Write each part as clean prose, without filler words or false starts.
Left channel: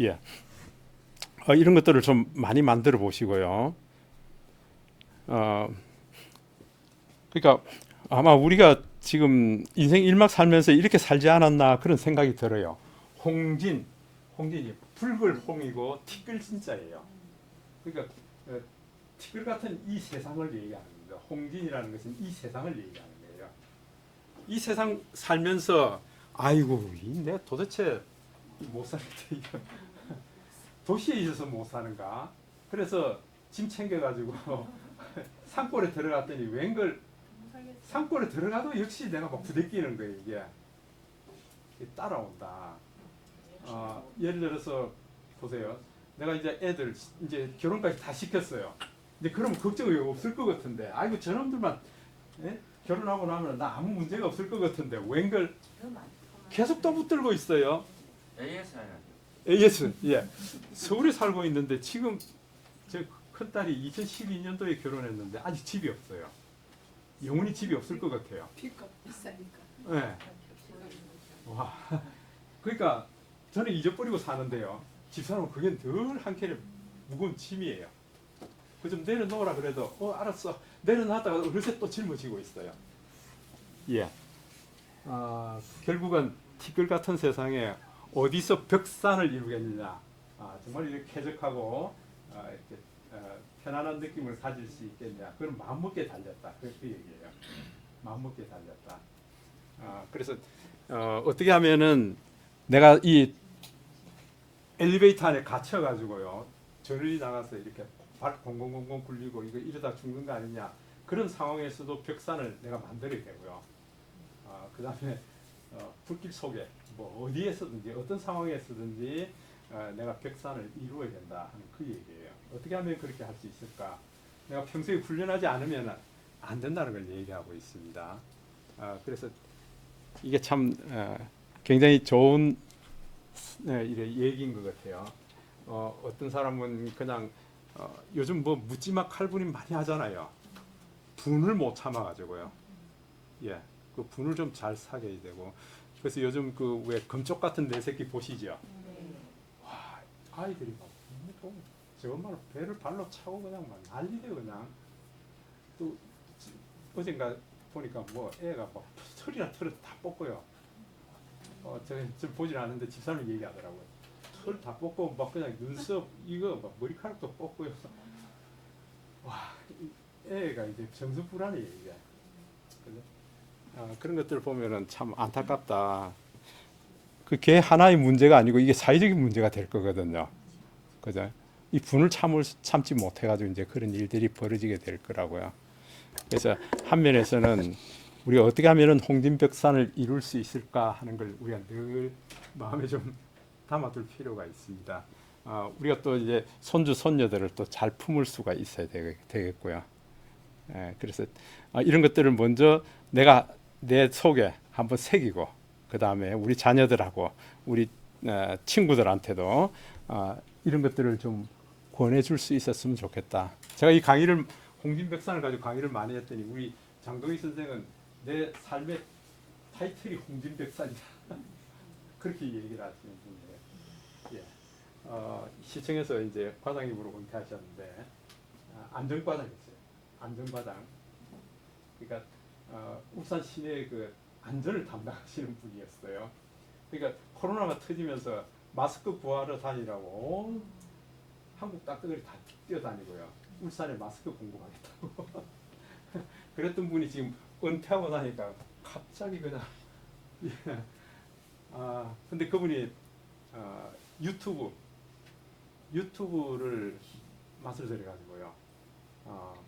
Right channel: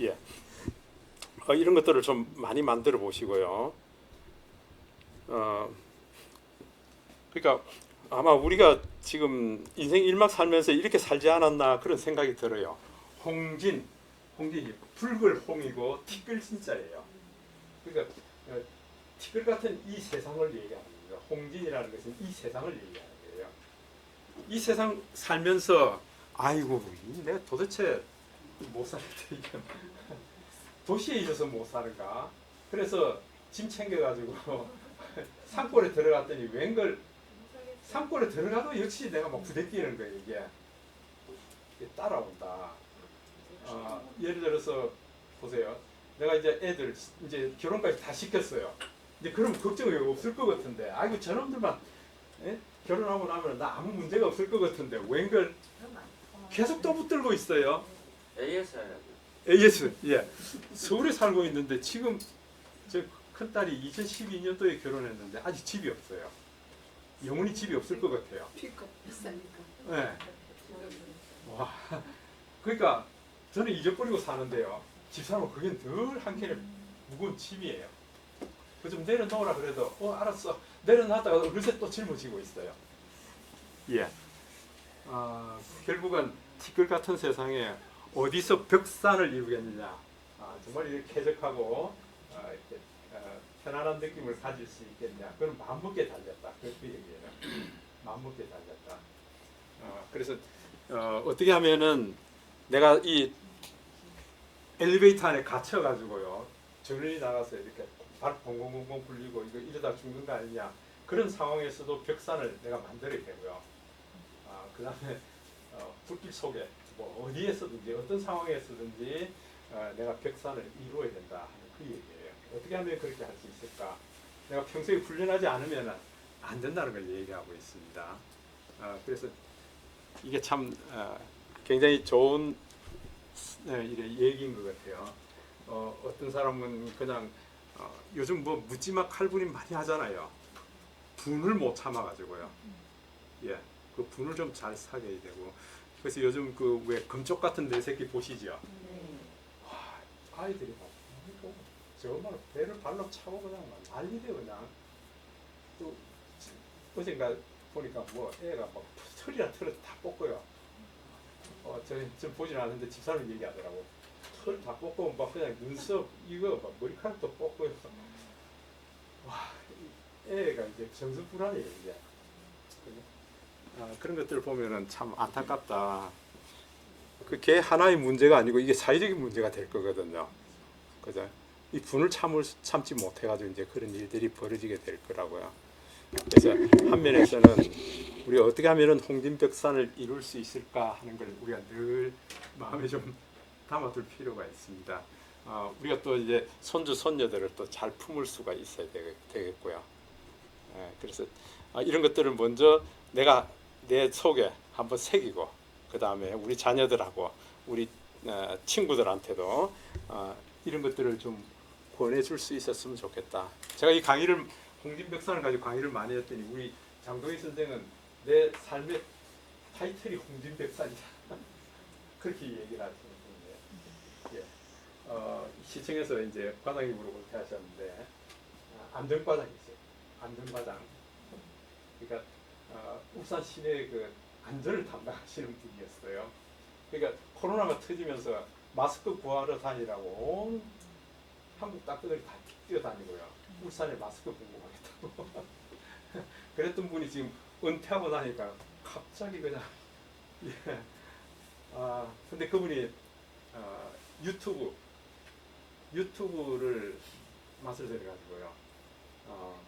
예. 이런 것들을 좀 많이 만들어 보시고요. 어, 그러니까 아마 우리가 지금 인생 일막 살면서 이렇게 살지 않았나 그런 생각이 들어요. 홍진이 붉을 홍이고 티끌 진짜예요. 그러니까 티끌 같은 이 세상을 얘기하는 겁니다. 홍진이라는 것은 이 세상을 얘기하는 거예요. 이 세상 살면서 아이고 내가 도대체 못 살겠다. 도시에 있어서 못 사는가? 그래서 짐 챙겨가지고 산골에 들어갔더니 웬걸 산골에 들어가도 역시 내가 막 부대끼는 거예요. 이게 따라온다. 예를 들어서 보세요. 내가 이제 애들 이제 결혼까지 다 시켰어요. 이제 그러면 걱정이 없을 것 같은데, 아이고 저놈들만 결혼하고 나면 나 아무 문제가 없을 것 같은데 웬걸 계속 또 붙들고 있어요. AS 예 서울에 살고 있는데 지금 저 큰딸이 2012년도에 결혼했는데 아직 집이 없어요. 영원히 집이 없을 것 같아요. 피가 비싸니까. 네. 와 그러니까 저는 잊어버리고 사는데요. 집사람은 그게 늘 한켠에 무거운 짐이에요. 그 좀 내려놓으라 그래도 알았어 내려놨다가 어느새 또 짊어지고 있어요. 예. 결국은 티끌 같은 세상에 어디서 벽산을 이루겠느냐. 정말 이렇게 쾌적하고 이렇게 편안한 느낌을 가질 수 있겠냐. 그건 마음먹기에 달렸다. 그 얘기예요. 마음먹기에 달렸다. 그래서 어떻게 하면은 내가 이 엘리베이터 안에 갇혀가지고요. 저런이 나가서 이렇게 발 공공공공 굴리고 이거 이러다 죽는 거 아니냐. 그런 상황에서도 벽산을 내가 만들어야 되고요. 그 다음에 불길 속에 뭐 어디에서든지 어떤 상황에서든지 내가 벽산을 이루어야 된다 하는 그 얘기예요. 어떻게 하면 그렇게 할 수 있을까? 내가 평소에 훈련하지 않으면 안 된다는 걸 얘기하고 있습니다. 그래서 이게 참 굉장히 좋은 얘기인 것 같아요. 어떤 사람은 그냥 요즘 뭐 묻지마 칼부림 많이 하잖아요. 분을 못 참아가지고요. 예, 그 분을 좀 잘 사귀어야 되고. 그래서 요즘 그 왜 금쪽 같은 내 새끼 보시죠? 와, 아이들이 막 정말 배를 발로 차고 그냥 막 난리대 그냥. 또 어젠가 보니까 뭐 애가 막 털이나 털을 다 뽑고요. 저 보질 않는데 집사람이 얘기하더라고요. 털 다 뽑고 막 그냥 눈썹 이거 막 머리카락도 뽑고요. 와, 애가 이제 정신 불안해 이제. 그런 것들을 보면은 참 안타깝다. 그 개 하나의 문제가 아니고 이게 사회적인 문제가 될 거거든요. 그죠? 이 분을 참지 못해가지고 이제 그런 일들이 벌어지게 될 거라고요. 그래서 한 면에서는 우리가 어떻게 하면은 홍진벽산을 이룰 수 있을까 하는 걸 우리가 늘 마음에 좀 담아둘 필요가 있습니다. 우리가 또 이제 손주 손녀들을 또 잘 품을 수가 있어야 되겠고요. 그래서 이런 것들을 먼저 내가 내 속에 한번 새기고 그 다음에 우리 자녀들하고 우리 친구들한테도 이런 것들을 좀 권해줄 수 있었으면 좋겠다. 제가 이 강의를 홍진백산을 가지고 강의를 많이 했더니 우리 장동희 선생은 내 삶의 타이틀이 홍진백산이다. 그렇게 얘기를 하시는 분인데, 시청에서 이제 과장님으로 은퇴하셨는데 안전과장이세요. 안전과장. 그러니까 울산 시내 그 안전을 담당하시는 분이었어요. 그러니까 코로나가 터지면서 마스크 구하러 다니라고 온 한국 땅덩어리 다 뛰어다니고요. 울산에 마스크 공급하겠다고. 그랬던 분이 지금 은퇴하고 나니까 갑자기 그냥 근데 그분이 유튜브를 맛을 들여가지고요.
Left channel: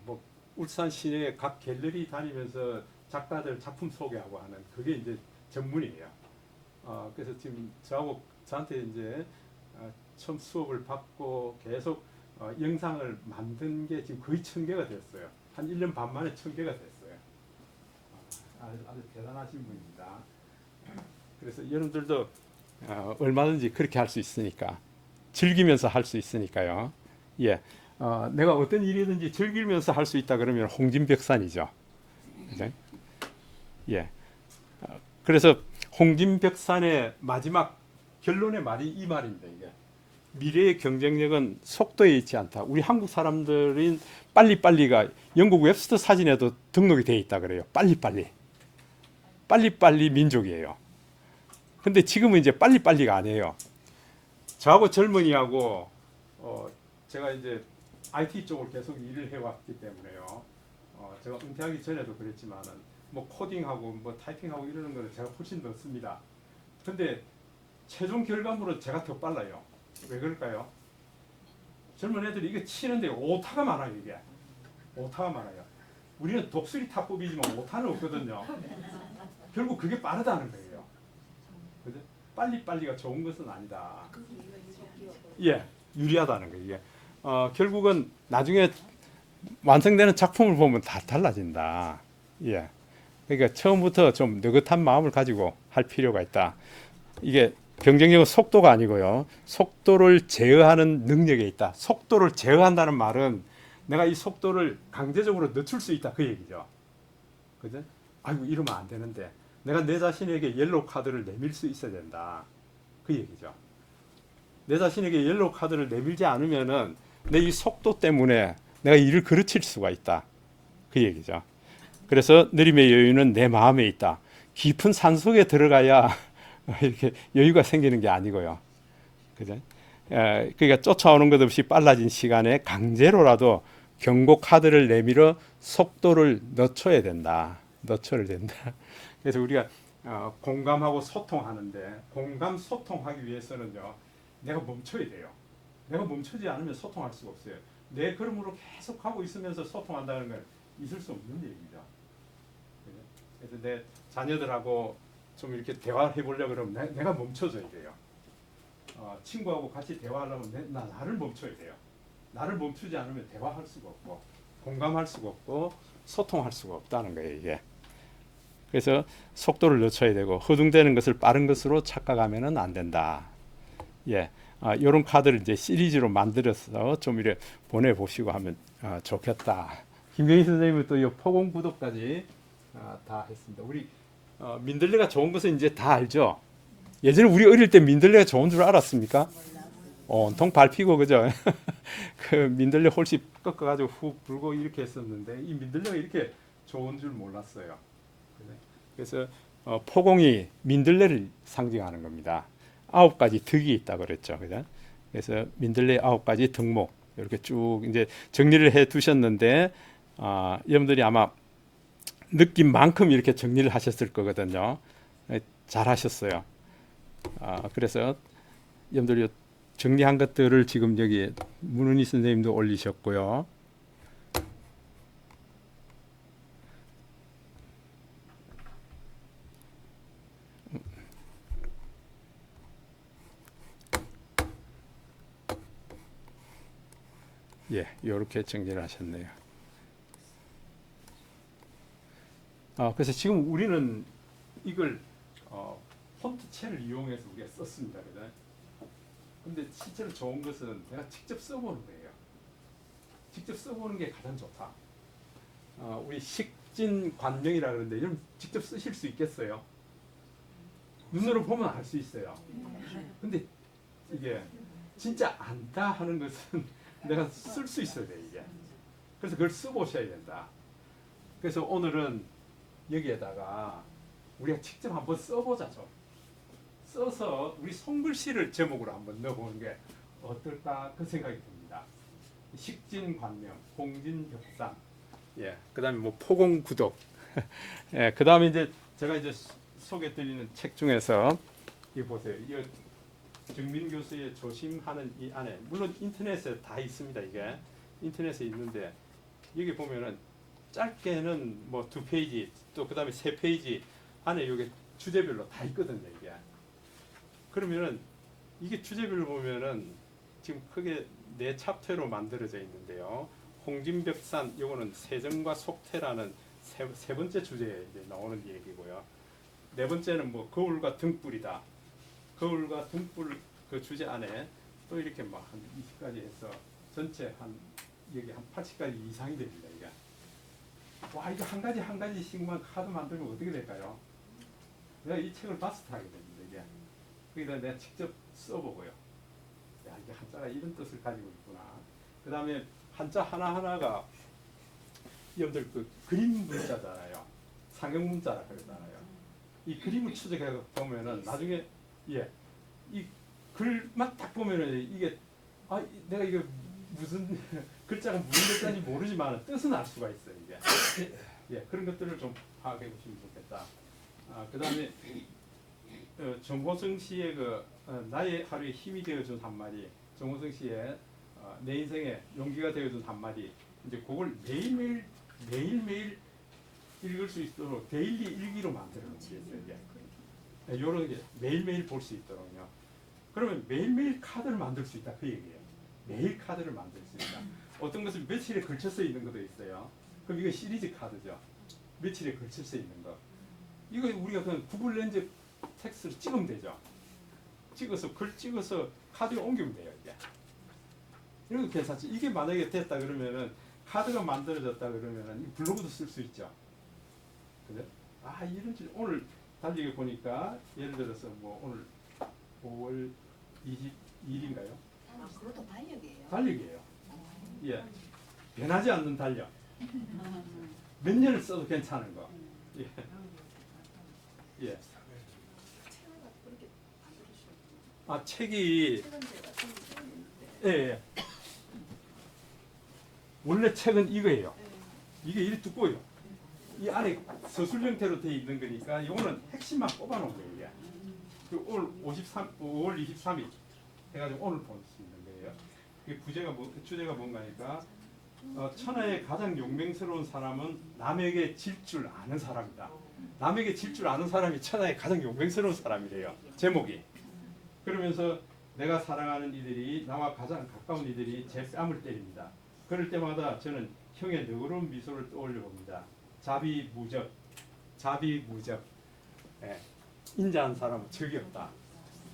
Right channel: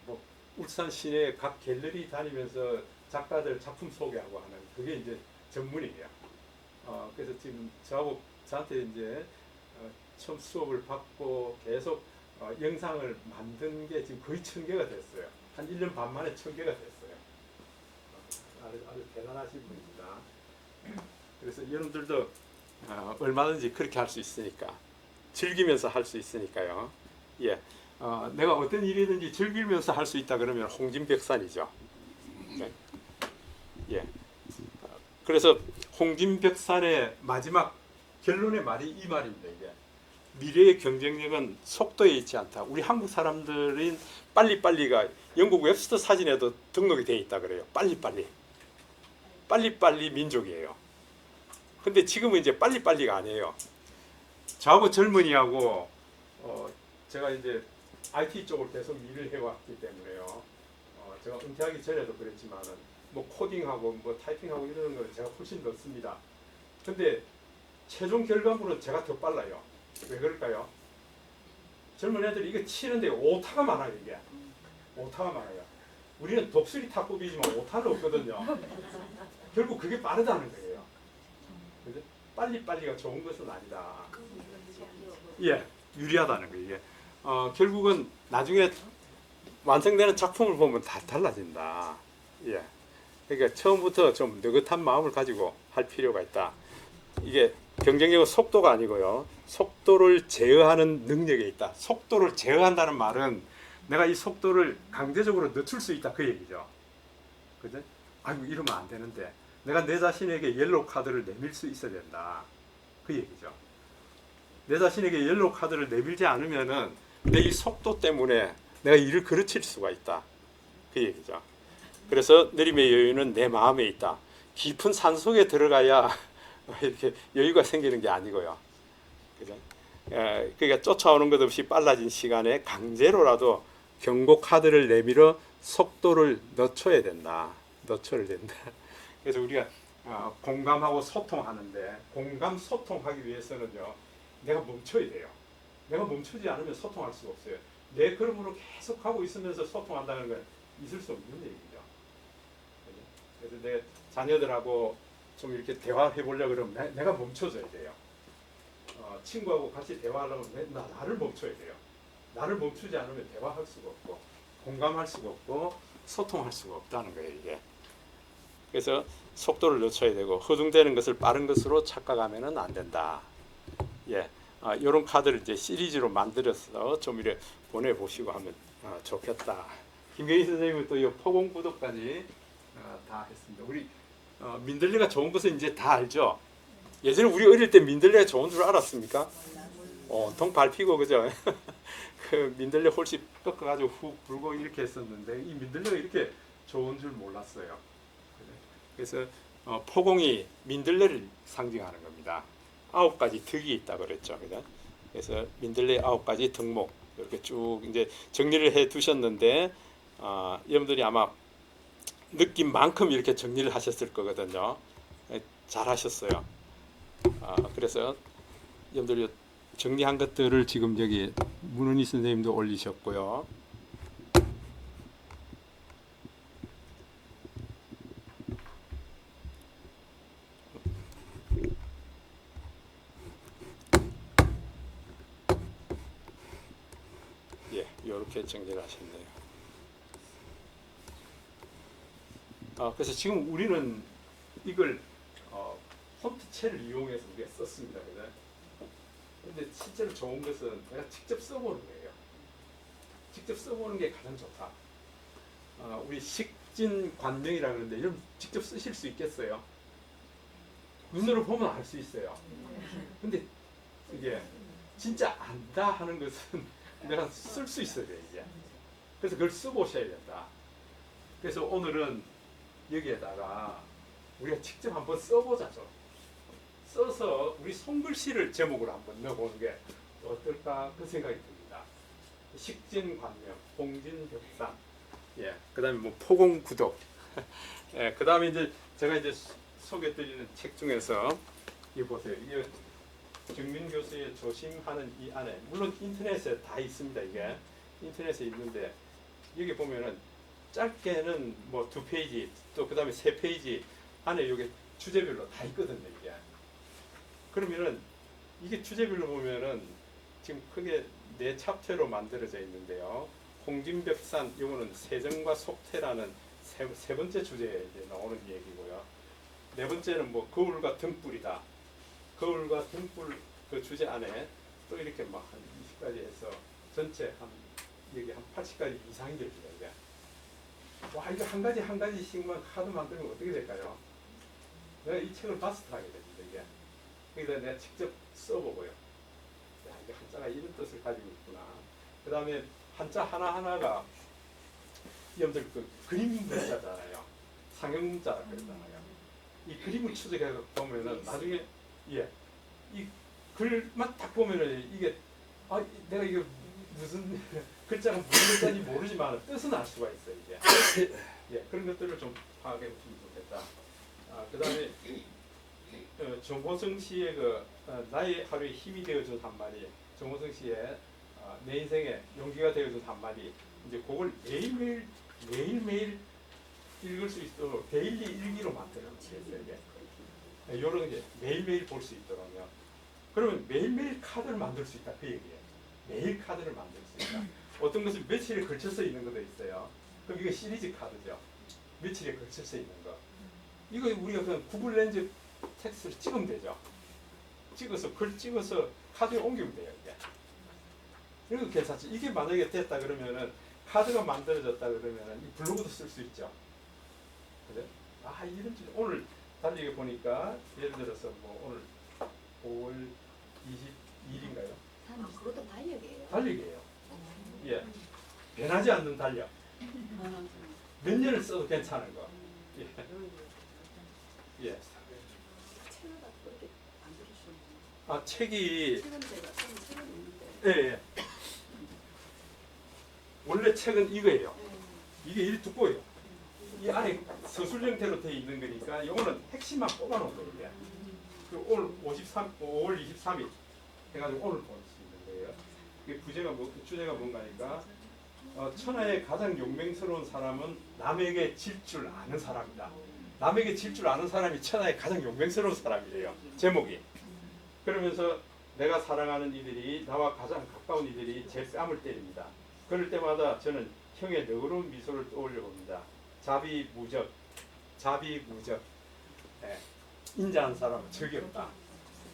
뭐 울산 시내 각 갤러리 다니면서 작가들 작품 소개하고 하는 그게 이제 전문이에요. 그래서 지금 저한테 이제 처음 수업을 받고 계속 영상을 만든 게 지금 거의 1000개가 됐어요. 한 1년 반 만에 1000개가 됐어요. 아주 대단하신 분입니다. 그래서 여러분들도 얼마든지 그렇게 할 수 있으니까 즐기면서 할 수 있으니까요. 예, 내가 어떤 일이든지 즐기면서 할 수 있다 그러면 홍진백산이죠. 네? 예. 그래서 홍진백산의 마지막 결론의 말이 이 말입니다. 이게 미래의 경쟁력은 속도에 있지 않다. 우리 한국 사람들은 빨리빨리가 영국 웹스터 사진에도 등록이 돼 있다 그래요. 빨리빨리 민족이에요. 근데 지금은 이제 빨리빨리가 아니에요. 저하고 젊은이하고 제가 이제 IT 쪽을 계속 일을 해왔기 때문에요. 제가 은퇴하기 전에도 그랬지만은 뭐 코딩하고 뭐 타이핑하고 이러는 거는 제가 훨씬 더 씁니다. 근데 최종 결과물은 제가 더 빨라요. 왜 그럴까요? 젊은 애들이 이게 치는데 오타가 많아요. 이게 오타가 많아요. 우리는 독수리 탁구비지만 오타는 없거든요. 결국 그게 빠르다는 거예요. 그죠? 빨리빨리가 좋은 것은 아니다. 예, 유리하다는 거예요. 이게 결국은 나중에 완성되는 작품을 보면 다 달라진다. 예. 그러니까 처음부터 좀 느긋한 마음을 가지고 할 필요가 있다. 이게 경쟁력은 속도가 아니고요. 속도를 제어하는 능력에 있다. 속도를 제어한다는 말은 내가 이 속도를 강제적으로 늦출 수 있다. 그 얘기죠. 그죠? 아이고, 이러면 안 되는데. 내가 내 자신에게 옐로우 카드를 내밀 수 있어야 된다. 그 얘기죠. 내 자신에게 옐로우 카드를 내밀지 않으면은 내 이 속도 때문에 내가 일을 그르칠 수가 있다. 그 얘기죠. 그래서 느림의 여유는 내 마음에 있다. 깊은 산속에 들어가야 이렇게 여유가 생기는 게 아니고요. 그죠? 그러니까 쫓아오는 것 없이 빨라진 시간에 강제로라도 경고 카드를 내밀어 속도를 늦춰야 된다. 늦춰야 된다. 그래서 우리가 공감하고 소통하는데 공감 소통하기 위해서는요. 내가 멈춰야 돼요. 내가 멈추지 않으면 소통할 수가 없어요. 내 걸음으로 계속 하고 있으면서 소통한다는 건 있을 수 없는 얘기죠. 그래서 내 자녀들하고 좀 이렇게 대화해 보려고 그러면 내가 멈춰줘야 돼요. 친구하고 같이 대화하려면 나를 멈춰야 돼요. 나를 멈추지 않으면 대화할 수가 없고 공감할 수가 없고 소통할 수가 없다는 거예요. 이게. 그래서 속도를 늦춰야 되고 허둥대는 것을 빠른 것으로 착각하면 안 된다. 예. 이런 카드를 이제 시리즈로 만들어서 좀 이렇게 보내보시고 하면 좋겠다. 김경희 선생님은 또 이 포공 구독까지 다 했습니다. 우리 민들레가 좋은 것은 이제 다 알죠. 예전에 우리 어릴 때 민들레가 좋은 줄 알았습니까? 온통 밟히고 그죠? 그 민들레 홀씨 꺾어가지고 훅 불고 이렇게 했었는데 이 민들레가 이렇게 좋은 줄 몰랐어요. 그래서 포공이 민들레를 상징하는 겁니다. 9가지 득이 있다 그랬죠. 그죠? 그래서 민들레 9가지 덕목 이렇게 쭉 이제 정리를 해 두셨는데 여러분들이 아마 느낀 만큼 이렇게 정리를 하셨을 거거든요. 잘 하셨어요. 그래서 여러분들이 정리한 것들을 지금 여기 문은희 선생님도 올리셨고요. 예, 이렇게 정리를 하셨네요. 그래서 지금 우리는 이걸 폰트체를 이용해서 우리가 썼습니다. 그죠? 근데 실제로 좋은 것은 내가 직접 써보는 거예요. 직접 써보는 게 가장 좋다. 우리 식진관명이라 그러는데 여러분 직접 쓰실 수 있겠어요? 눈으로 보면 알 수 있어요. 근데 이게 진짜 안다 하는 것은 내가 쓸 수 있어야 돼 이게. 그래서 그걸 써보셔야 된다. 그래서 오늘은 여기에다가 우리가 직접 한번 써보자죠. 써서 우리 손글씨를 제목으로 한번 넣어보는 게 어떨까 그 생각이 듭니다. 식진관명, 홍진벽상, 예, 그다음에 뭐 포공구독, 예, 그다음에 이제 제가 이제 소개드리는 책 중에서 이 보세요. 이 정민 교수의 조심하는 이 안에 물론 인터넷에 다 있습니다. 이게 인터넷에 있는데 여기 보면은 짧게는 뭐 2페이지 또 그다음에 3페이지 안에 여기 주제별로 다 있거든요. 이게 그러면은 이게 주제별로 보면은 지금 크게 4챕터로 만들어져 있는데요. 홍진벽산 이거는 세정과 속태라는 세 번째 주제에 이제 나오는 얘기고요. 4번째는 뭐 거울과 등불이다. 거울과 등불 그 주제 안에 또 이렇게 막 한 20가지 해서 전체 한 여기 한 80가지 이상이 됩니다. 이게. 와, 이거 한 가지 한 가지씩만 카드 만들면 어떻게 될까요? 내가 이 책을 마스터하게 됩니다. 이게. 그러니까 내가 직접 써보고요. 야, 한자가 이런 뜻을 가지고 있구나. 그 다음에 한자 하나하나가 여러분들 그 그림 문자잖아요. 상형 문자라 그러잖아요. 이 그림을 추적해 보면은 나중에 이 글만 딱 보면은 이게 내가 이게 무슨 글자가 무슨 글자인지 모르지만 뜻은 알 수가 있어요. 이게 그런 것들을 좀 파악해 보시면 좋겠다. 그다음에 정호성 씨의 나의 하루에 힘이 되어준 한마디, 정호성 씨의 내 인생에 용기가 되어준 한마디, 이제 그걸 매일매일 읽을 수 있도록 데일리 일기로 만들어 놓겠어요. 이런 게 매일매일 볼 수 있도록요. 그러면 매일매일 카드를 만들 수 있다 그 얘기예요. 매일 카드를 만들 수 있다. 어떤 것은 며칠에 걸쳐서 있는 것도 있어요. 그럼 이거 시리즈 카드죠. 며칠에 걸쳐서 있는 거. 이거 우리가 그냥 구글 렌즈 텍스트를 찍으면 되죠. 글 찍어서 카드에 옮기면 돼요. 이게. 이런 거 괜찮지. 이게 만약에 됐다 그러면은 카드가 만들어졌다 그러면은 이 블로그도 쓸 수 있죠. 그래? 이런 줄 오늘 달리기 보니까 예를 들어서 뭐 오늘 5월 22일인가요? 그것도 달력이에요. 달력이에요. 변하지 않는 달력. 몇 년을 써도 괜찮은 거. 책이 원래 책은 이거예요. 이게 이리 두꺼워요. 이 안에 서술 형태로 되어 있는 거니까 이거는 핵심만 뽑아놓은 거예요. 오늘 5월 23일 해가지고 오늘 볼 수 있는 거예요. 이 주제가 뭔가니까 천하의 가장 용맹스러운 사람은 남에게 질 줄 아는 사람이다. 남에게 질 줄 아는 사람이 천하의 가장 용맹스러운 사람이래요. 제목이. 그러면서 내가 사랑하는 이들이 나와 가장 가까운 이들이 제 뺨을 때립니다. 그럴 때마다 저는 형의 너그러운 미소를 떠올려 봅니다. 자비무적. 인자한 사람은 적이 없다.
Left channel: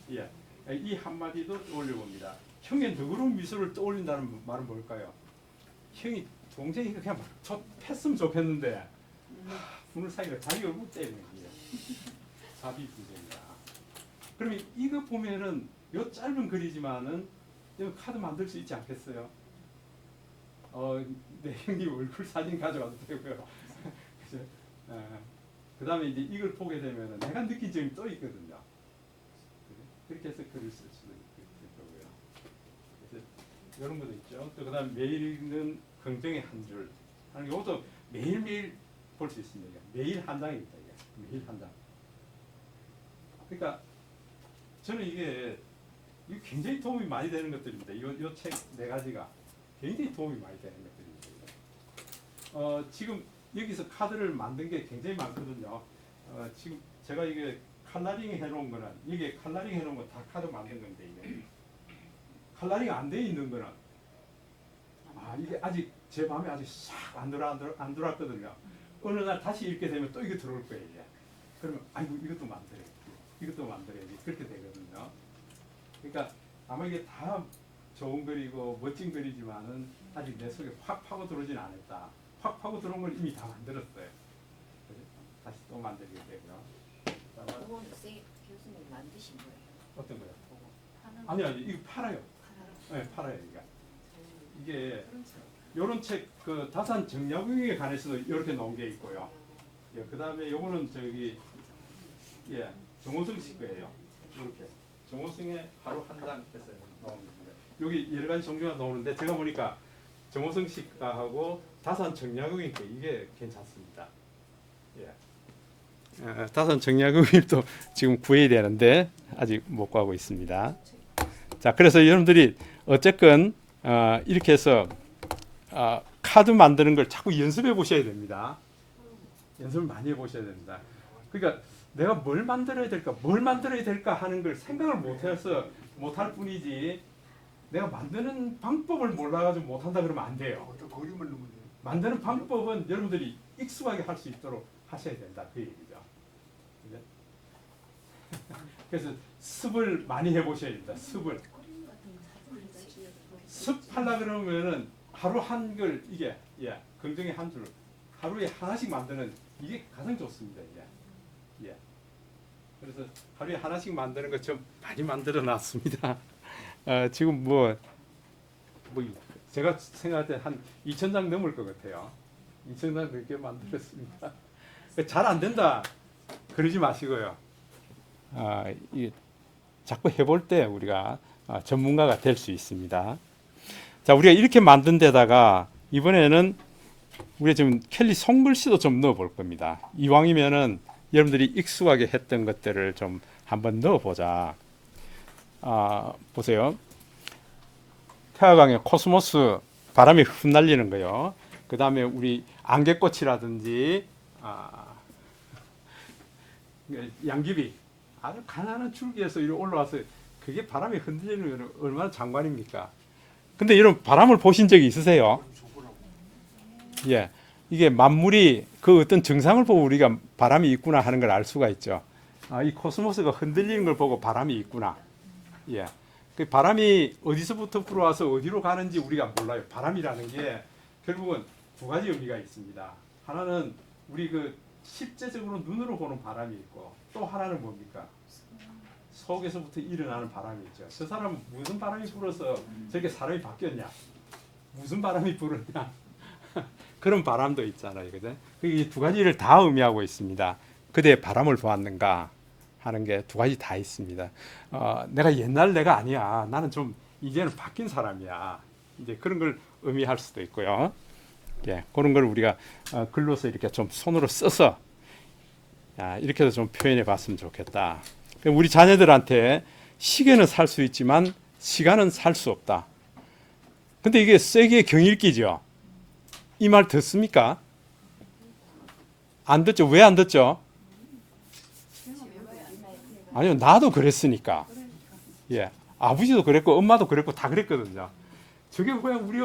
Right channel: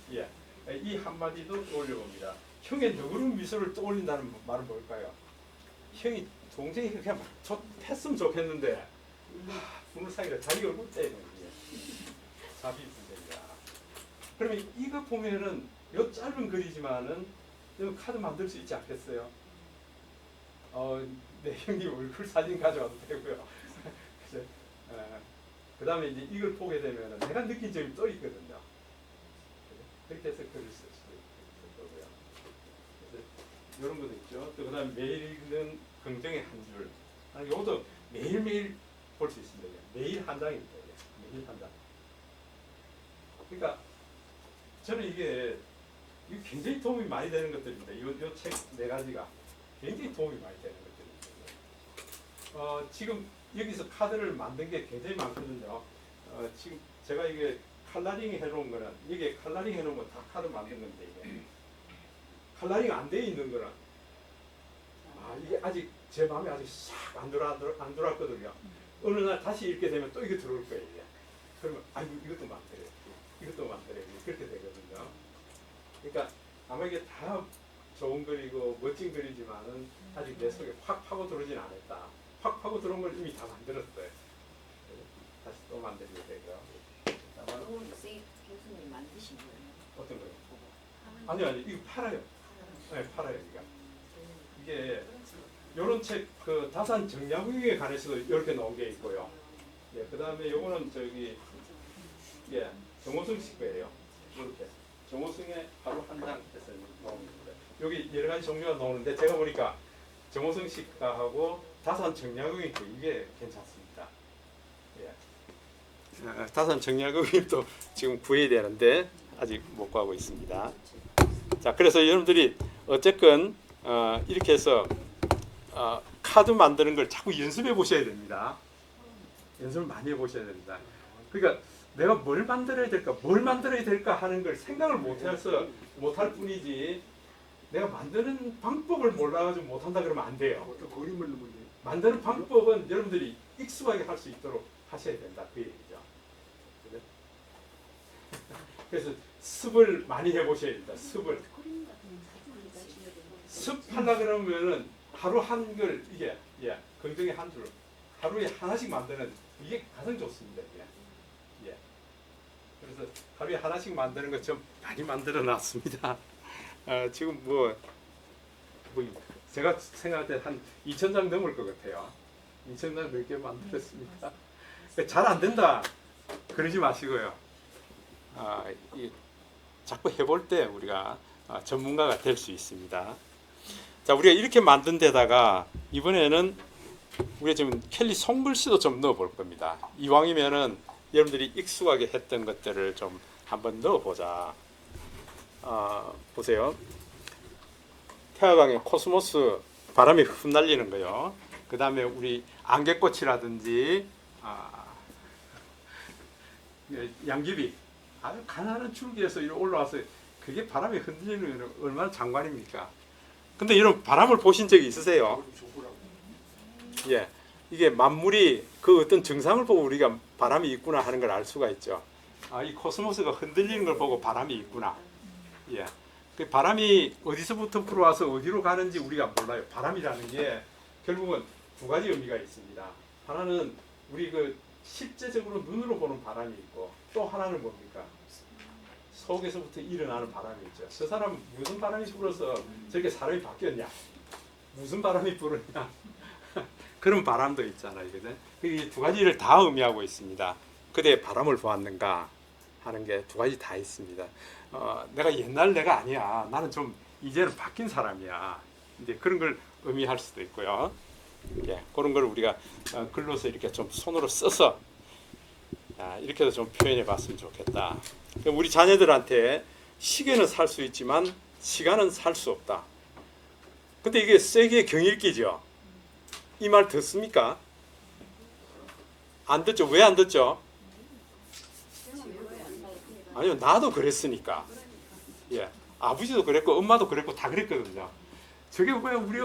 이 한마디도 떠올려 봅니다. 형의 너그러운 미소를 떠올린다는 말은 뭘까요? 형이 동생이 그냥 패으면 좋겠는데 부모 사이로 자기 얼굴 때문에 자비무적이다. 그러면 이거 보면은 요 짧은 글이지만은 카드 만들 수 있지 않겠어요? 내 형님 얼굴 사진 가져와도 되고요. 그 다음에 이제 이걸 보게 되면은 내가 느낀 점이 또 있거든요. 그렇게 해서 글을 쓸 수도 있을 거고요. 그래서 이런 것도 있죠. 또 그 다음에 매일 읽는 긍정의 한 줄. 이것도 매일매일 볼 수 있습니다. 매일 한 장입니다. 매일 한 장. 그러니까 저는 이게 굉장히 도움이 많이 되는 것들입니다. 이 책 네 가지가 굉장히 도움이 많이 되는 것들입니다. 지금 여기서 카드를 만든 게 굉장히 많거든요. 지금 제가 이게 컬러링 해놓은 거는 이게 컬러링 해놓은 거 다 카드 만든 건데 이게 컬러링 안 돼 있는 거는 이게 아직 제 마음에 아직 싹 안 들어왔거든요. 어느 날 다시 읽게 되면 또 이거 들어올 거예요. 이게. 그러면 아이고 이것도 만들어야지 그렇게 되거든요. 그러니까 아마 이게 다 좋은 글이고 멋진 글이지만은 아직 내 속에 확 파고 들어오진 않았다. 확 파고 들어온 걸 이미 다 만들었어요. 다시 또 만들게 되고요. 너무 세 교수님 만드신 거예요? 어떤 거요? 아니요 이거 팔아요. 네, 팔아요 이게 요런 책 그 다산 정약용에 관해서도 이렇게 나온 게 있고요. 그 다음에 요거는 정호승 씨 거예요. 이렇게 정호승의 하루 한 장 해서 나옵니다. 여기 여러 가지 종류가 나오는데 제가 보니까 정호승 씨가 하고 다산 정약용이 이게 괜찮습니다. 다산 정약용이 또 지금 구해야 되는데 아직 못 구하고 있습니다. 자, 그래서 여러분들이 어쨌건 이렇게 해서 카드 만드는 걸 자꾸 연습해 보셔야 됩니다. 연습을 많이 해 보셔야 됩니다. 그러니까 내가 뭘 만들어야 될까 하는 걸 생각을 못할 뿐이지 내가 만드는 방법을 몰라가지고 못한다 그러면 안 돼요. 만드는 방법은 여러분들이 익숙하게 할 수 있도록 하셔야 된다 그 얘기죠. 그래서 습을 많이 해보셔야 된다. 습하려 그러면은 하루 한 글 이게 긍정의 한 줄 하루에 하나씩 만드는 이게 가장 좋습니다. 이게. 그래서 하루에 하나씩 만드는 것 좀 많이 만들어 놨습니다. 지금 뭐 제가 생각할 때 한 2,000장 넘을 것 같아요. 2,000장 넘게 만들었습니다. 잘 안 된다 그러지 마시고요. 자꾸 해볼 때 우리가 전문가가 될 수 있습니다. 자, 우리가 이렇게 만든 데다가 이번에는 우리가 지금 켈리 손글씨도 좀 넣어 볼 겁니다. 이왕이면은 여러분들이 익숙하게 했던 것들을 좀 한번 넣어 보자. 보세요. 태화강의 코스모스 바람이 흩날리는 거요. 그 다음에 우리 안개꽃이라든지 양귀비 아주 가난한 줄기에서 이렇게 올라와서 그게 바람에 흔들리는 건 얼마나 장관입니까? 근데 여러분 바람을 보신 적이 있으세요? 예, 이게 만물이 그 어떤 증상을 보고 우리가 바람이 있구나 하는 걸 알 수가 있죠. 이 코스모스가 흔들리는 걸 보고 바람이 있구나. 예, 그 바람이 어디서부터 불어와서 어디로 가는지 우리가 몰라요. 바람이라는 게 결국은 두 가지 의미가 있습니다. 하나는 우리 그 실제적으로 눈으로 보는 바람이 있고 또 하나는 뭡니까? 속에서부터 일어나는 바람이 있죠. 저 사람은 무슨 바람이 불어서 저렇게 사람이 바뀌었냐? 무슨 바람이 불었냐? 그런 바람도 있잖아요. 그죠? 이 두 가지를 다 의미하고 있습니다. 그대 바람을 보았는가 하는 게 두 가지 다 있습니다. 내가 옛날 내가 아니야. 나는 좀 이제는 바뀐 사람이야. 이제 그런 걸 의미할 수도 있고요. 예, 그런 걸 우리가 글로서 이렇게 좀 손으로 써서 이렇게도 좀 표현해 봤으면 좋겠다. 우리 자녀들한테 시계는 살 수 있지만 시간은 살 수 없다. 근데 이게 세기의 경읽기죠. 이 말 듣습니까? 안 듣죠? 왜 안 듣죠? 아니요, 나도 그랬으니까. 예, 아버지도 그랬고 엄마도 그랬고 다 그랬거든요. 저게 왜 우리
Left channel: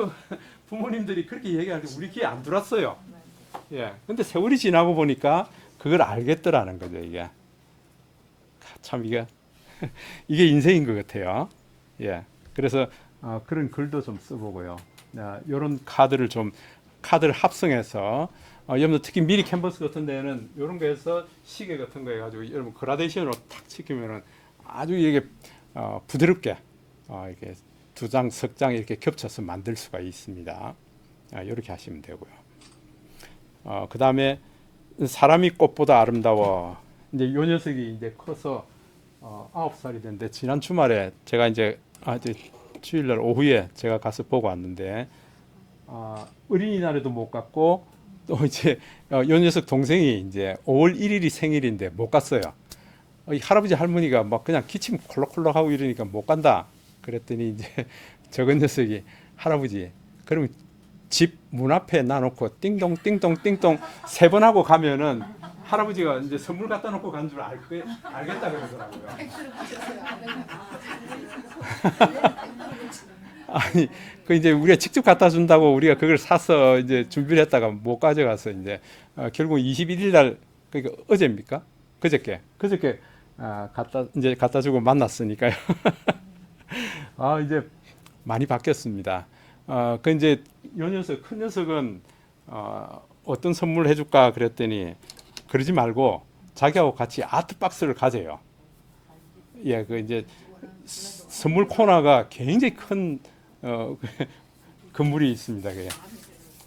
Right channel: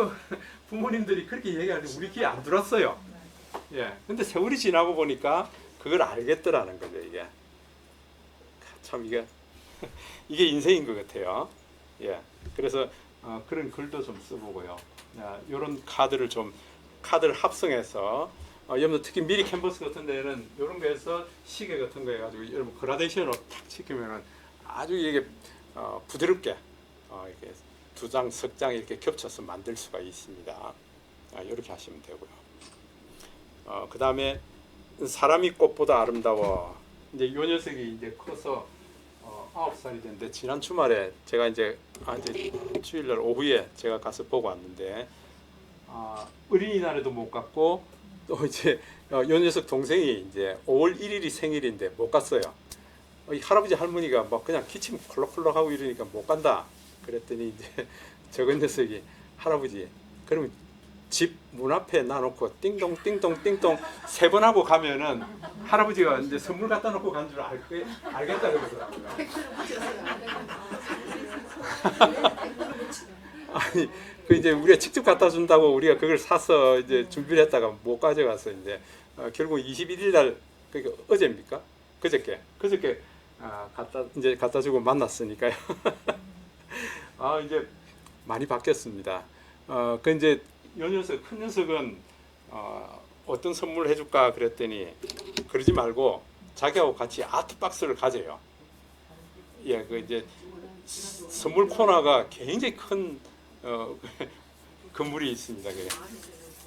부모님들이 그렇게 얘기할 때 우리 귀에 안 들었어요. 예, 근데 세월이 지나고 보니까 그걸 알겠더라는 거죠. 이게 참 이게 인생인 것 같아요. 예, 그래서 그런 글도 좀 써보고요. 이런 카드를 합성해서 여러분 특히 미리 캔버스 같은 데는 이런 거에서 시계 같은 거 해가지고 여러분 그라데이션으로 탁 시키면은 아주 이게 부드럽게 이렇게 두 장, 석 장 이렇게 겹쳐서 만들 수가 있습니다. 이렇게 하시면 되고요. 그 다음에 사람이 꽃보다 아름다워. 이제 이 녀석이 이제 커서 9살이 됐는데 지난 주말에 제가 이제 주일날 오후에 제가 가서 보고 왔는데 어린이날에도 못 갔고 또 이제 이 녀석 동생이 이제 5월 1일이 생일인데 못 갔어요. 이 할아버지 할머니가 막 그냥 기침 콜록콜록 하고 이러니까 못 간다. 그랬더니 이제 저건 녀석이 할아버지 그러면 집 문 앞에 놔놓고 띵동 띵동 띵동 3번 하고 가면은 할아버지가 이제 선물 갖다 놓고 간 줄 알겠다 그러더라고요. 아니 그 이제 우리가 직접 갖다 준다고 우리가 그걸 사서 이제 준비를 했다가 못 가져가서 이제 결국 21일 날 그러니까 어제입니까? 그저께 갖다 주고 만났으니까요. 이제 많이 바뀌었습니다. 그 이제 요 녀석 큰 녀석은 어떤 선물을 해줄까 그랬더니 그러지 말고 자기하고 같이 아트 박스를 가져요. 예, 그 이제 선물 코너가 굉장히 큰 건물이 있습니다. 그게.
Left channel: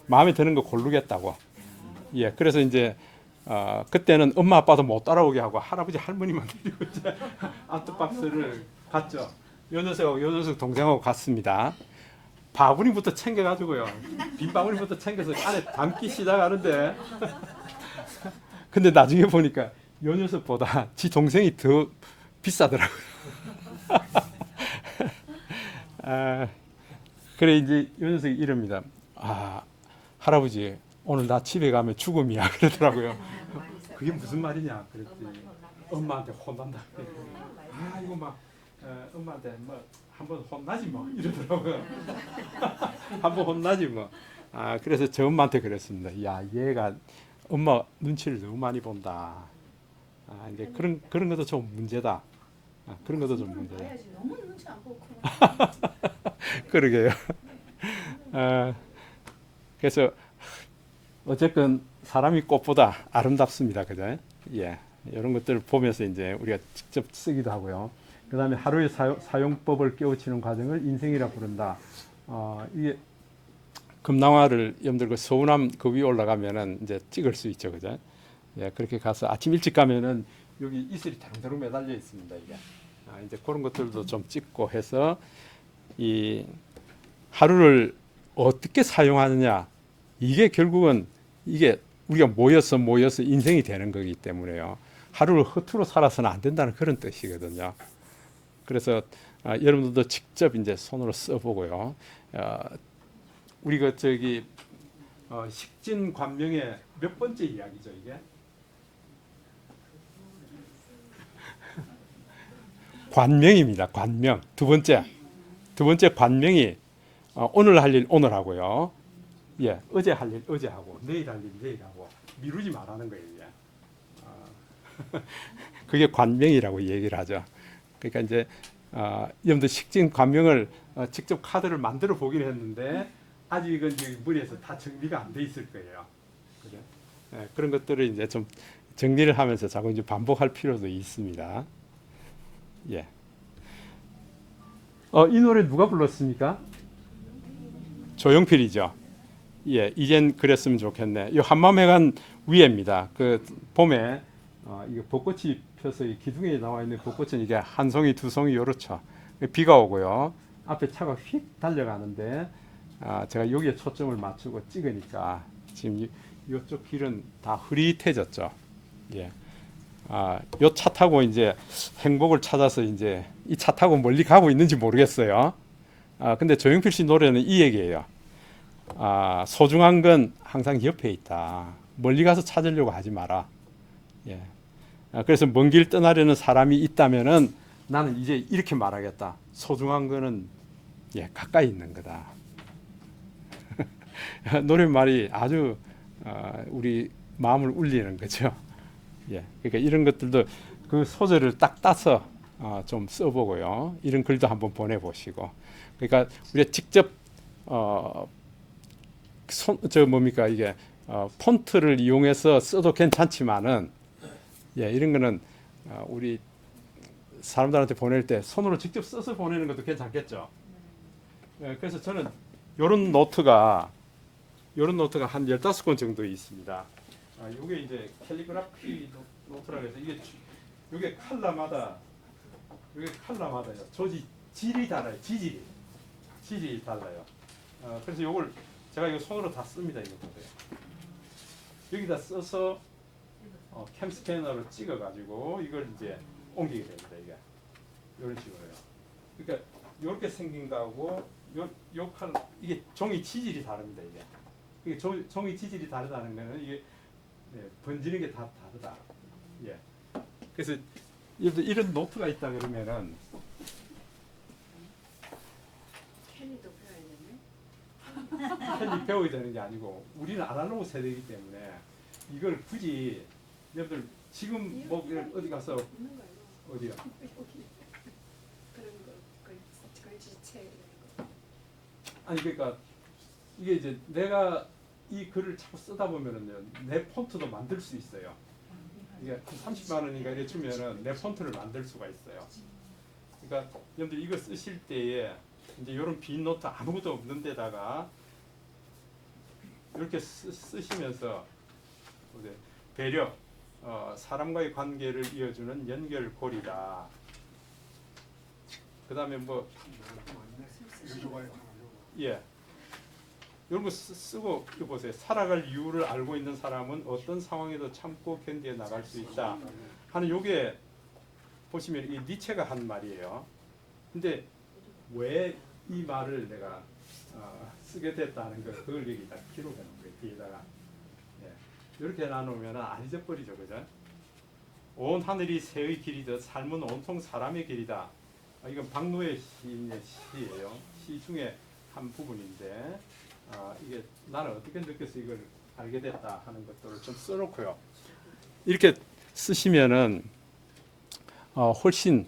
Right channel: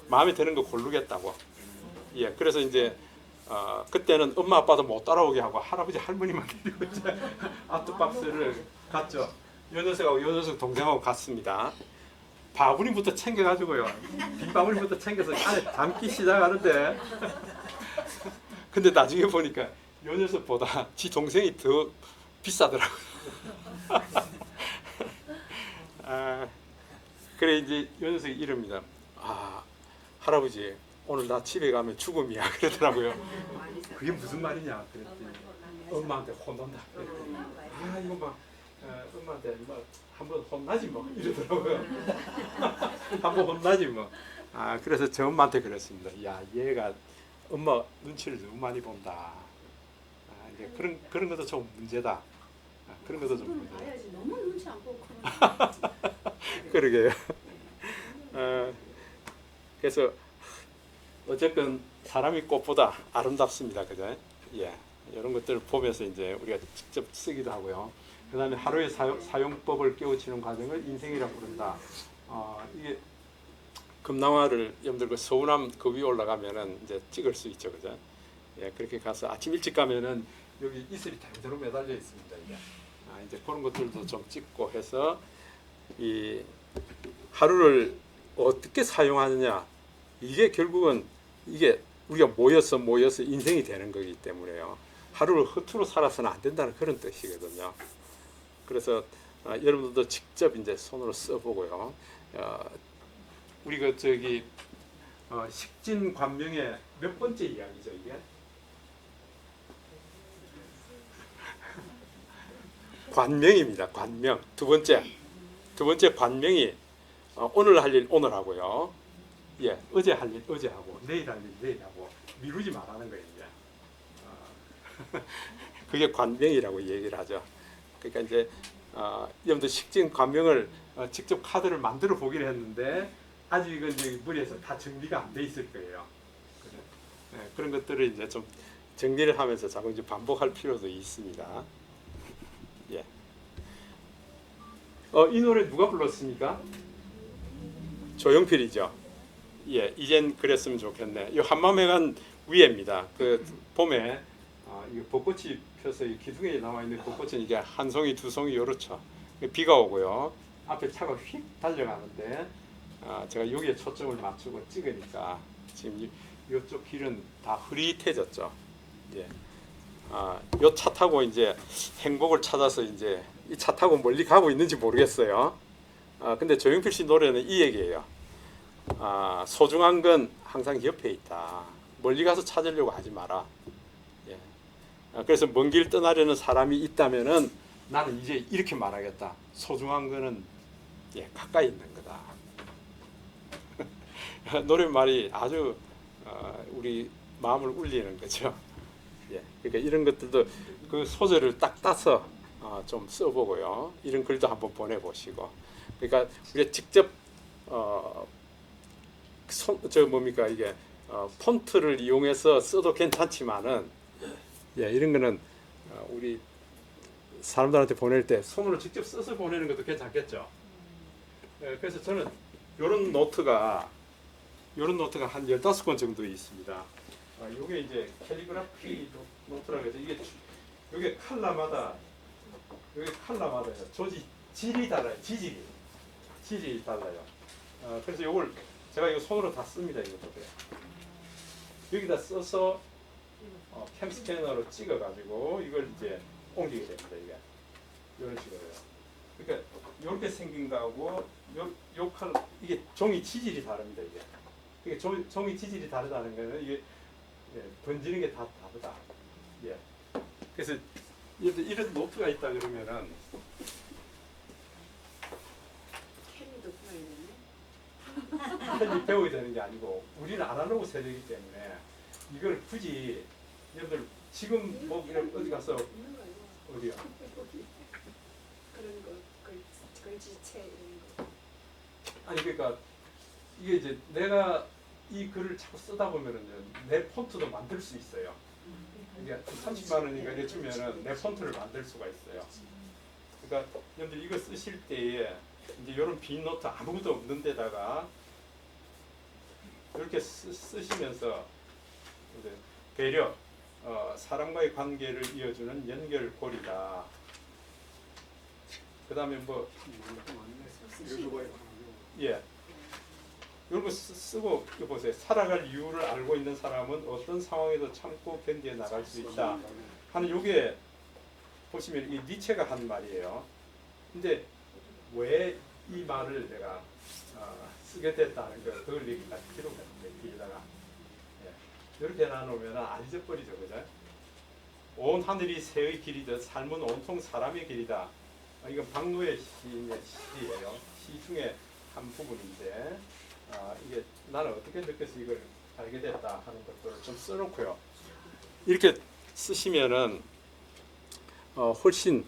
마음에 드는 거 고르겠다고. 예, 그래서 이제 그때는 엄마 아빠도 못 따라오게 하고 할아버지 할머니만 데리고 이제 아트 박스를 갔죠. 요 녀석 동생하고 갔습니다. 바구니부터 챙겨가지고요. 빈 바구니부터 챙겨서 안에 담기 시작하는데 근데 나중에 보니까 요 녀석보다 지 동생이 더 비싸더라고요. 그래 이제 요 녀석이 이럽니다. 할아버지 오늘 나 집에 가면 죽음이야 그러더라고요. 그게 무슨 말이냐 그랬더니 엄마한테 혼난다 그랬더니 이거 막 엄마한테 뭐 한번 혼나지 뭐 이러더라고요. 한번 혼나지 뭐. 그래서 저 엄마한테 그랬습니다. 야 얘가 엄마 눈치를 너무 많이 본다. 이제 그런 것도 좀 문제다. 그런 것도 좀 문제다. 너무 눈치 안 보고 그러게요. 그래서 어쨌든 사람이 꽃보다 아름답습니다. 그죠? 예. 이런 것들을 보면서 이제 우리가 직접 쓰기도 하고요. 그 다음에 하루의 사용법을 깨우치는 과정을 인생이라 부른다. 이게 금낭화를 여러분들 그 서운함 그 위에 올라가면은 이제 찍을 수 있죠, 그죠? 예, 그렇게 가서 아침 일찍 가면은 여기 이슬이 대롱대롱 매달려 있습니다. 이게 이제 그런 것들도 좀 찍고 해서 이 하루를 어떻게 사용하느냐, 이게 결국은 이게 우리가 모여서 인생이 되는 거기 때문에요. 하루를 허투루 살아서는 안 된다는 그런 뜻이거든요. 그래서 여러분들도 직접 이제 손으로 써보고요. 우리가 저기 식진관명의 몇 번째 이야기죠, 이게? 관명입니다. 관명. 두 번째 관명이 오늘 할 일 오늘 하고요. 예, 어제 할 일 어제 하고 내일 할 일 내일 하고 미루지 말라는 거예요, 이게. 그게 관명이라고 얘기를 하죠. 그러니까 이제 여러분들 식진 관명을 직접 카드를 만들어 보기는 했는데 아직은 이제 머리에서 다 정리가 안 돼 있을 거예요. 그래? 네, 그런 것들을 이제 좀 정리를 하면서 자꾸 이제 반복할 필요도 있습니다. 예. 이 노래 누가 불렀습니까? 조용필이죠. 예, 이젠 그랬으면 좋겠네. 이 한마음해간 위에입니다. 그 봄에 이게 벚꽃이 펴서 이 기둥에 나와 있는 벚꽃은 이게 한 송이 두 송이 요렇죠. 비가 오고요. 앞에 차가 휙 달려가는데 제가 여기에 초점을 맞추고 찍으니까 지금 이쪽 길은 다 흐릿해졌죠. 예. 요 차 타고 이제 행복을 찾아서 이제 이 차 타고 멀리 가고 있는지 모르겠어요. 근데 조용필 씨 노래는 이 얘기예요. 소중한 건 항상 옆에 있다. 멀리 가서 찾으려고 하지 마라. 예. 그래서 먼 길 떠나려는 사람이 있다면은 나는 이제 이렇게 말하겠다. 소중한 거는 가까이 있는 거다. 노랫말이 아주 우리 마음을 울리는 거죠. 예. 그러니까 이런 것들도 그 소재를 딱 따서 좀 써보고요. 이런 글도 한번 보내보시고. 그러니까 우리가 직접 뭡니까 이게 폰트를 이용해서 써도 괜찮지만은 이런 거는 우리 사람들한테 보낼 때 손으로 직접 써서 보내는 것도 괜찮겠죠. 그래서 저는 요런 노트가 한 15권 정도 있습니다. 요게 이제 캘리그라피 노트라고 해서 요게 칼라마다 질이 달라요. 질이 달라요. 그래서 요걸 제가 이거 손으로 다 씁니다. 이것도 여기다 써서 캠 스캐너로 찍어가지고 이걸 이제 옮기게 됩니다. 이게 이런 식으로요. 그러니까 이렇게 생긴 거하고 이게 종이 지질이 다릅니다. 이게 종이 지질이 다르다는 거는 이게 번지는 게 다 다르다. 예. 그래서 이런 노트가 있다 그러면은 캔이 배워야 되는 게 아니고 우리는 아날로그 세대이기 때문에 이걸 굳이 여러분들 지금 뭐 어디 가서 어디요? 그런 거 글지체 이런 거. 아니 그러니까 이게 이제 내가 이 글을 자꾸 쓰다 보면은요 내 폰트도 만들 수 있어요. 이게 30만 원인가 이래 주면은 내 폰트를 만들 수가 있어요. 그러니까 여러분들 이거 쓰실 때에 이제 이런 빈 노트 아무것도 없는 데다가 이렇게 쓰시면서 배려, 사람과의 관계를 이어주는 연결고리다. 그 다음에 뭐 이런 거 쓰고 보세요. 살아갈 이유를 알고 있는 사람은 어떤 상황에도 참고 견디어 나갈 수 있다 하는 요게 보시면 이 니체가 한 말이에요. 근데 왜 이 말을 내가 쓰게 됐다는 걸 그걸 여기 딱 기록하는 거예요. 뒤에다가 이렇게 해놔놓으면 안 잊어버리죠, 그죠? 온 하늘이 새의 길이듯 삶은 온통 사람의 길이다. 이건 박노해 시인의 시예요. 시 중에 한 부분인데 이게 나는 어떻게 느껴서 이걸 알게 됐다 하는 것들을 좀 써놓고요. 이렇게 쓰시면은 훨씬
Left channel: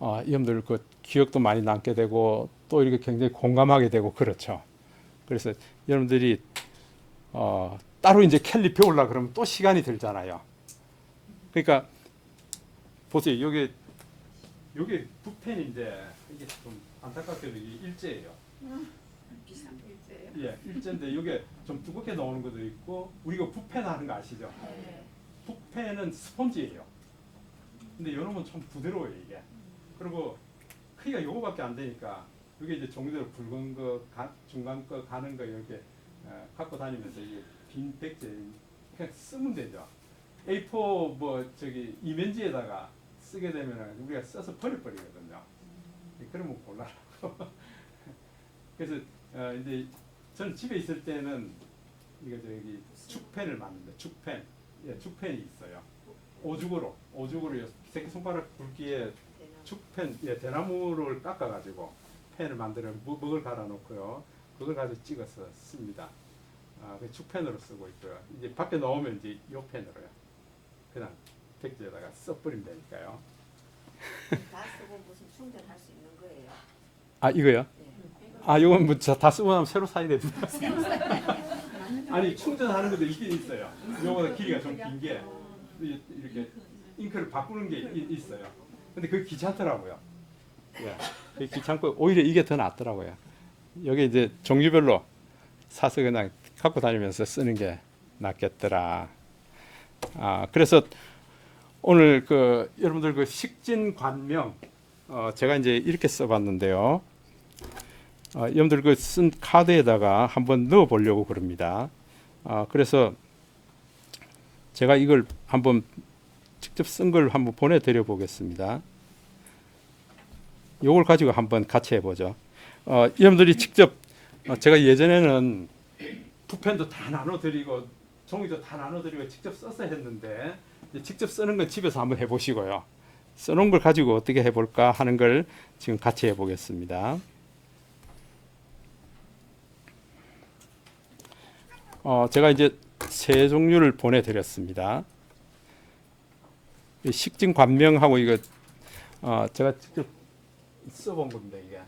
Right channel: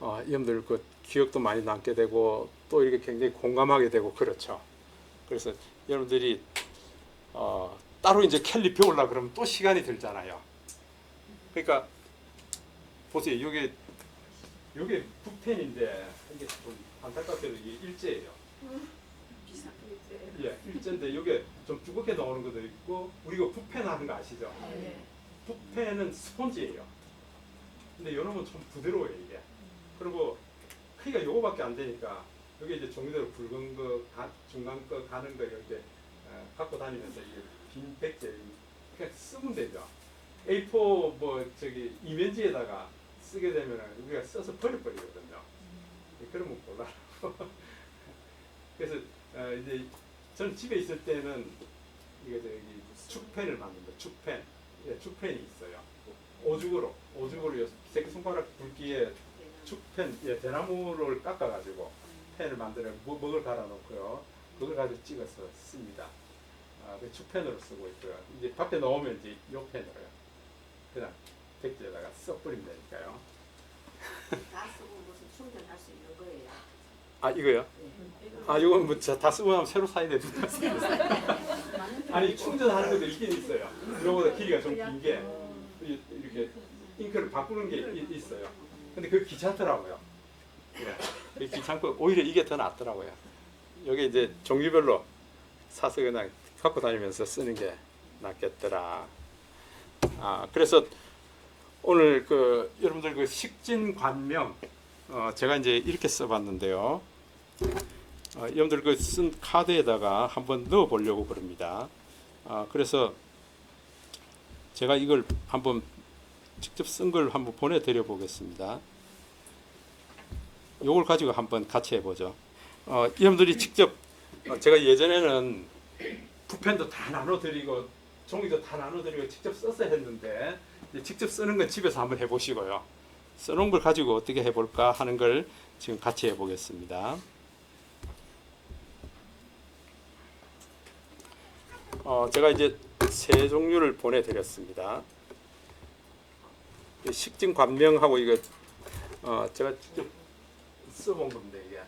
여러분들 그 기억도 많이 남게 되고 또 이렇게 굉장히 공감하게 되고 그렇죠. 그래서 여러분들이 따로 이제 캘리 배우려고 그러면 또 시간이 들잖아요. 그러니까 보세요. 이게 붓펜인데 이게 좀 안타깝게도 이게 일제예요. 비싼 예, 일제인데 이게 좀 두껍게 나오는 것도 있고 우리가 붓펜 하는 거 아시죠? 네. 붓펜은 스펀지예요. 근데 이놈은 좀 부드러워요 이게. 그리고 크기가 요거밖에 안 되니까 여기 이제 종이대로 굵은 거, 중간 거 가는 거 이렇게 갖고 다니면서 이 빈 백지에 그냥 쓰면 되죠. A4 뭐 저기 이면지에다가 쓰게 되면 우리가 써서 버려버리거든요. 그러면 곤란하고. 그래서 이제 저는 집에 있을 때는 이거 저기 축펜을 만든다. 축펜, 예, 축펜이 있어요. 오죽으로 새끼 손가락 굵기에 축펜, 예, 대나무를 깎아가지고 펜을 만들어 먹을 갈아놓고요. 그걸 가지고 찍어서 씁니다. 그 축펜으로 쓰고 있고요. 이제 밖에 나오면 이제 요 펜으로요. 그냥 백지에다가 써버리면 되니까요. 다 쓰고 무슨 충전할 수 있는 거예요. 아 이거요? 네. 아 이건 뭐 다 쓰고 나면 새로 사야 됩니다. 아니 충전하는 것도 있긴 있어요. 요거보다 길이가 좀 긴 게 이렇게 잉크를 바꾸는 게 있어요. 근데 그게 귀찮더라고요. 예, 그게 귀찮고 오히려 이게 더 낫더라고요. 여기 이제 종류별로 사서 그냥 갖고 다니면서 쓰는 게 낫겠더라. 그래서 오늘 그 여러분들 그 식진관명 제가 이제 이렇게 써봤는데요. 여러분들 그 쓴 카드에다가 한번 넣어 보려고 그럽니다. 그래서 제가 이걸 한번 직접 쓴 걸 한번 보내드려 보겠습니다. 요걸 가지고 한번 같이 해보죠. 여러분들이 직접 제가 예전에는 붓펜도 다 나눠드리고 종이도 다 나눠드리고 직접 써서 했는데 이제 직접 쓰는 건 집에서 한번 해보시고요. 써놓은 걸 가지고 어떻게 해볼까 하는 걸 지금 같이 해보겠습니다. 제가 이제 세 종류를 보내드렸습니다. 식진관명하고 이거 제가 직접 써본 겁니다. 이게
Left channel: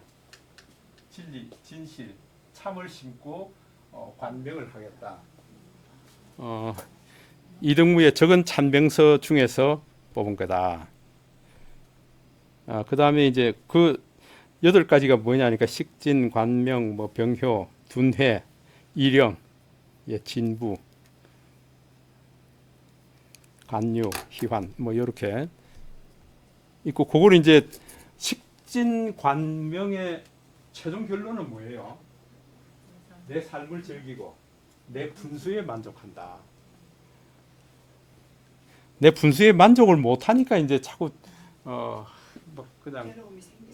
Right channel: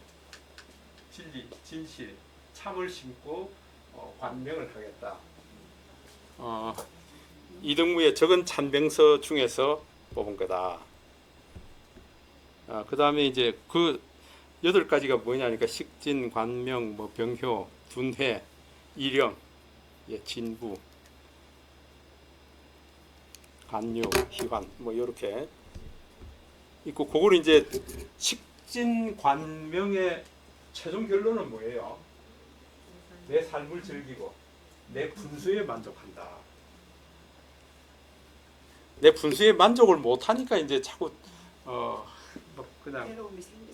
진리, 진실, 참을 심고 관명을 하겠다. 이등무의 적은 찬병서 중에서 뽑은 거다. 그 다음에 이제 그 8가지가 뭐냐니까 식진, 관명, 뭐 병효, 둔회, 이령, 예, 진부, 간유, 희환, 뭐 이렇게 있고, 그걸 이제 식진, 관명의 최종 결론은 뭐예요? 내 삶을 즐기고 내 분수에 만족한다. 내 분수에 만족을 못하니까 이제 자꾸 뭐 그냥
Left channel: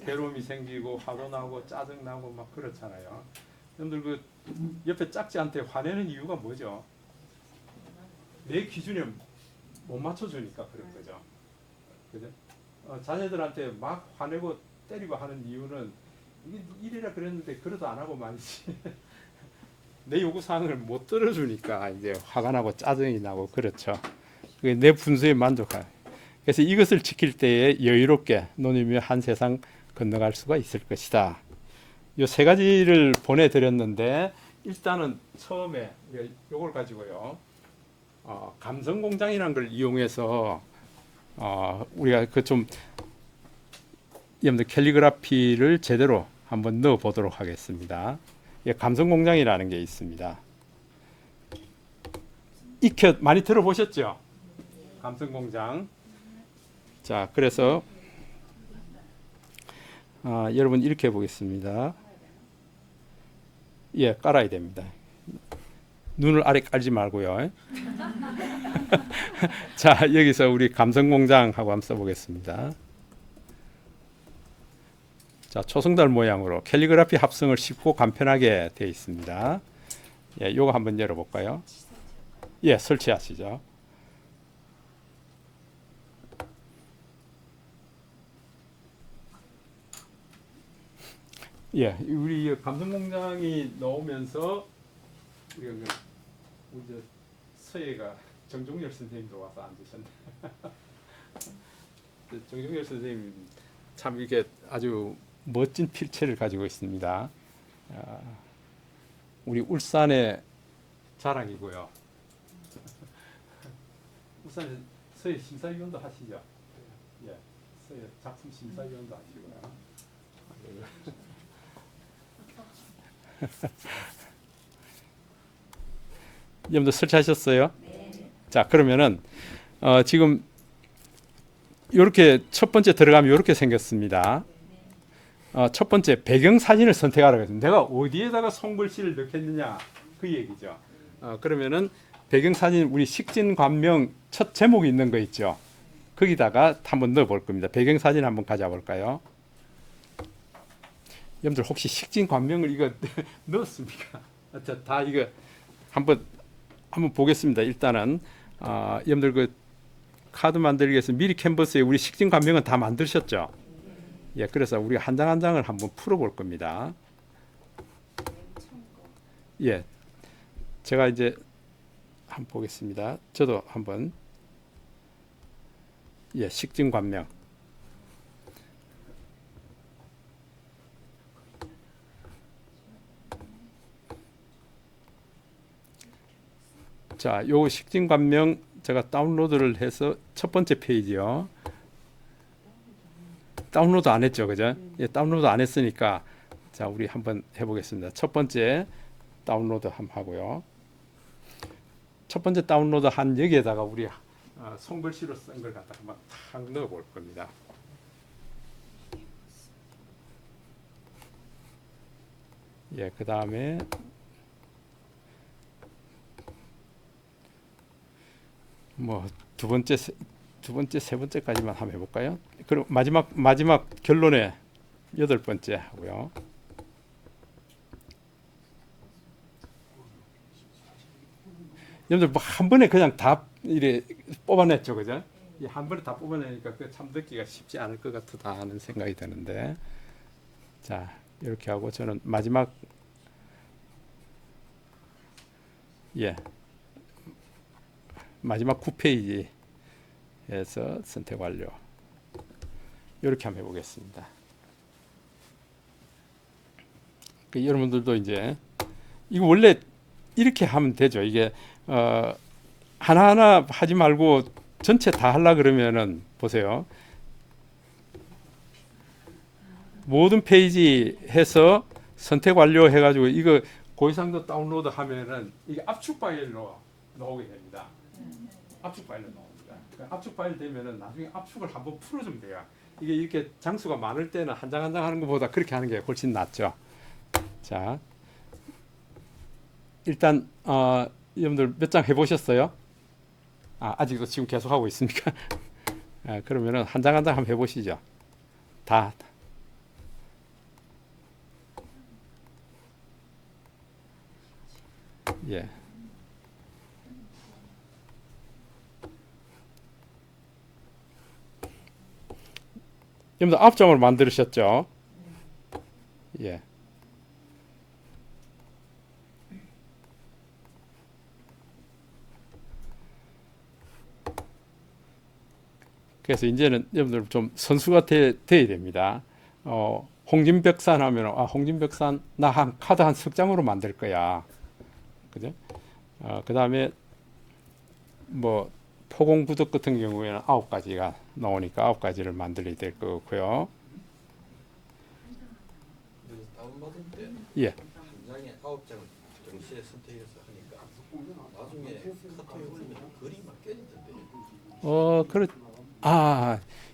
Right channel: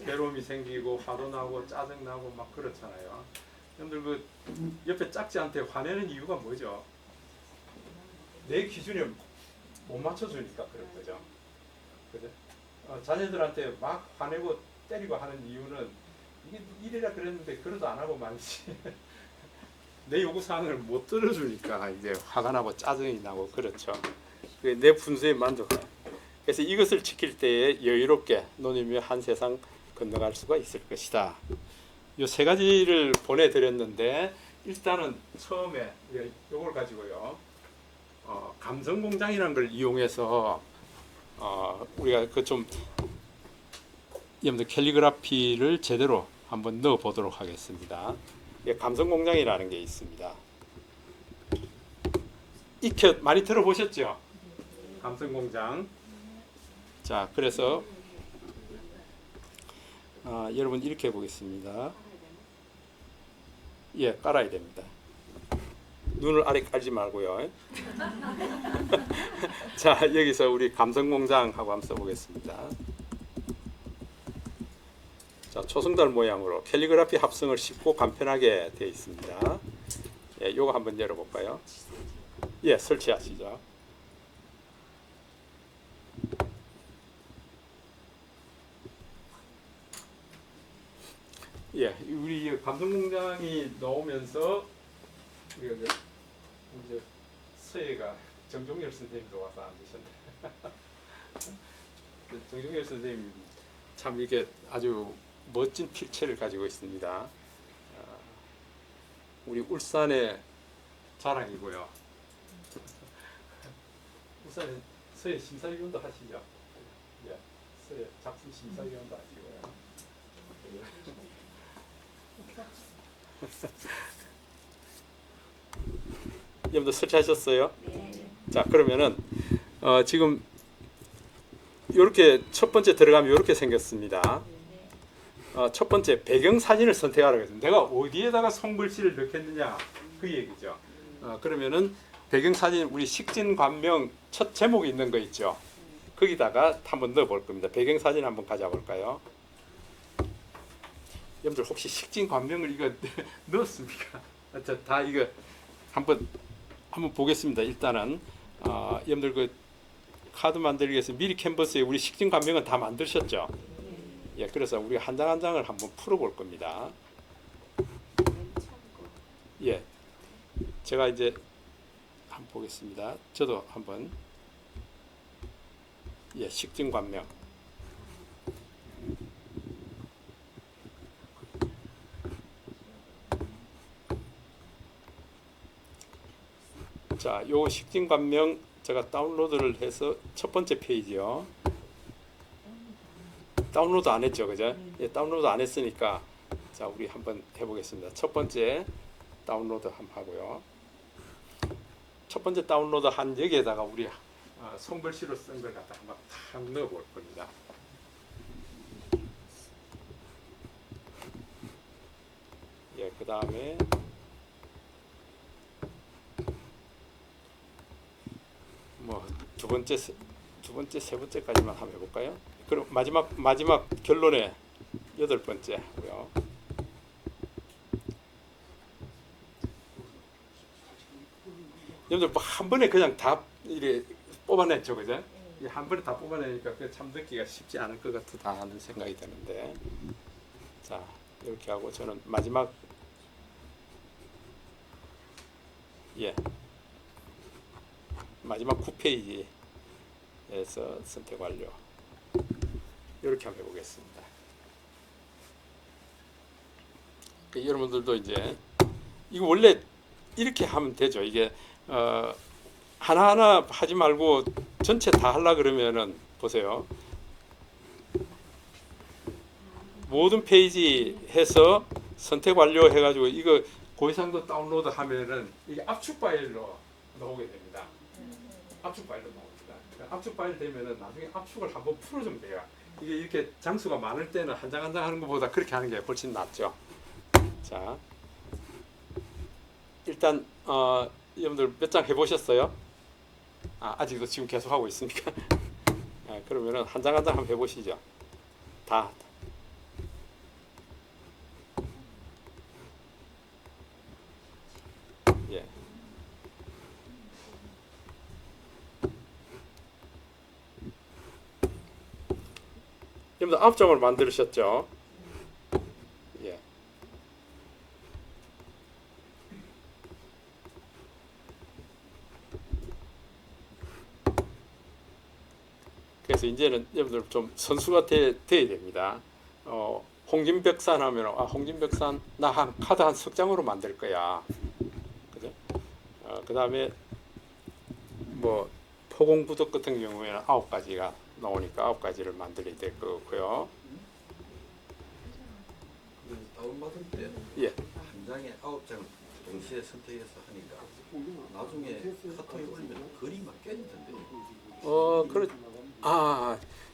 괴로움이 생기고 화도 나고 짜증 나고 막 그렇잖아요. 여러분들 그 옆에 짝지한테 화내는 이유가 뭐죠? 내 기준에 못 맞춰주니까 그런 거죠. 그죠? 자녀들한테 막 화내고 때리고 하는 이유는 이게 이래라 그랬는데 그래도 안 하고 말지. 내 요구 사항을 못 들어주니까 이제 화가 나고 짜증이 나고 그렇죠. 내 분수에 만족한. 그래서 이것을 지킬 때에 여유롭게 노님이 한 세상 건너갈 수가 있을 것이다. 요 세 가지를 보내드렸는데 일단은 처음에 요걸 가지고요. 감성공장이라는 걸 이용해서 우리가 그 좀 여러분들 캘리그라피를 제대로 한번 넣어 보도록 하겠습니다. 감성공장이라는 게 있습니다. 익혀 많이 들어보셨죠? 감성공장. 자, 그래서 여러분 이렇게 해보겠습니다. 예, 깔아야 됩니다. 눈을 아래 깔지 말고요. 자, 여기서 우리 감성공장하고 한번 써보겠습니다. 자, 초승달 모양으로 캘리그라피 합성을 쉽고 간편하게 되어 있습니다. 예, 요거 한번 열어볼까요? 예, 설치하시죠. 예, 우리 감성공장이 나오면서 우리 서예가 정종열 선생님도 와서 앉으셨네. 정종열 선생님 참 이게 아주 멋진 필체를 가지고 있습니다. 우리 울산의 자랑이고요. 울산에 서예 심사위원도 하시죠. 예, 작품 심사위원도 아시고요. 여러분들 설치하셨어요? 자, 그러면은 지금 이렇게 첫 번째 들어가면 이렇게 생겼습니다. 첫 번째 배경 사진을 선택하라고 했습니다. 내가 어디에다가 손글씨를 넣겠느냐 그 얘기죠. 그러면은 배경 사진 우리 식진관명 첫 제목이 있는 거 있죠. 거기다가 한번 넣어 볼 겁니다. 배경 사진 한번 가져 볼까요? 여러분들 혹시 식진관명을 이거 넣었습니까? 다 이거 한번 보겠습니다. 일단은 여러분들 그 카드 만들기 위해서 미리 캔버스에 우리 식진관명은 다 만드셨죠? 예, 그래서 우리 한 장 한 장을 한번 풀어 볼 겁니다. 예, 제가 이제 한번 보겠습니다. 저도 한번 식진관명. 자, 요 식진관명 제가 다운로드를 해서 첫 번째 페이지요. 다운로드 안 했죠, 그죠? 예, 다운로드 안 했으니까 자, 우리 한번 해보겠습니다. 첫 번째 다운로드 한번 하고요. 첫 번째 다운로드 한 여기에다가 우리 손글씨로 쓴 걸 갖다 한번 탁 넣어 볼 겁니다. 예, 그 다음에 뭐 두 번째, 세 번째까지만 한번 해볼까요? 그리고 마지막 결론에 여덟 번째 하고요. 여러분들 뭐 한 번에 그냥 다 이래 뽑아냈죠, 그죠? 한 번에 다 뽑아내니까 참 듣기가 쉽지 않을 것 같다 하는 생각이 드는데, 자 이렇게 하고 저는 마지막 마지막 9페이지에서 선택 완료. 이렇게 한번 해보겠습니다. 여러분들도 이제 이거 원래 이렇게 하면 되죠. 이게 하나하나 하지 말고 전체 다 하려 그러면은 보세요. 모든 페이지 해서 선택 완료 해가지고 이거 고해상도 다운로드 하면은 이게 압축 파일로 나오게 됩니다. 압축 파일로 나옵니다. 압축 파일 되면은 나중에 압축을 한번 풀어주면 돼요. 이게 이렇게 장수가 많을 때는 한 장 한 장 하는 것보다 그렇게 하는 게 훨씬 낫죠. 자, 일단 여러분들 몇 장 해보셨어요? 아직 지금 계속 하고 있습니까? 그러면은 한 장 한 장 한번 해보시죠. 다. 예. 여러분들 앞장을 만들으셨죠? 예. 그래서 이제는 여러분들 좀 선수가 돼야 됩니다. 홍진백산 하면 홍진백산 나 한 카드 한 석 장으로 만들 거야. 그죠? 그 다음에 뭐 포공부득 같은 경우에는 9가지가 나오니까 9가지를 만들어야 될 거고요. 다운받을 때 예. 한 장에 9장 동시에 선택해서 하니까 나중에 카톡에 올리면 글이 막 깨지던데.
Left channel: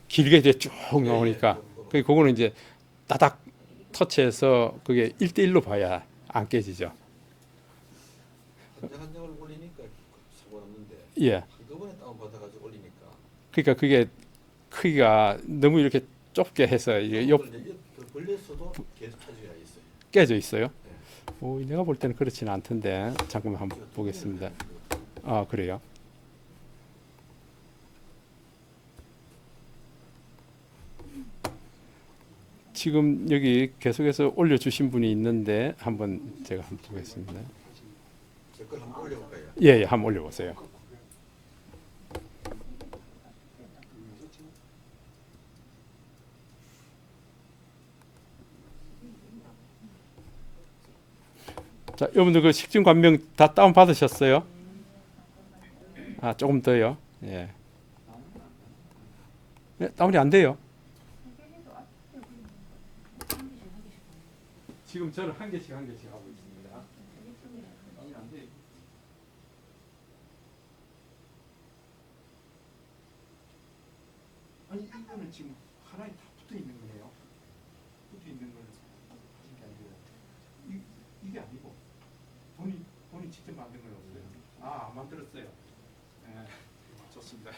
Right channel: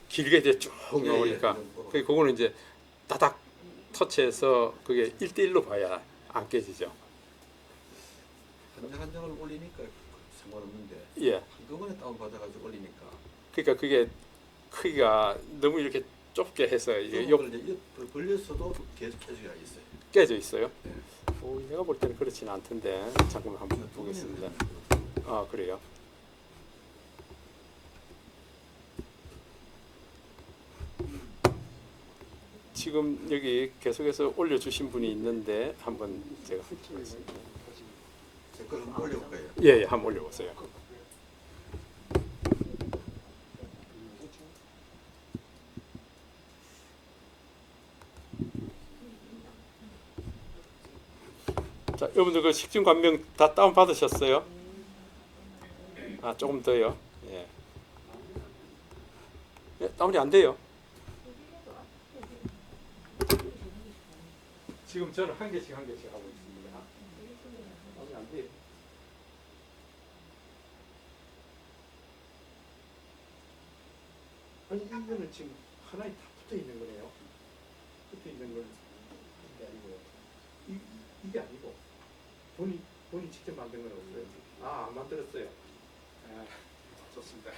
길게 이제 쭉 예, 나오니까 그거는 이제 따닥 터치해서 그게 1대1로 봐야 안 깨지죠. 한 장 한 장을 올리니까 상관없는데 예. 한꺼번에 다운받아가지고 올리니까 그러니까 그게 크기가 너무 이렇게 좁게 해서 이게 걸렸어도 계속 차지가 있어요. 깨져 있어요. 내가 볼 때는 그렇지는 않던데 잠깐만 한번 보겠습니다. 그래요. 지금 여기 계속해서 올려주신 분이 있는데 한번 제가 한번 보겠습니다. 제 걸 한번 올려볼까요? 예, 한번 올려보세요. 자, 여러분들 그 식진관명 다 다운 받으셨어요? 조금 더요. 예. 다운이 안 돼요. 지금 저는 한 개씩 하고 있습니다. 아니 안 돼. 아니 이거는 지금 하나에 다 붙어 있는 거네요. 붙어 있는 건 이게 아니고 이게 아니고 본인 직접 만든 건 없어요. 안 만들었어요. 좋습니다.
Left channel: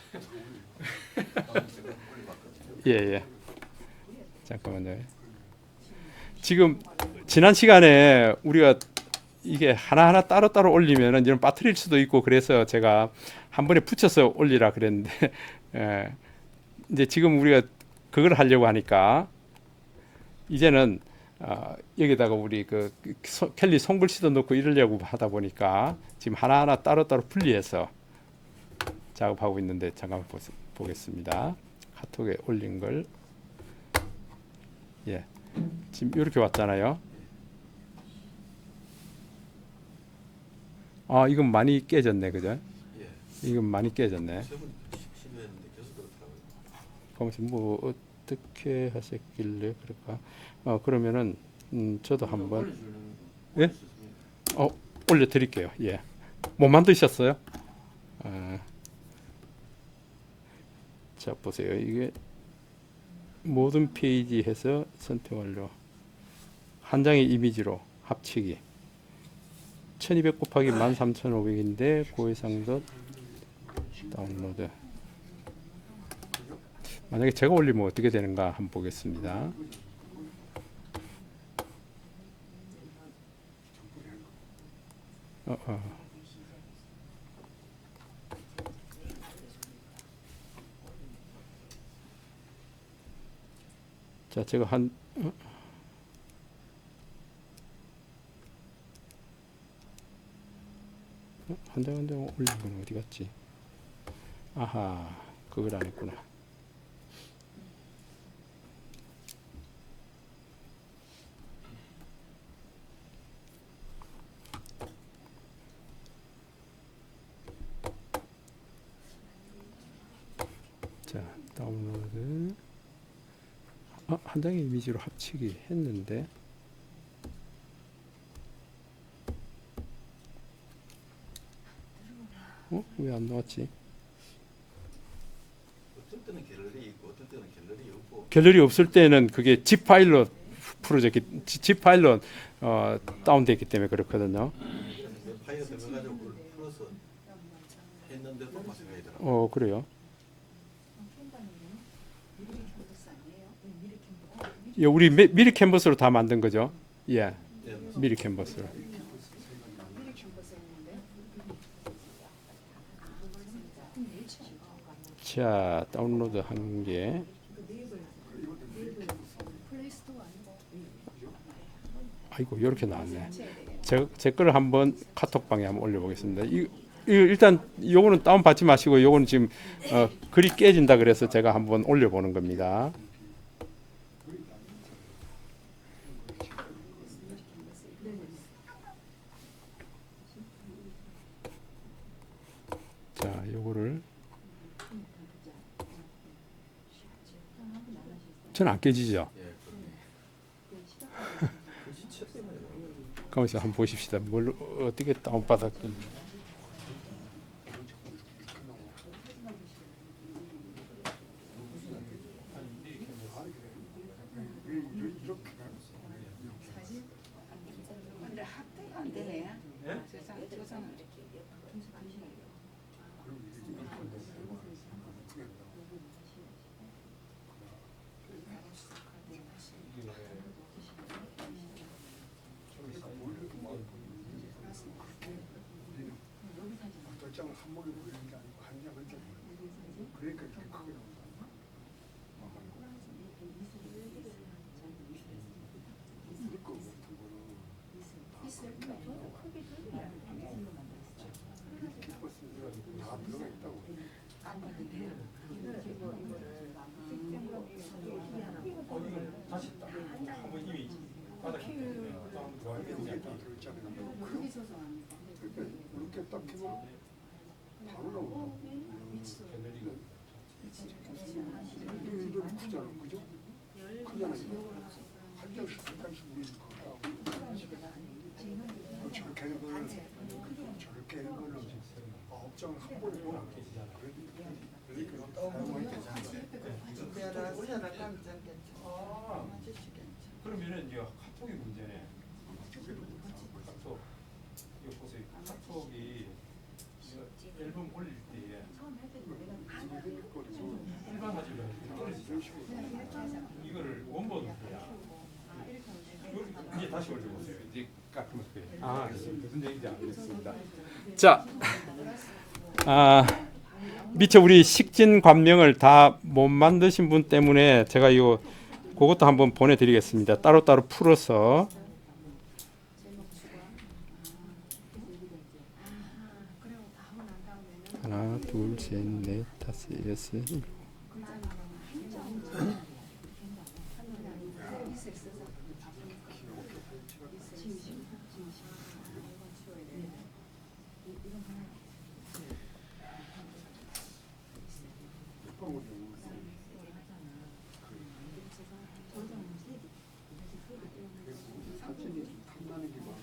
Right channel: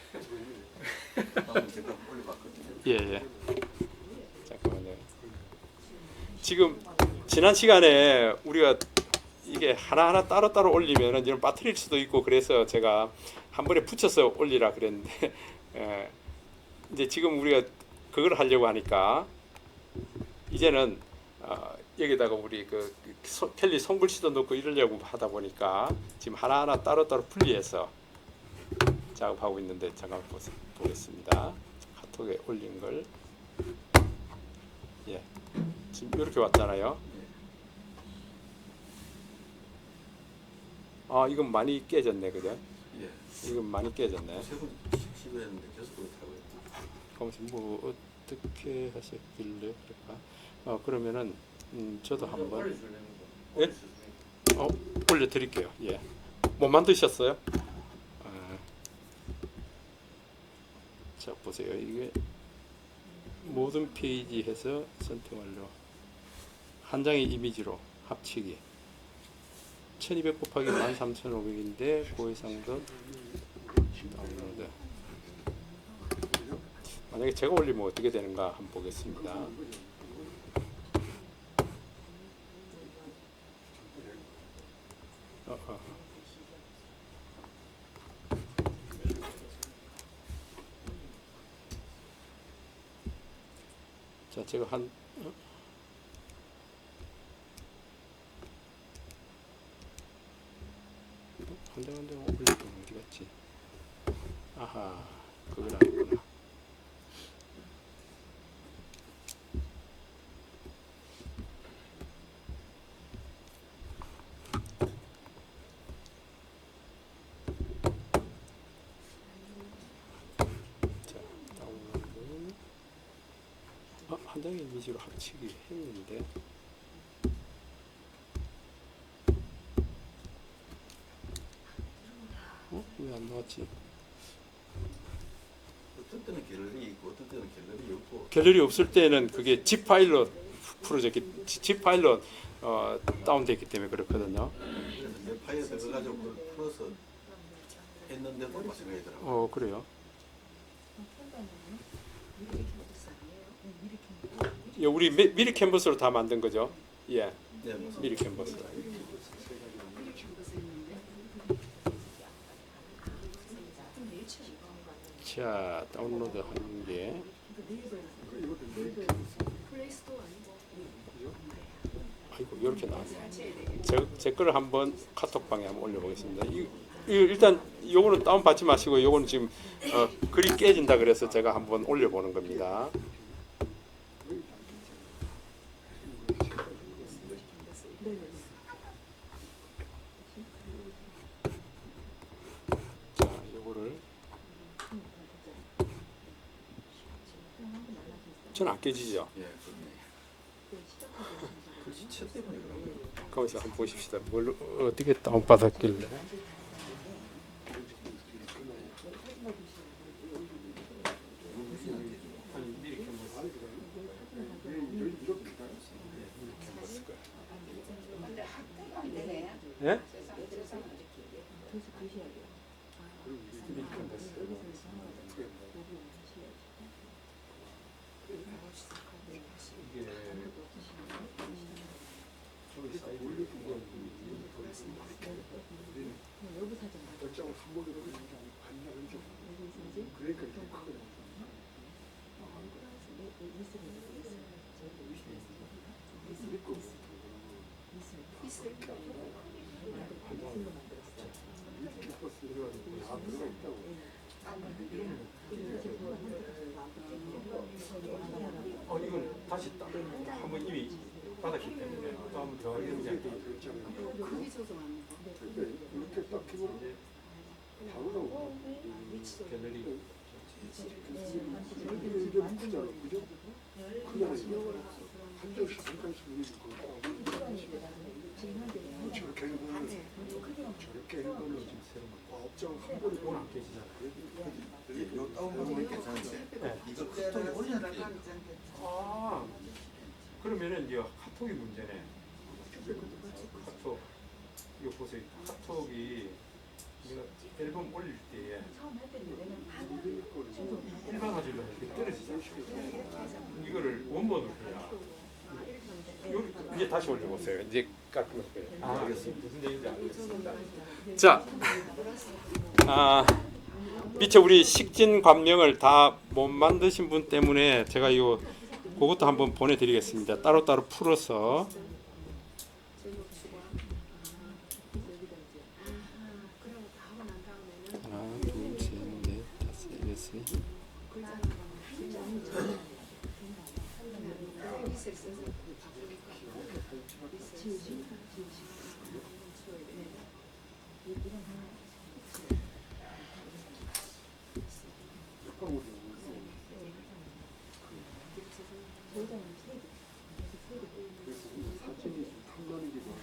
예. 잠깐만요. 지금 지난 시간에 우리가 이게 하나하나 따로따로 올리면은 이런 빠뜨릴 수도 있고 그래서 제가 한 번에 붙여서 올리라 그랬는데 이제 지금 우리가 그걸 하려고 하니까 이제는 여기다가 우리 켈리 손글씨도 넣고 이러려고 하다 보니까 지금 하나하나 따로따로 분리해서 작업하고 있는데 잠깐 보겠습니다. 카톡에 올린 걸 지금 이렇게 왔잖아요. 이건 많이 깨졌네, 그죠? 이건 많이 깨졌네. 뭐 어떻게 하셨길래 그럴까? 그러면은 저도 한번 올려드릴게요. 못 만드셨어요? 자 보세요. 이게 모든 페이지 해서 선택 완료. 한 장의 이미지로 합치기. 1200 곱하기 13500인데 고해상도 다운로드. 만약에 제가 올리면 어떻게 되는가 한번 보겠습니다. 자, 제가 한 장 올리면 어디 갔지? 아하, 그걸 안 했구나. 자, 다운로드. 한 장의 이미지로 합치기 했는데 왜 안 나왔지? 어떤 때는 갤러리 있고 어떤 때는 갤러리 없고. 갤러리 없을 때는 그게 zip 파일로 풀어졌기, zip 파일로 다운됐기 때문에 그렇거든요. 파일을 가지고 풀어서 했는데도 마찬가지더라고요. 그래요. 우리 미리 캔버스로 다 만든 거죠? 예. 미리 캔버스로. 자, 다운로드 하는 게 아이고 이렇게 나왔네. 제 거를 한번 카톡방에 한번 올려보겠습니다. 일단 요거는 다운 받지 마시고 요거는 지금 글이 깨진다 그래서 제가 한번 올려보는 겁니다. 자, 요거를 저는 안 깨지죠. 가만있어 한번 보십시다. 뭘 어떻게 다운받았길래. 근데 학대가 안 되네. 예? 세상에 결정을 한 번에 보내는 게 아니고 한 장 한 장. 그러니까 좀 크게 나온다. 믿고 다 들어가 있다고. 이건 다시 한번 이미 받았기 때문에 또 한번 들어가야 이게 되는데. 다 들어있잖아요. 그러니까 이렇게 딱 키면 바로 나오고. 이게 묻히잖아, 그죠? 그냥 한 장씩 올리는 거다. 카톡이 문제네. 카톡 이거 보세요. 카톡이 이거 앨범 올릴 때 일반 화질로 할 때 떨어지잖아요. 이거를 원본으로 해야 이제 다시 올려보세요. 이제 깎을 거예요. 아, 무슨 얘기인지 알겠습니다. 자, 미처 우리 식진 관명을 다 못 만드신 분 때문에 제가 이거 그것도 한번 보내드리겠습니다. 따로따로 풀어서. 하나, 둘, 셋, 넷, 다섯, 여섯. 사진이 좀 탐나는 게 많아.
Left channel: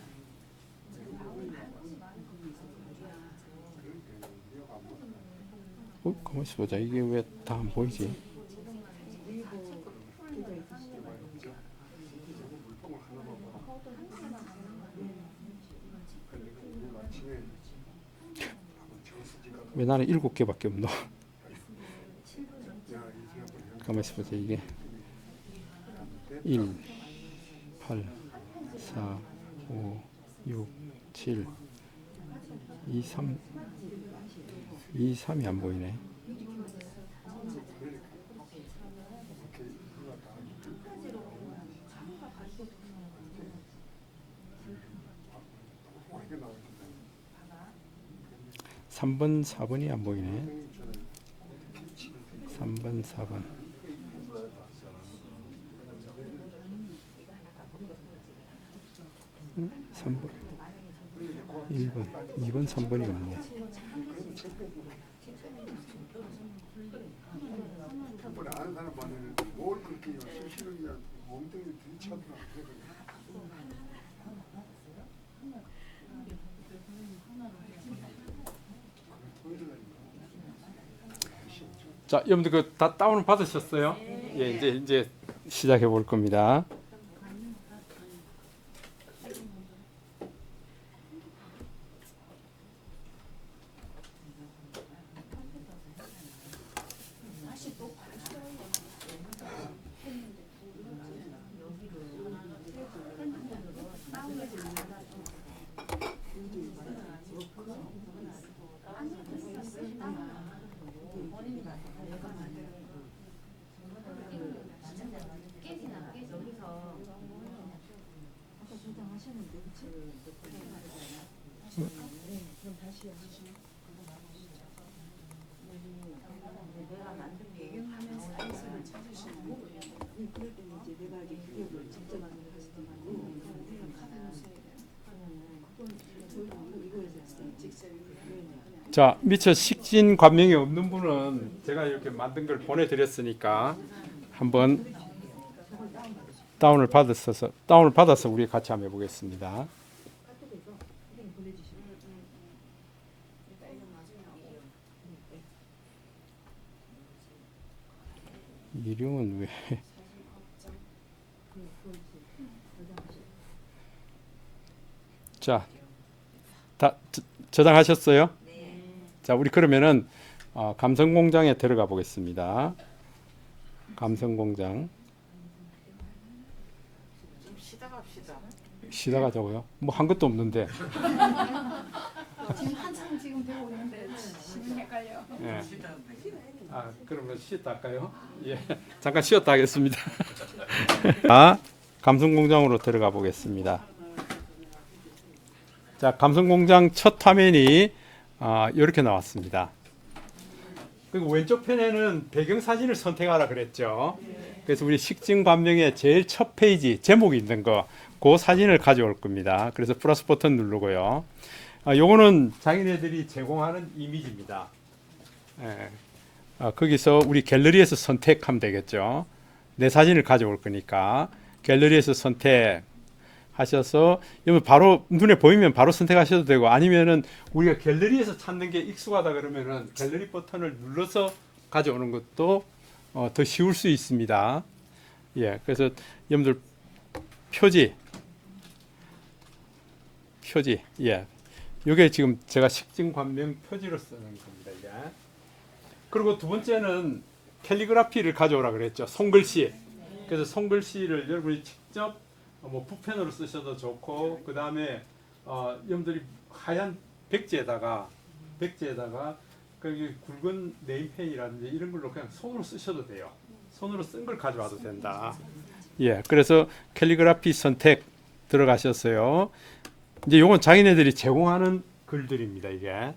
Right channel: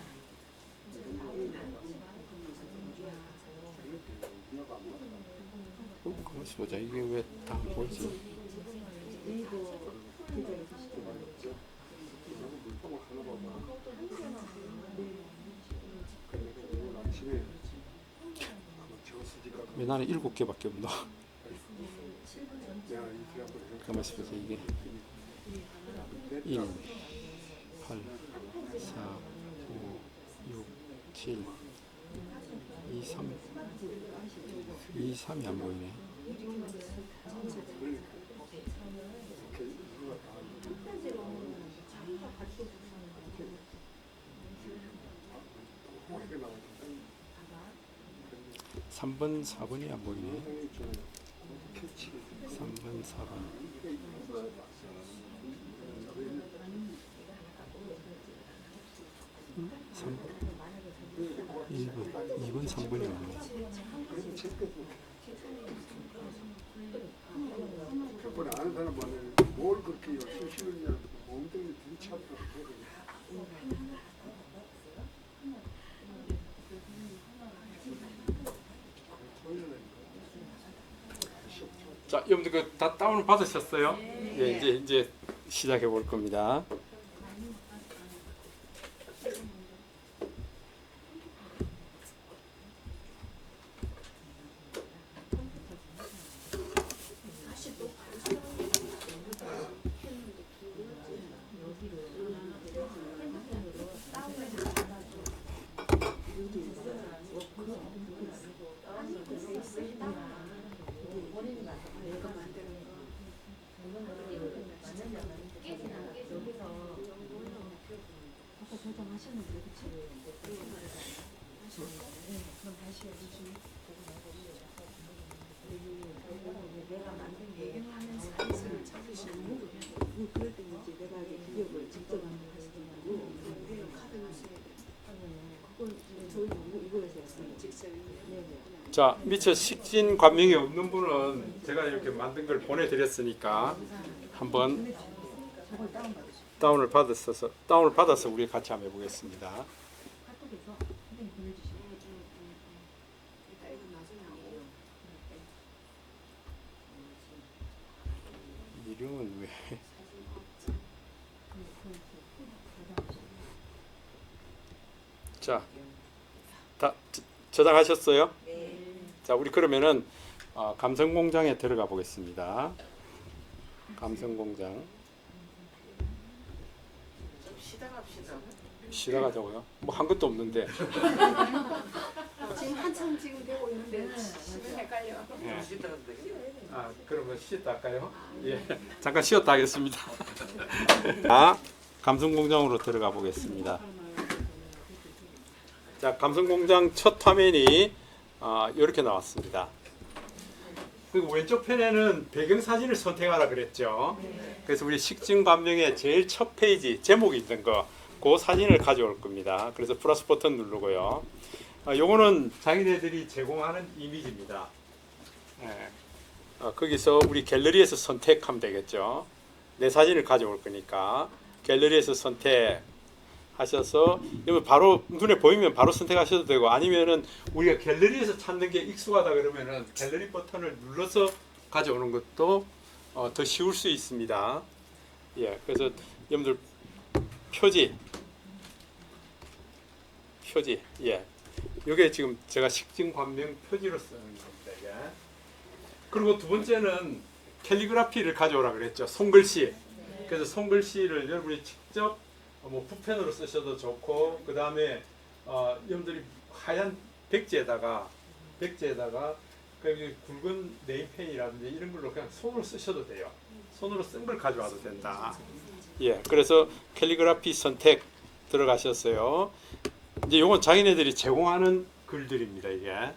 가만히 있어 보자. 이게 왜 다 안 보이지? 왜 나는 7개밖에 없노? 가만히 있어 보자. 이게 1, 8, 4, 5, 6, 7, 2, 3, 2, 3이 안 보이네. 삼 번, 4번이 안 보이네. 3번, 4번. 3번, 1번, 2번, 3번이 없네. 평번에 아는 사람 말에는 뭘 그렇게 열심히 쉬느냐 엉덩이 들이차더라. 자, 여러분들 그 다 다운을 받으셨어요? 예, 이제 시작해 볼 겁니다. 자, 미처 식진 관명이 없는 분은 제가 이렇게 만든 걸 보내드렸으니까 한번 다운을 받아서 우리 같이 한번 해보겠습니다. 이름은 왜? 자, 다 저장하셨어요? 자, 우리 그러면은 감성공장에 들어가 보겠습니다. 감성공장. 좀 쉬다 갑시다. 쉬다가 저거요? 뭐 한 것도 없는데. 지금 한참 지금 배우고 있는데 시간 헷갈려. 예. 그러면 쉬었다 할까요? 예. 잠깐 쉬었다 하겠습니다. 감성공장으로 들어가 보겠습니다. 자, 감성공장 첫 화면이 이렇게 나왔습니다. 그리고 왼쪽 편에는 배경사진을 선택하라 그랬죠. 그래서 우리 식진관명의 제일 첫 페이지 제목이 있는 그 사진을 가져올 겁니다. 그래서 플러스 버튼 누르고요. 요거는 장인애들이 제공하는 이미지입니다. 예. 거기서 우리 갤러리에서 선택하면 되겠죠. 내 사진을 가져올 거니까 갤러리에서 선택하셔서 바로 눈에 보이면 바로 선택하셔도 되고, 아니면은 우리가 갤러리에서 찾는 게 익숙하다 그러면은 갤러리 버튼을 눌러서 가져오는 것도 더 쉬울 수 있습니다. 예, 그래서 여러분들 표지 표지. 예. 이게 지금 제가 식증 관명 표지로 쓰는 겁니다. 이게. 그리고 두 번째는 캘리그라피를 가져오라 그랬죠. 손글씨. 그래서 손글씨를 여러분이 직접 뭐 붓펜으로 쓰셔도 좋고, 그 다음에 여러분들이 하얀 백지에다가 그 굵은 네임펜이라든지 이런 걸로 그냥 손으로 쓰셔도 돼요. 손으로 쓴 걸 가져와도 된다. 예, 그래서 캘리그라피 선택 들어가셨어요. 이제 요건 자기네들이 제공하는 글들입니다, 이게.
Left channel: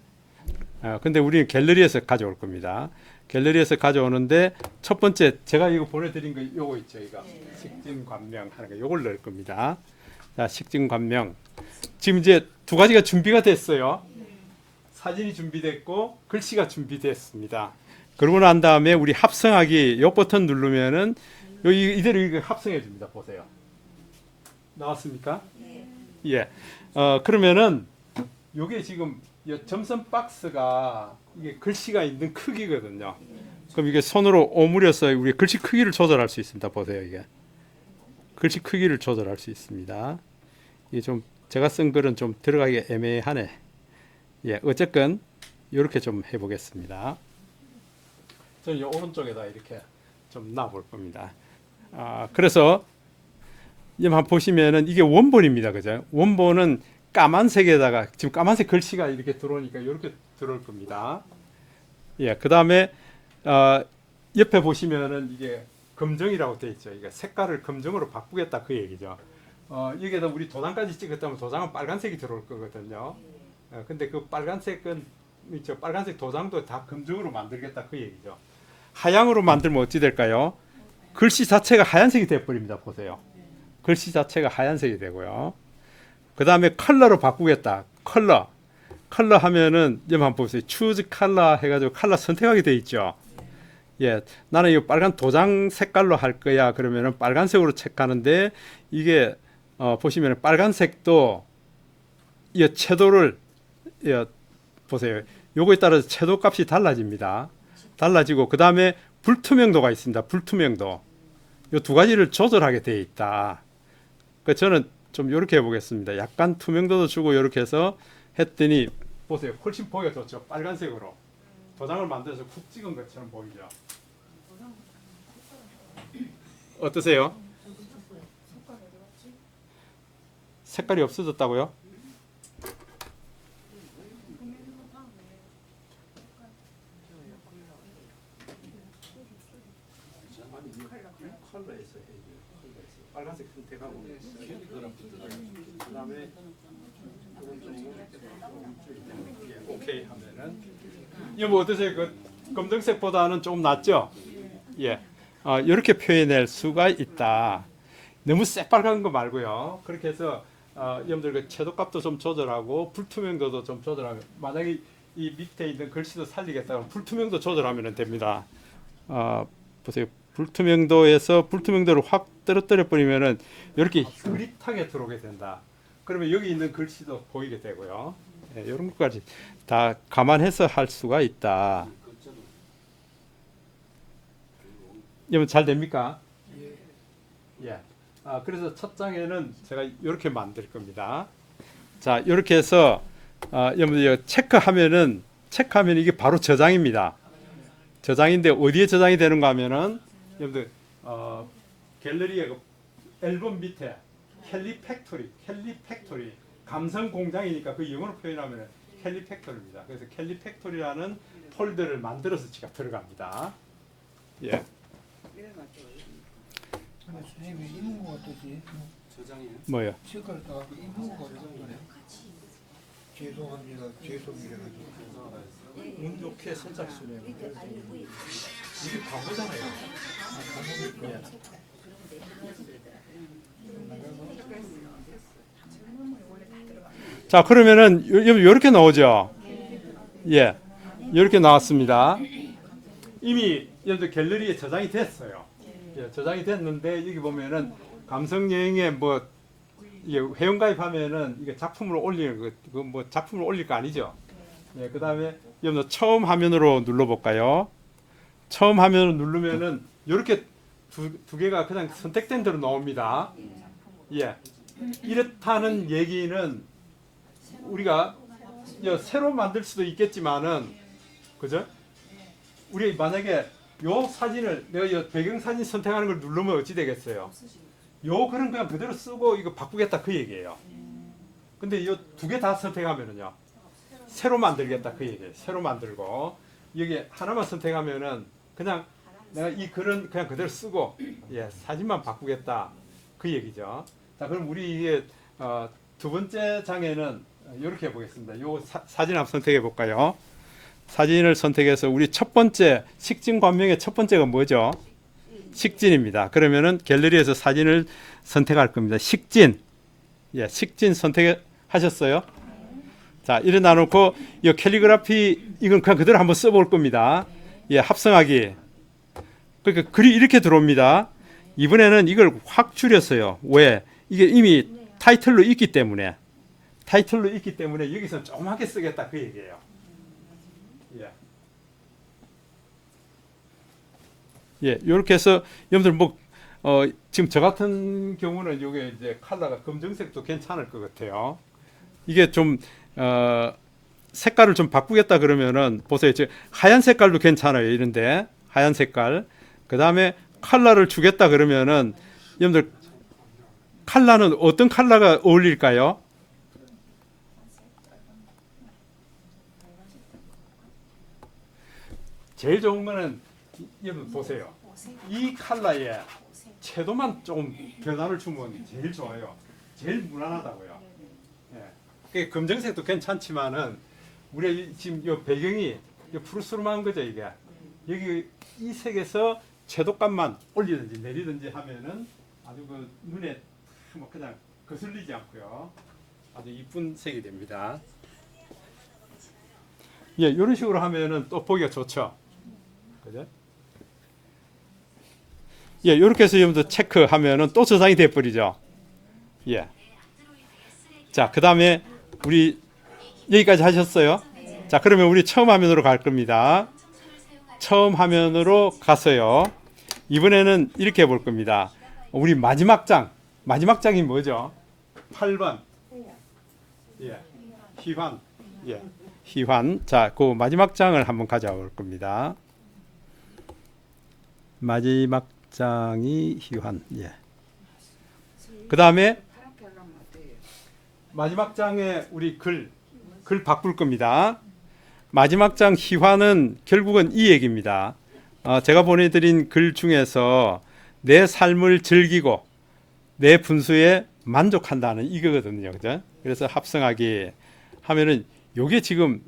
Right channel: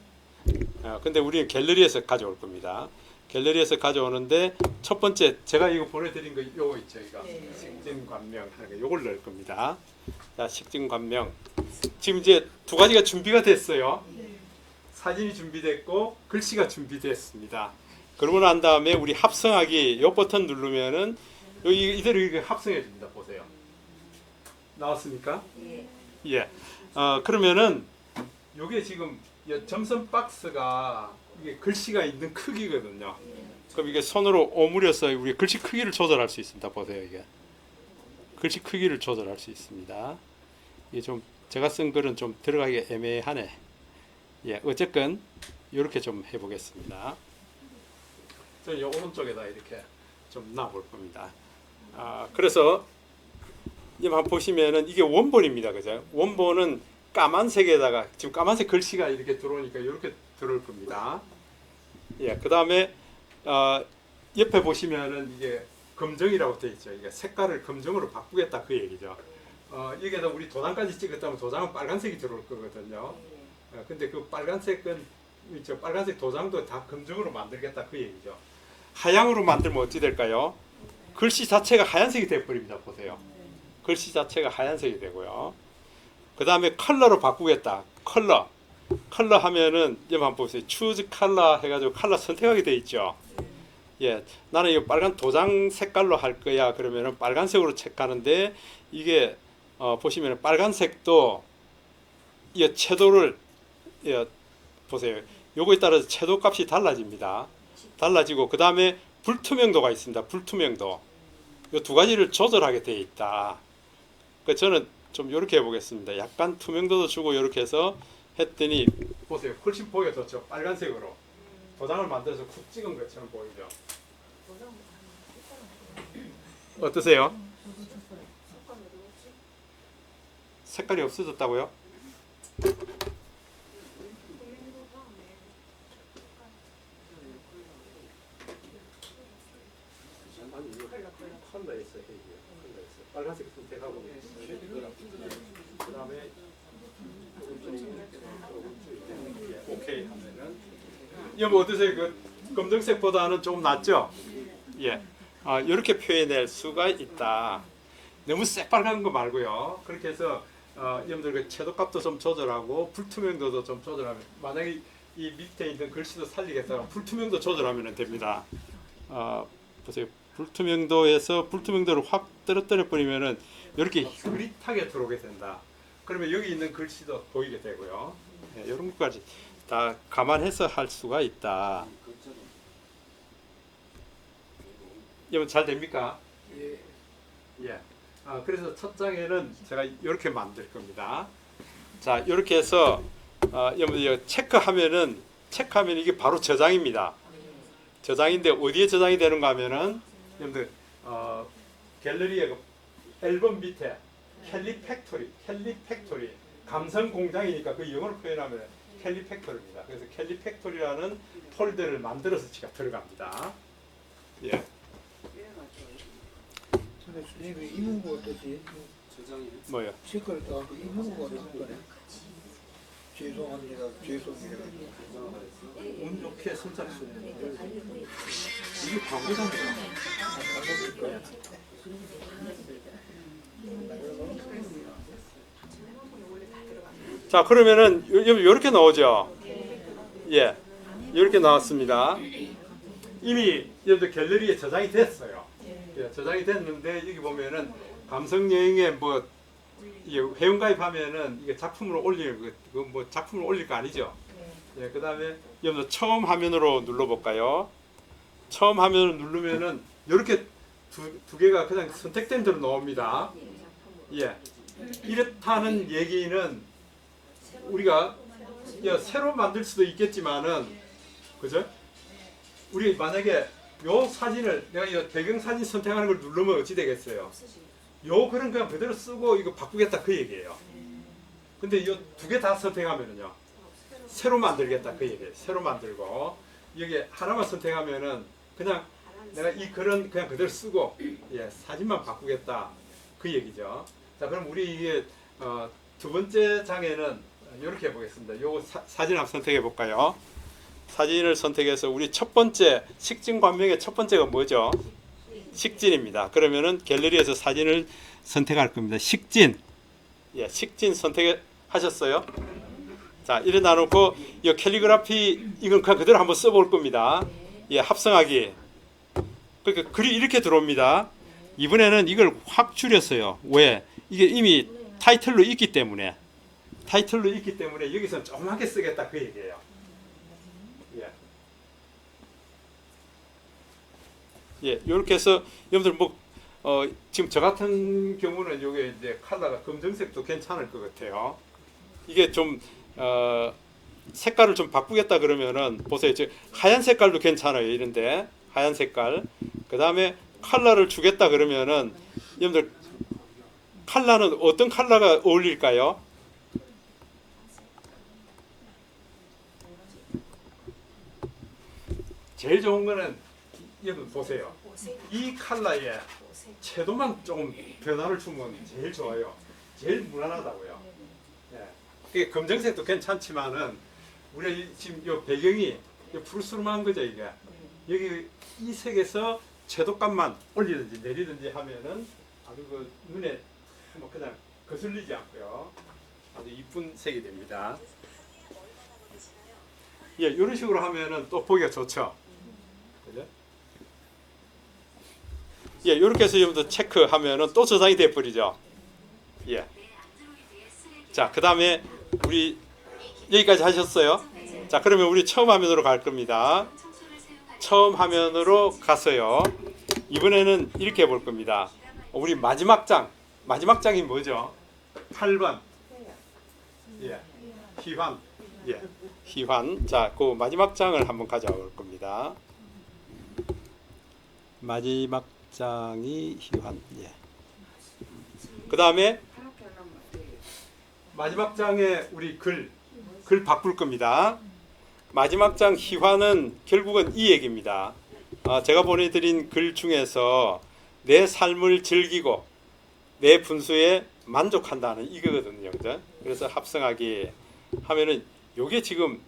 근데 우리는 갤러리에서 가져올 겁니다. 갤러리에서 가져오는데 첫 번째 제가 이거 보내드린 거 요거 있죠, 이거. 식증 관명 하는 거 요걸 넣을 겁니다. 자, 식증 관명. 지금 이제 두 가지가 준비가 됐어요. 사진이 준비됐고 글씨가 준비됐습니다. 그러고 난 다음에 우리 합성하기 요 버튼 누르면은 여기 이대로 이거 합성해 줍니다. 보세요. 나왔습니까? 예. 그러면은 요게 지금 이 점선 박스가 이게 글씨가 있는 크기거든요. 그럼 이게 손으로 오므려서 우리 글씨 크기를 조절할 수 있습니다. 보세요, 이게. 글씨 크기를 조절할 수 있습니다. 이게 좀 제가 쓴 글은 좀 들어가기 애매하네. 예, 어쨌건 이렇게 좀 해보겠습니다. 저는 이 오른쪽에다 이렇게 좀 놔볼 겁니다. 그래서 한번 보시면은 이게 원본입니다, 그죠? 원본은 까만색에다가 지금 까만색 글씨가 이렇게 들어오니까 이렇게 들어올 겁니다. 예, 그 다음에 옆에 보시면은 이게 검정이라고 되어 있죠. 이게 색깔을 검정으로 바꾸겠다 그 얘기죠. 여기에다 우리 도장까지 찍었다면 도장은 빨간색이 들어올 거거든요. 근데 그 빨간색은 있죠. 빨간색 도장도 다 검정으로 만들겠다 그 얘기죠. 하양으로 만들면 어찌 될까요? 글씨 자체가 하얀색이 되어버립니다. 보세요. 글씨 자체가 하얀색이 되고요. 그 다음에 컬러로 바꾸겠다. 컬러 하면은 여러분 한번 보세요. 추즈 컬러 해가지고 컬러 선택하게 돼 있죠. 예, 나는 이 빨간 도장 색깔로 할 거야. 그러면은 빨간색으로 체크하는데 이게 보시면은 빨간색도 이 채도를 보세요. 요거에 따라서 채도 값이 달라집니다. 달라지고 그 다음에 불투명도가 있습니다. 불투명도. 이 두 가지를 조절하게 되어 있다. 그 저는 좀 이렇게 해보겠습니다. 약간 투명도도 주고 이렇게 해서 했더니 보세요. 훨씬 보기가 좋죠. 빨간색으로 도장을 만들어서 쿡 찍은 것처럼 보이죠. 어떠세요? 색깔이 없어졌다고요? 빨간색 선택하고 그다음에 오케이 하면은 이거 뭐 어떠세요? 그 검정색보다는 조금 낫죠? 예. 이렇게 표현할 수가 있다. 너무 새빨간 거 말고요. 그렇게 해서 여러분들 그 채도값도 좀 조절하고 불투명도도 좀 조절하면 만약에 이 밑에 있는 글씨도 살리겠다면 불투명도 조절하면 됩니다. 보세요. 불투명도에서 불투명도를 확 떨어뜨려 버리면은 이렇게 흐릿하게 들어오게 된다. 그러면 여기 있는 글씨도 보이게 되고요. 예, 이런 것까지 다 감안해서 할 수가 있다. 이러면 잘 됩니까? 예. 그래서 첫 장에는 제가 이렇게 만들 겁니다. 자, 이렇게 해서 여러분들 체크하면 이게 바로 저장입니다. 저장인데 어디에 저장이 되는가 하면은 여러분들 갤러리의 그 앨범 밑에 캘리 팩토리 감성 공장이니까 그 영어로 표현하면 캘리 팩토리입니다. 그래서 캘리 팩토리라는 폴더를 만들어서 제가 들어갑니다. 예. 근데 선생님이 이문구 어떠지? 뭐요? 색깔 따갖고 이문구가 어떠네? 죄송합니다. 죄송이래가지고. 운 좋게 선착순에 이게 광고잖아요. 자, 그러면은 이렇게 나오죠. 예, 이렇게 나왔습니다. 이미 여러분들 갤러리에 저장이 됐어요. 예, 저장이 됐는데 여기 보면은 감성 여행에 뭐 이게 회원가입하면은 이게 작품으로 올리는 뭐 작품을 올릴 거 아니죠. 예, 그다음에 여러분 처음 화면으로 눌러볼까요? 처음 화면을 누르면은 이렇게 두 개가 그냥 선택된 대로 나옵니다. 예, 이렇다는 얘기는 우리가 새로 만들 수도 있겠지만은 그죠? 우리 만약에 요 사진을 내가 이 배경 사진 선택하는 걸 누르면 어찌 되겠어요? 요 글은 그냥 그대로 쓰고 이거 바꾸겠다 그 얘기예요. 근데 이 두 개 다 선택하면은요 새로 만들겠다 그 얘기예요. 새로 만들고 여기 하나만 선택하면은 그냥 내가 이 글은 그냥 그대로 쓰고 사진만 바꾸겠다 그 얘기죠. 자 그럼 우리 이게 두 번째 장에는 이렇게 해보겠습니다. 요 사진 한번 선택해 볼까요? 사진을 선택해서 우리 첫 번째 식진 관명의 첫 번째가 뭐죠? 식진입니다. 그러면은 갤러리에서 사진을 선택할 겁니다. 식진. 식진 선택하셨어요? 자, 일어나 놓고 이 캘리그라피 이건 그냥 그대로 한번 써볼 겁니다. 합성하기. 그러니까 글이 이렇게 들어옵니다. 이번에는 이걸 확 줄였어요. 왜? 이게 이미 타이틀로 있기 때문에. 타이틀로 있기 때문에 여기서 조그맣게 쓰겠다 그 얘기예요. 이렇게 해서 여러분들 지금 저 같은 경우는 이게 이제 컬러가 검정색도 괜찮을 것 같아요. 이게 좀 색깔을 좀 바꾸겠다 그러면은 보세요. 하얀 색깔도 괜찮아요. 이런데 하얀 색깔. 그 다음에 컬러를 주겠다 그러면은 여러분들 컬러는 어떤 컬러가 어울릴까요? 제일 좋은 거는 여러분 보세요. 이 컬러에 채도만 조금 변화를 주면 제일 좋아요. 제일 무난하다고요. 검정색도 괜찮지만은 우리 지금 이 배경이 푸르스름한 거죠 이게. 여기 이 색에서 채도값만 올리든지 내리든지 하면은 아주 그 눈에 그냥 거슬리지 않고요. 아주 이쁜 색이 됩니다. 이런 식으로 하면은 또 보기가 좋죠. 그죠? 이렇게 해서 여러분들 체크하면은 또 저장이 돼버리죠. 자, 그 다음에 우리 여기까지 하셨어요? 자, 그러면 우리 처음 화면으로 갈 겁니다. 처음 화면으로 갔어요. 이번에는 이렇게 볼 겁니다. 우리 마지막 장이 뭐죠? 8번. 희환. 희환. 자, 그 마지막 장을 한번 가져올 겁니다. 마지막 장이 희환. 그 다음에 마지막 장에 우리 글 바꿀 겁니다. 마지막 장 희환은 결국은 이 얘기입니다. 제가 보내드린 글 중에서 내 삶을 즐기고 내 분수에 만족한다는 이거거든요. 그죠? 그래서 합성하기 하면은 요게 지금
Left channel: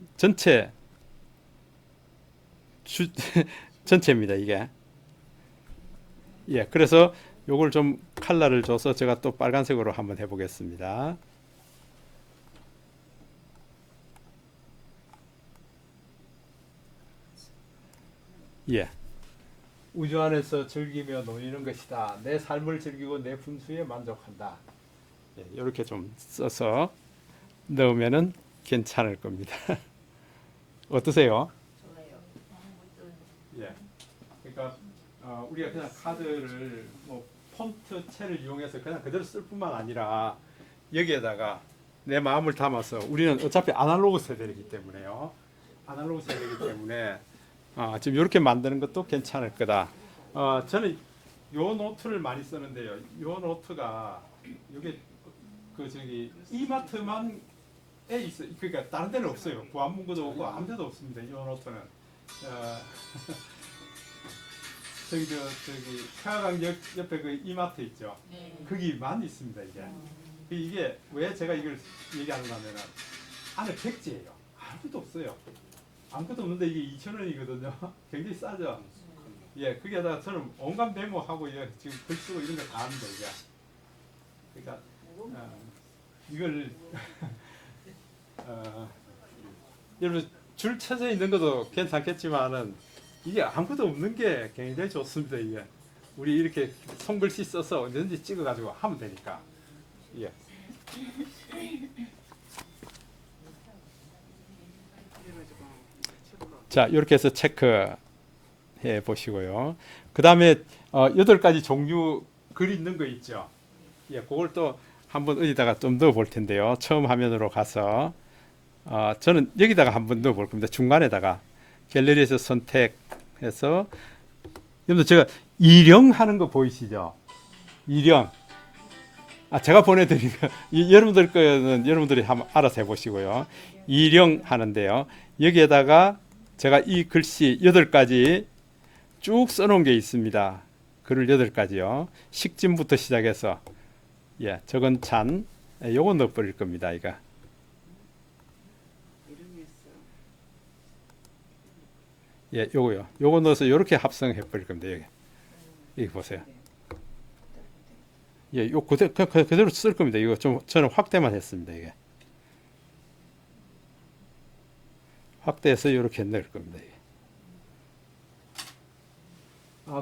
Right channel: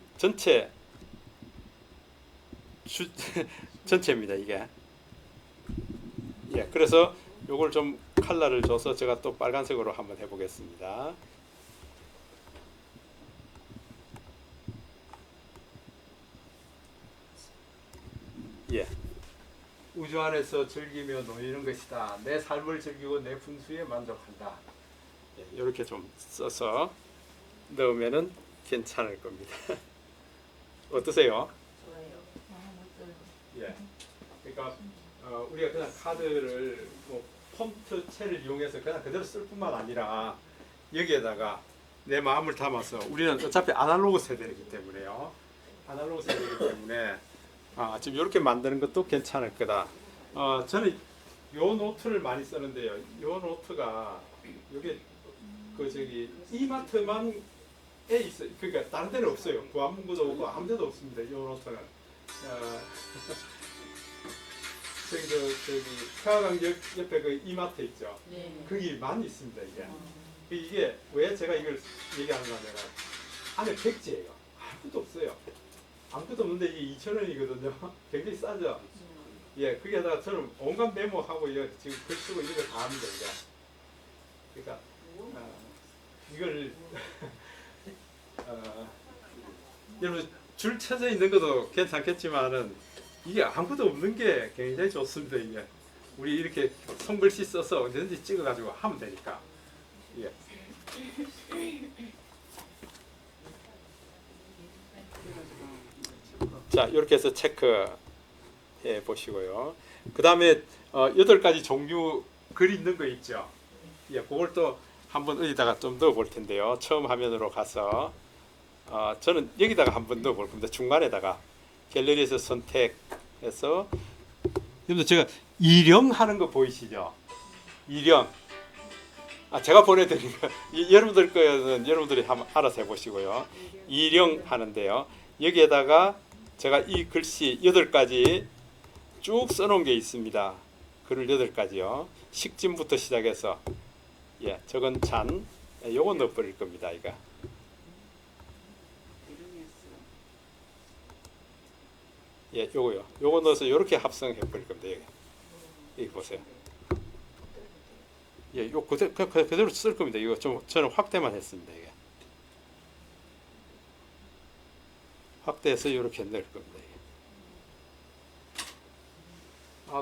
전체입니다. 이게. 그래서 요걸 좀 컬러를 줘서 제가 또 빨간색으로 한번 해보겠습니다. 우주 안에서 즐기며 놓이는 것이다. 내 삶을 즐기고 내 분수에 만족한다. 이렇게 좀 써서 넣으면은 괜찮을 겁니다. 어떠세요? 그러니까 우리가 그냥 카드를 폰트체를 이용해서 그냥 그대로 쓸 뿐만 아니라 여기에다가 내 마음을 담아서 우리는 어차피 아날로그 세대이기 때문에요. 아날로그 세대이기 때문에 지금 이렇게 만드는 것도 괜찮을 거다. 저는 요 노트를 많이 쓰는데요. 요 노트가 여기 이마트만 에 있어요. 그러니까 다른 데는 없어요. 구안문구도 없고 아무 데도 없습니다. 요 노트는. 저기 태화강역 옆에 그 이마트 있죠. 거기만 있습니다. 이게 왜 제가 이걸 얘기하는가 하면은 안에 백지예요. 아무것도 없어요. 아무것도 없는데 이게 2,000원이거든요. 굉장히 싸죠. 거기에다가 저는 온갖 메모하고 지금 글 쓰고 이런 거 다 합니다. 그러니까 이걸 여러분 줄 쳐져 있는 것도 괜찮겠지만은 이게 아무것도 없는 게 굉장히 좋습니다. 이게 우리 이렇게 손글씨 써서 언제든지 찍어가지고 하면 되니까. 자, 이렇게 해서 체크해 보시고요. 그 다음에 8가지 종류 글 있는 거 있죠. 그걸 또 한번 어디다가 좀 넣어 볼 텐데요. 처음 화면으로 가서 저는 여기다가 한번 넣어볼 겁니다. 중간에다가 갤러리에서 선택해서 여러분들 제가 일영하는 거 보이시죠? 일영. 제가 보내드리면 여러분들 거는 여러분들이 한번 알아서 해보시고요. 일영 하는데요. 여기에다가 제가 이 글씨 8가지 쭉 써놓은 게 있습니다. 글을 8가지요. 식진부터 시작해서 적은 찬 요거 넣어버릴 겁니다. 이거. 요거요. 요거 넣어서 요렇게 합성해 버릴 겁니다. 여기 보세요. 요 그대로 쓸 겁니다. 이거 좀 저는 확대만 했습니다. 이게 확대해서 이렇게 넣을 겁니다.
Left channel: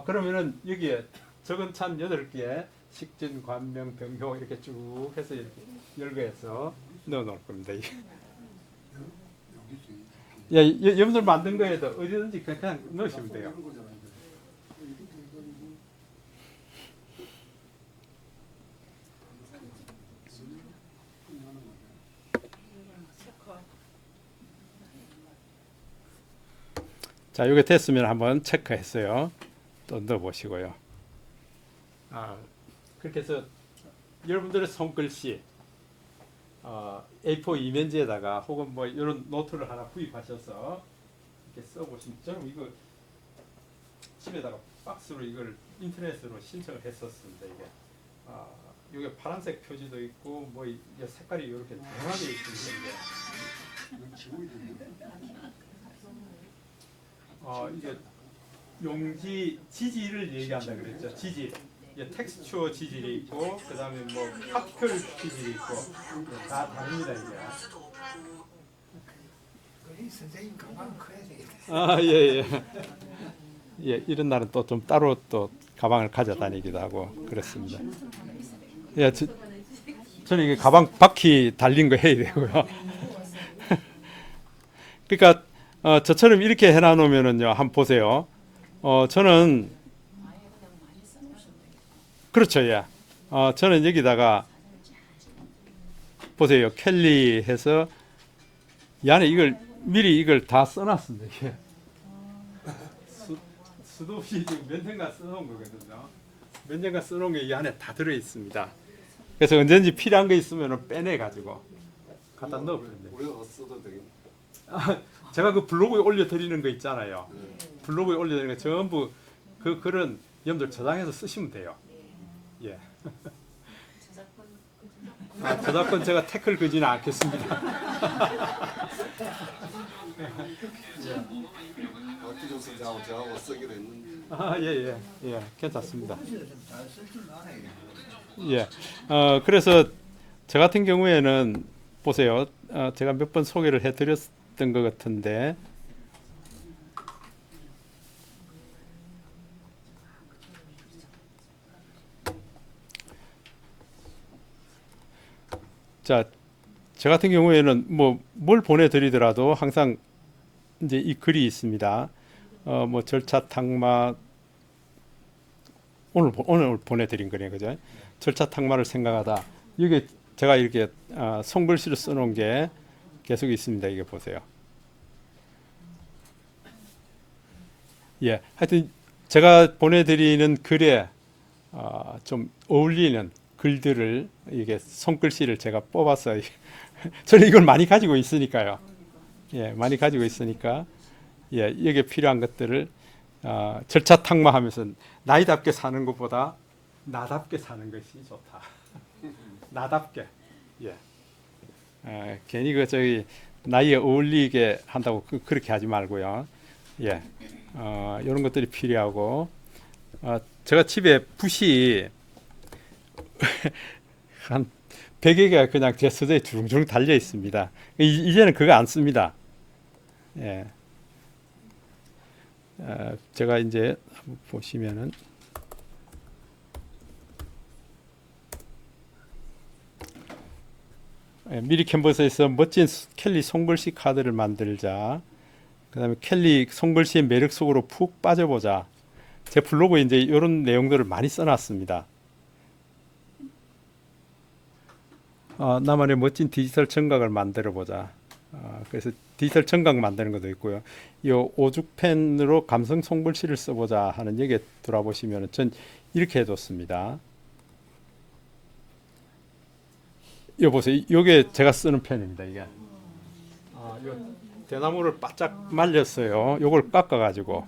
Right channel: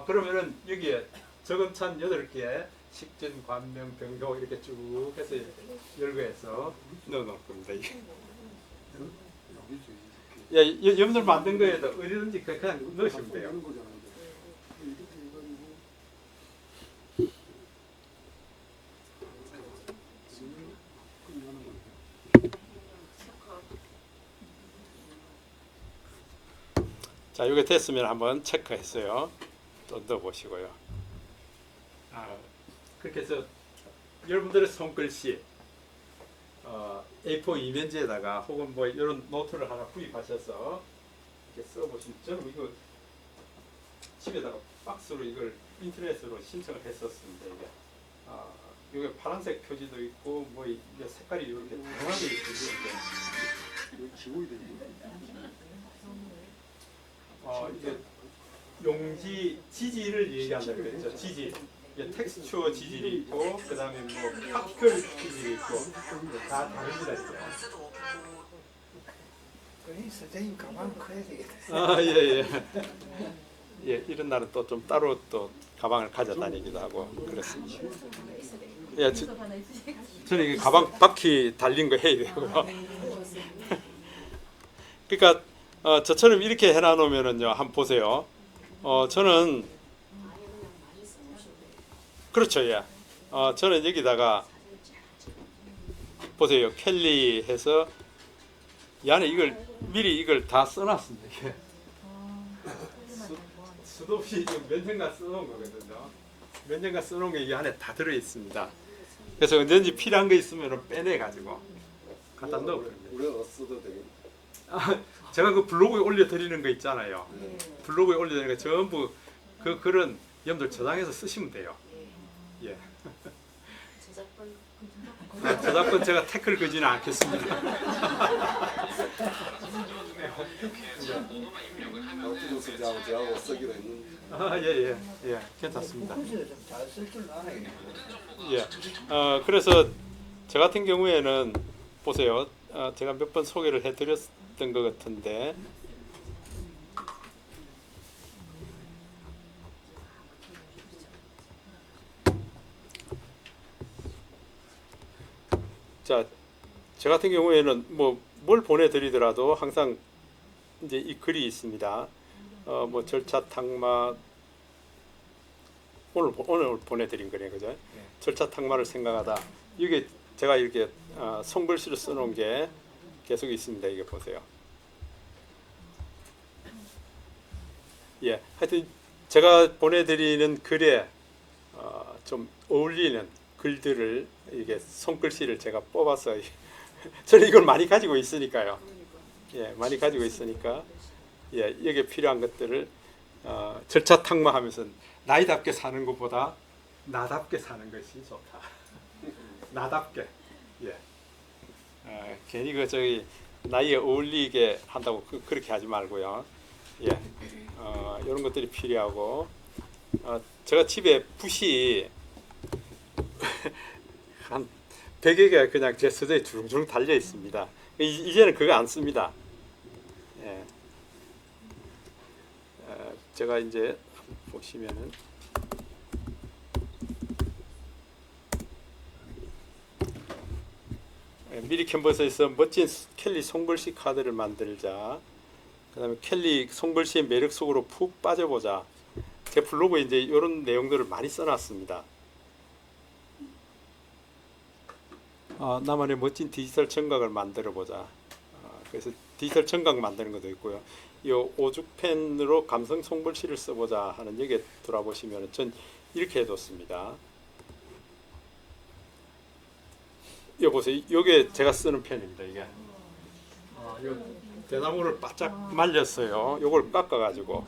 그러면은 여기에 적은 찬 8개, 식진, 관명, 병효 이렇게 쭉 해서 이렇게 열거해서 넣어 놓을 겁니다. 여러분들 만든 거에도 어디든지 그냥 넣으시면 돼요. 자, 이게 됐으면 한번 체크했어요. 또 넣어보시고요. 그렇게 해서 여러분들의 손글씨 A4 이면지에다가 혹은 뭐 이런 노트를 하나 구입하셔서 이렇게 써보시면, 저는 이거 집에다가 박스로 이걸 인터넷으로 신청을 했었습니다. 이게 파란색 표지도 있고 뭐 이게 색깔이 이렇게 다양하게 있습니다. 이게 용지 지질을 얘기한다 그랬죠. 지질. 이게 텍스처 지질이 있고, 그 다음에 뭐 파티클 지질이 있고, 다 다릅니다 이게. 이 선생님 가방 커야 되겠다. 예, 이런 날은 또 좀 따로 또 가방을 가져다니기도 하고 그렇습니다. 저는 이게 가방 바퀴 달린 거 해야 되고요. 그러니까 저처럼 이렇게 해놔놓으면은요, 한번 보세요. 저는 그렇죠, 저는 여기다가 보세요, 켈리 해서 이 안에 이걸 미리 이걸 다 써놨습니다. 이게 수도 없이 지금 몇 년간 써놓은 거거든요. 몇 년간 써놓은 게 이 안에 다 들어 있습니다. 그래서 언제든지 필요한 거 있으면 빼내 가지고 갖다 넣어버립니다. 우리가 써도 되겠네. 제가 그 블로그에 올려드리는 거 있잖아요. 블로그에 올려드리는 거 전부 그 글은 여러분들 저장해서 쓰시면 돼요. 예. 저작권 제가 태클 걸지는 않겠습니다. 박기준 선생하고 저하고 쓰기로 했는데. 예, 괜찮습니다. 좀잘쓸 줄 아네. 예. 그래서 저 같은 경우에는 보세요. 제가 몇 번 소개를 해드렸던 것 같은데, 자, 저 같은 경우에는 뭐 뭘 보내드리더라도 항상 이제 이 글이 있습니다. 뭐 절차 탁마 오늘 보내드린 거네요, 그죠? 절차 탁마를 생각하다. 이게 제가 이렇게 손글씨로 써놓은 게 계속 있습니다. 이게 보세요. 예, 하여튼 제가 보내드리는 글에 좀 어울리는 글들을 이게 손글씨를 제가 뽑아서 저는 이걸 많이 가지고 있으니까요. 예, 많이 가지고 있으니까 여기에 필요한 것들을 절차 탁마하면서 나이답게 사는 것보다 나답게 사는 것이 좋다. 나답게. 예. 괜히 그 저기 나이에 어울리게 한다고 그렇게 하지 말고요. 예. 이런 것들이 필요하고, 제가 집에 붓이 한 100개가 그냥 제 서재에 주렁주렁 달려 있습니다. 이제는 그거 안 씁니다. 예. 제가 이제 보시면은 미리 캔버스에서 멋진 켈리 손글씨 카드를 만들자. 그 다음에 켈리 손글씨의 매력 속으로 푹 빠져보자. 제 블로그에 이제 이런 내용들을 많이 써놨습니다. 나만의 멋진 디지털 청각을 만들어보자. 그래서 디지털 청각 만드는 것도 있고요. 이 오죽펜으로 감성 송글씨를 써보자 하는 얘기에 돌아보시면 전 이렇게 해뒀습니다. 이거 보세요. 이게 제가 쓰는 펜입니다. 이게 이거 대나무를 바짝 말렸어요. 요걸 깎아가지고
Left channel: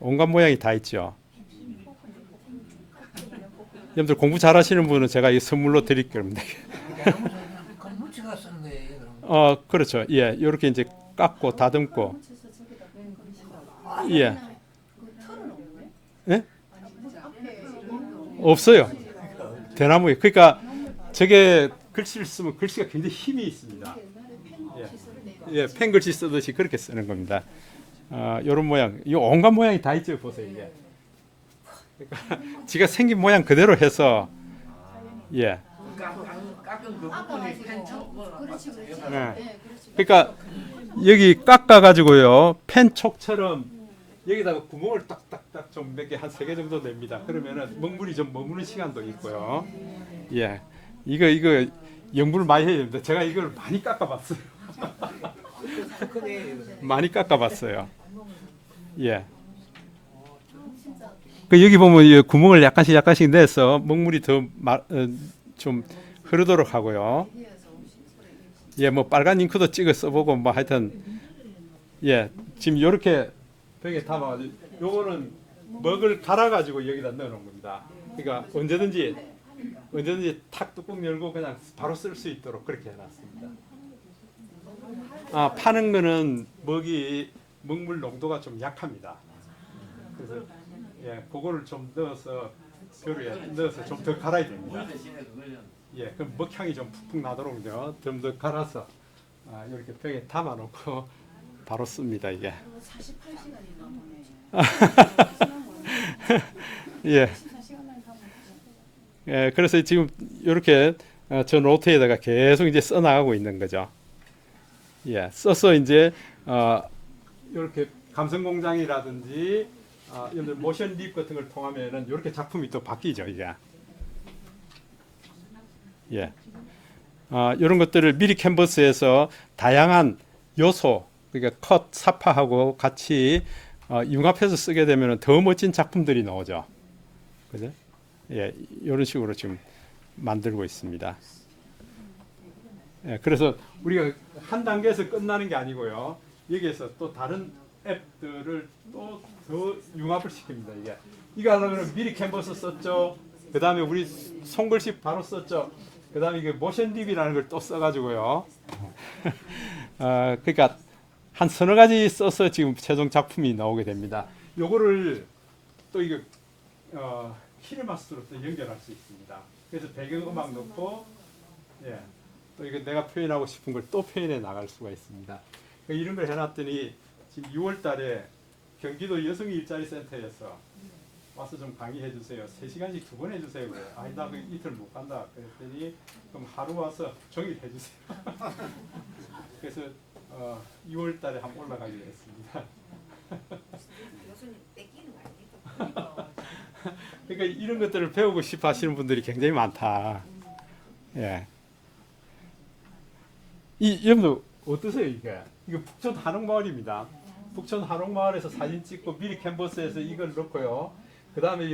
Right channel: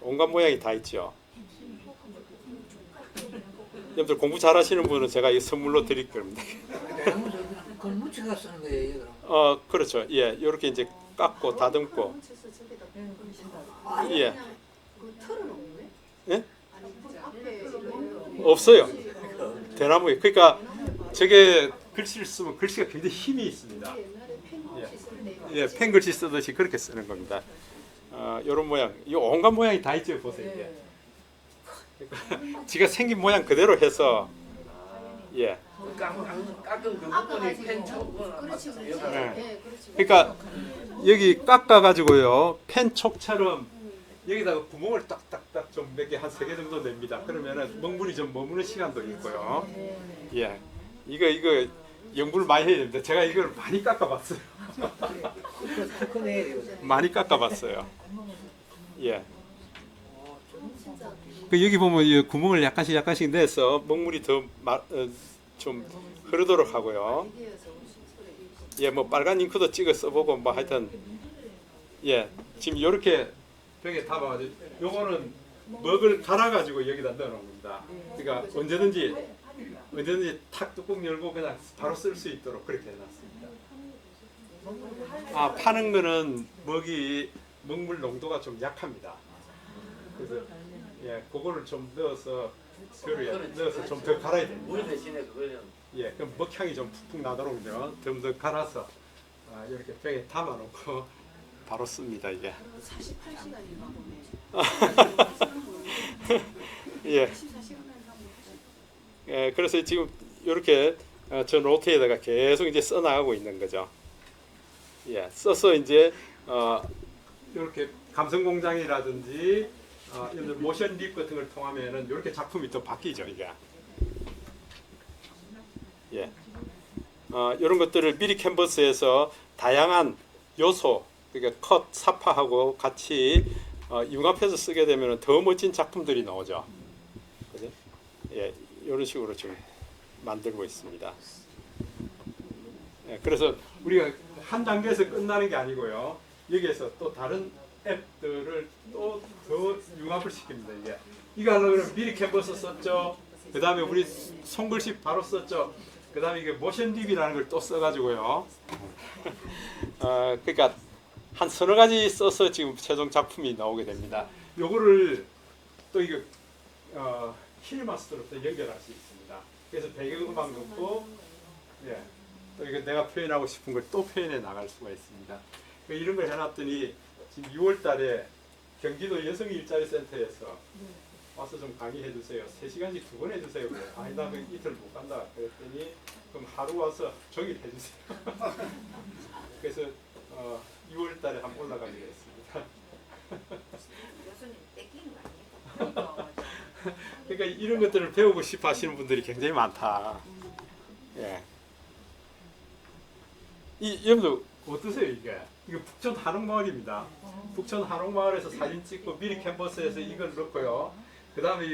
온갖 모양이 다 있죠. 여러분들 공부 잘하시는 분은 제가 이 선물로 드릴 겁니다. 그건 뭉치가 쓰는 거예요, 그럼. 그렇죠. 예, 이렇게 이제 깎고 다듬고. 예. 예? 없어요. 대나무에. 그러니까 저게 글씨를 쓰면 글씨가 굉장히 힘이 있습니다. 예, 펜글씨 쓰듯이 그렇게 쓰는 겁니다. 이런 모양, 이 온갖 모양이 다 있죠, 보세요. 이게. 그러니까 지가 생긴 모양 그대로 해서, 예. 깎은 그 부분이 펜 촉을 예. 그러니까 여기 깎아가지고요, 펜 촉처럼 여기다가 구멍을 딱딱딱 좀 몇 개 한 3개 정도 냅니다. 그러면은 먹물이 좀 머무는 시간도 있고요. 예, 이거 연구를 많이 해야 됩니다. 제가 이걸 많이 깎아봤어요. 많이 깎아봤어요. 예. 그 여기 보면 이 구멍을 약간씩 내서 먹물이 좀 흐르도록 하고요. 예, 뭐 빨간 잉크도 찍어 써보고 뭐 하여튼 예, 지금 이렇게 벽에 담아가지고 요거는 먹을 갈아가지고 여기다 넣어놓은 겁니다. 그러니까 언제든지 탁 뚜껑 열고 그냥 바로 쓸 수 있도록 그렇게 해놨습니다. 파는 거는 먹물 농도가 좀 약합니다. 그래서 예, 그거를 좀 넣어서 좀 더 갈아야 됩니다. 예, 그럼 먹향이 좀 푹푹 나도록요. 좀 더 갈아서 이렇게 병에 담아놓고 바로 씁니다. 이게. 48시간인가 예. 예, 그래서 지금 이렇게 저 노트에다가 계속 이제 써나가고 있는 거죠. 예, 써서 이제 이렇게 감성공장이라든지 모션 립 같은 걸 통하면은 이렇게 작품이 또 바뀌죠, 이게. 예. 이런 것들을 미리 캔버스에서 다양한 요소, 그러니까 컷, 사파하고 같이 융합해서 쓰게 되면 더 멋진 작품들이 나오죠. 그죠? 예, 이런 식으로 지금 만들고 있습니다. 예, 그래서 우리가 한 단계에서 끝나는 게 아니고요. 여기에서 또 다른 앱들을 또 더 융합을 시킵니다. 이게. 이거 하려면 미리 캔버스 썼죠. 그 다음에 우리 손글씨 바로 썼죠. 그 다음에 이게 모션 립이라는 걸 또 써가지고요. 그러니까 한 서너 가지 써서 지금 최종 작품이 나오게 됩니다. 요거를 또 이거 키네마스터로 또 연결할 수 있습니다. 그래서 배경음악 넣고, 예, 또 이거 내가 표현하고 싶은 걸 또 표현해 나갈 수가 있습니다. 이런 걸 해놨더니 지금 6월달에 경기도 여성일자리센터에서 와서 좀 강의해 주세요. 3시간씩 2번 해주세요. 아니 나 이틀 못 간다. 그랬더니 그럼 하루 와서 종일 해주세요. 그래서 6월달에 한번 올라가기로 했습니다. 교수님 뺏기는 거 아니에요? 그러니까 이런 것들을 배우고 싶어 하시는 분들이 굉장히 많다. 예. 여러분들 어떠세요 이게? 이게 북촌 한옥마을입니다. 북촌 한옥마을에서 사진 찍고 미리 캔버스에서 이걸 넣고요. 그 다음에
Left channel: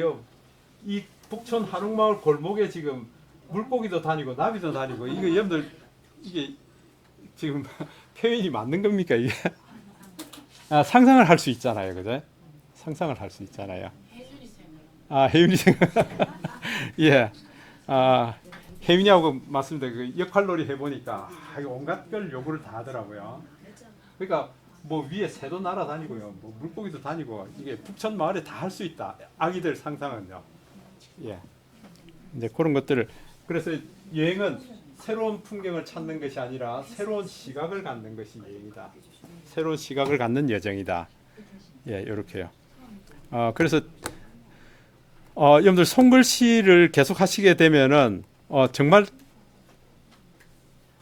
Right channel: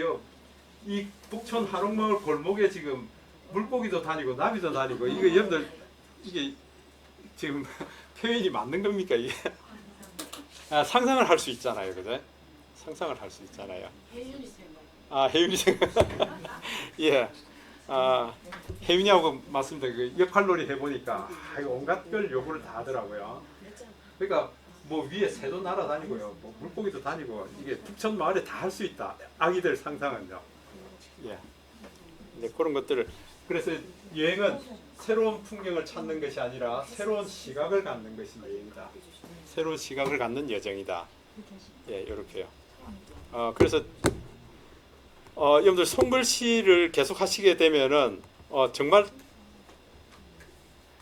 이 북촌 한옥마을 골목에 지금 물고기도 다니고 나비도 다니고 이거 여러분들 이게 지금 표현이 맞는 겁니까 이게? 상상을 할 수 있잖아요, 그죠? 상상을 할 수 있잖아요. 혜윤이 생각. 예. 혜윤이하고 맞습니다. 그 역할놀이 해보니까 온갖 걸 요구를 다 하더라고요. 그러니까 뭐 위에 새도 날아다니고요, 뭐 물고기도 다니고 이게 북촌 마을에 다 할 수 있다. 아기들 상상은요. 예. 이제 그런 것들을 그래서 여행은 새로운 풍경을 찾는 것이 아니라 새로운 시각을 갖는 것이 여행이다. 새로운 시각을 갖는 여정이다. 예, 이렇게요. 그래서 여러분들 손글씨를 계속 하시게 되면은 정말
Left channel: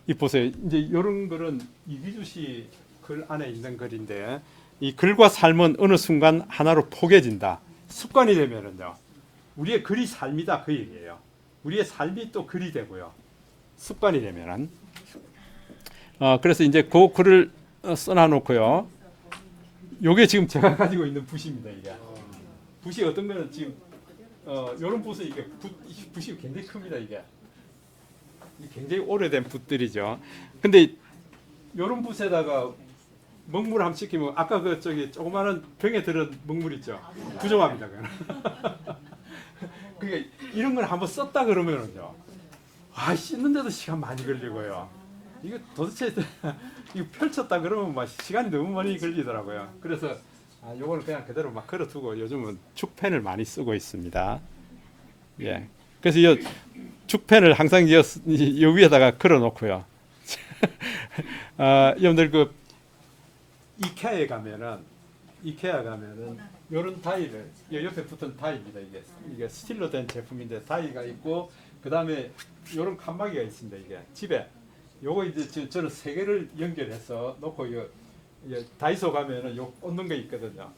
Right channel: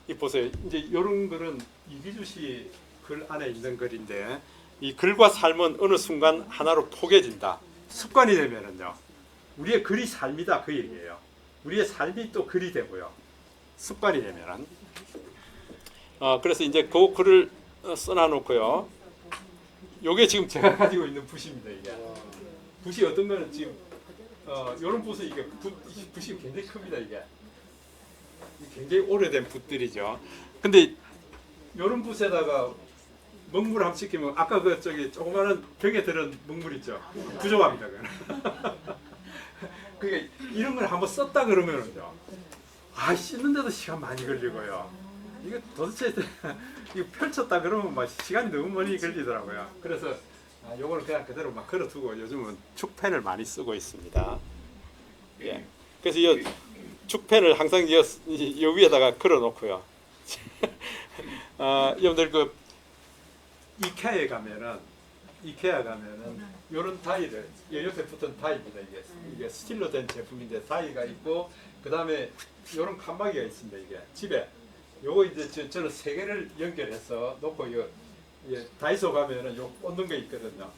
이 보세요. 이제 이런 글은 이기주 씨 글 안에 있는 글인데 이 글과 삶은 어느 순간 하나로 포개진다. 습관이 되면은요. 우리의 글이 삶이다 그 얘기예요. 우리의 삶이 또 글이 되고요. 습관이 되면은 그래서 이제 그 글을 써놔놓고요. 요게 지금 제가 가지고 있는 붓입니다. 이게 붓이 어떤 거는 지금 요런 붓은 이게 붓이 굉장히 큽니다. 이게 굉장히 오래된 붓들이죠. 근데 요런 붓에다가 먹물 한번 시키면 아까 그 저기 조그마한 병에 들은 먹물 있죠. 부족합니다. 그거는. 그러니까 이런 걸 한번 썼다 그러면은요. 아, 씻는데도 시간 많이 걸리고요. 이거 도대체 이거 펼쳤다 그러면 막 시간이 너무 많이 걸리더라고요. 그래서 요거는 그냥 그대로 막 걸어두고 요즘은 축펜을 많이 쓰고 있습니다. 예. 그래서 이 축펜을 항상 요 위에다가 걸어놓고요. 여러분들 그 이케아에 가면은 요런 다이를 요 옆에 붙은 다이입니다. 이게 스틸로 된 제품인데 다이가 있고 그 다음에 요런 칸막이가 있습니다. 이게 집에 요거 이제 저는 세 개를 연결해서 놓고 이거 다이소 가면은 요 꽂는 거 있거든요.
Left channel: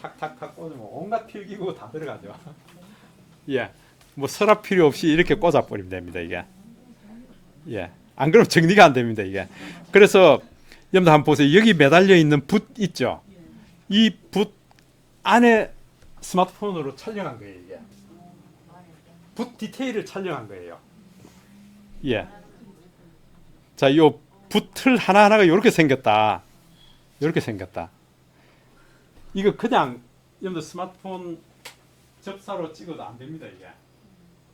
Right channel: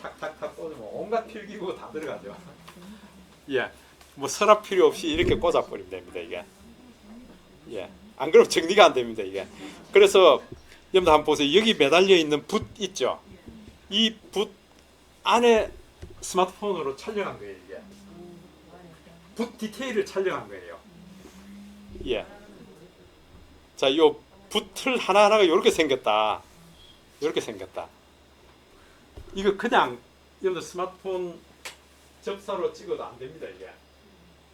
탁탁탁 꽂으면 온갖 필기구 다 들어가죠. 예, 뭐 서랍 필요 없이 이렇게 꽂아버리면 됩니다. 이게 예, 안 그러면 정리가 안 됩니다. 이게 그래서 여러분 한번 보세요. 여기 매달려 있는 붓 있죠. 이 붓 안에 스마트폰으로 촬영한 거예요. 이게 붓 디테일을 촬영한 거예요. 예. 자, 요 붓틀 하나하나가 이렇게 생겼다. 이렇게 생겼다. 이거 그냥 여러분들 스마트폰 접사로 찍어도 안 됩니다. 이게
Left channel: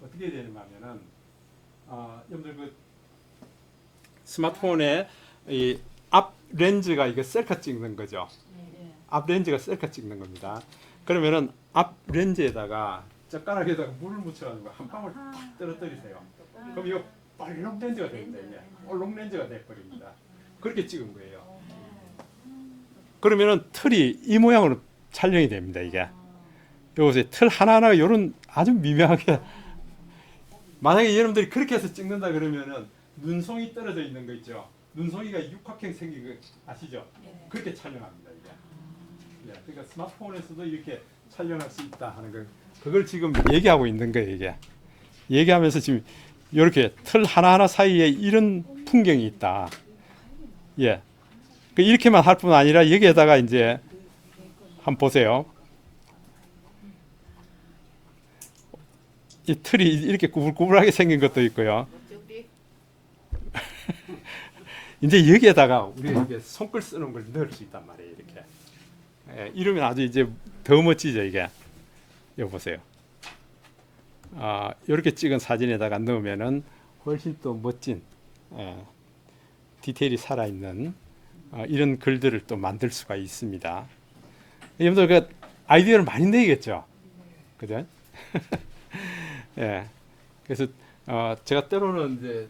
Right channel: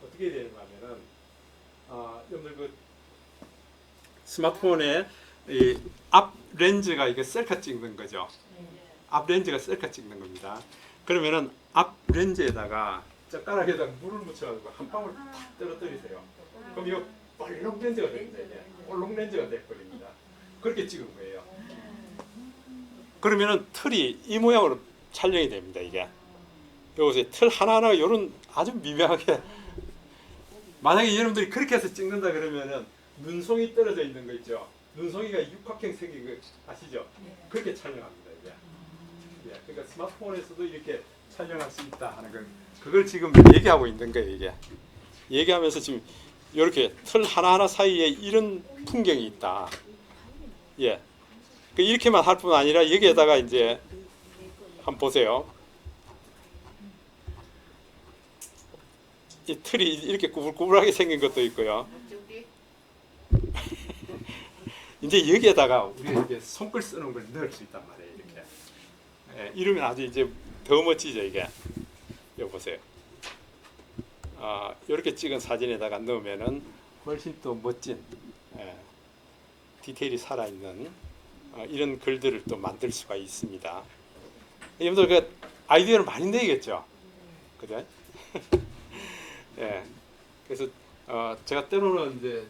어떻게 해야 되는가 하면은 여러분들 그 스마트폰에 이 앞 렌즈가 이게 셀카 찍는 거죠. 앞 렌즈가 셀카 찍는 겁니다. 그러면은 앞 렌즈에다가 젓가락에다가 물을 묻혀가지고 한 방울 탁 떨어뜨리세요. 그럼 이거 볼록 렌즈가 됩니다. 이게 볼록 렌즈가 돼버립니다. 그렇게 찍은 거예요. 그러면은 틀이 이 모양으로 촬영이 됩니다. 이게 요새 틀 하나하나 이런 아주 미묘하게 만약에 여러분들이 그렇게 해서 찍는다 그러면은 눈송이 떨어져 있는 거 있죠. 눈송이가 육각형 생긴 거 아시죠? 그렇게 촬영합니다. 이게. 그러니까 스마트폰에서도 이렇게 촬영할 수 있다 하는 걸 그걸 지금 얘기하고 있는 거예요. 이게 얘기하면서 지금 이렇게 틀 하나하나 사이에 이런 풍경이 있다. 예, 이렇게만 할 뿐 아니라 여기에다가 이제 한번 보세요. 이 틀이 이렇게 구불구불하게 생긴 것도 있고요. 이제 여기에다가 우리가 이제 손글 쓰는 걸 넣을 수 있단 말이에요. 이렇게 이러면 아주 이제 더 멋지죠. 이게 이거 보세요. 이렇게 찍은 사진에다가 넣으면은 훨씬 또 멋진 디테일이 살아있는 이런 글들을 또 만들 수가 있습니다. 여러분들 그 아이디어를 많이 내겠죠, 그죠? 예. 그래서 제가 때로는 이제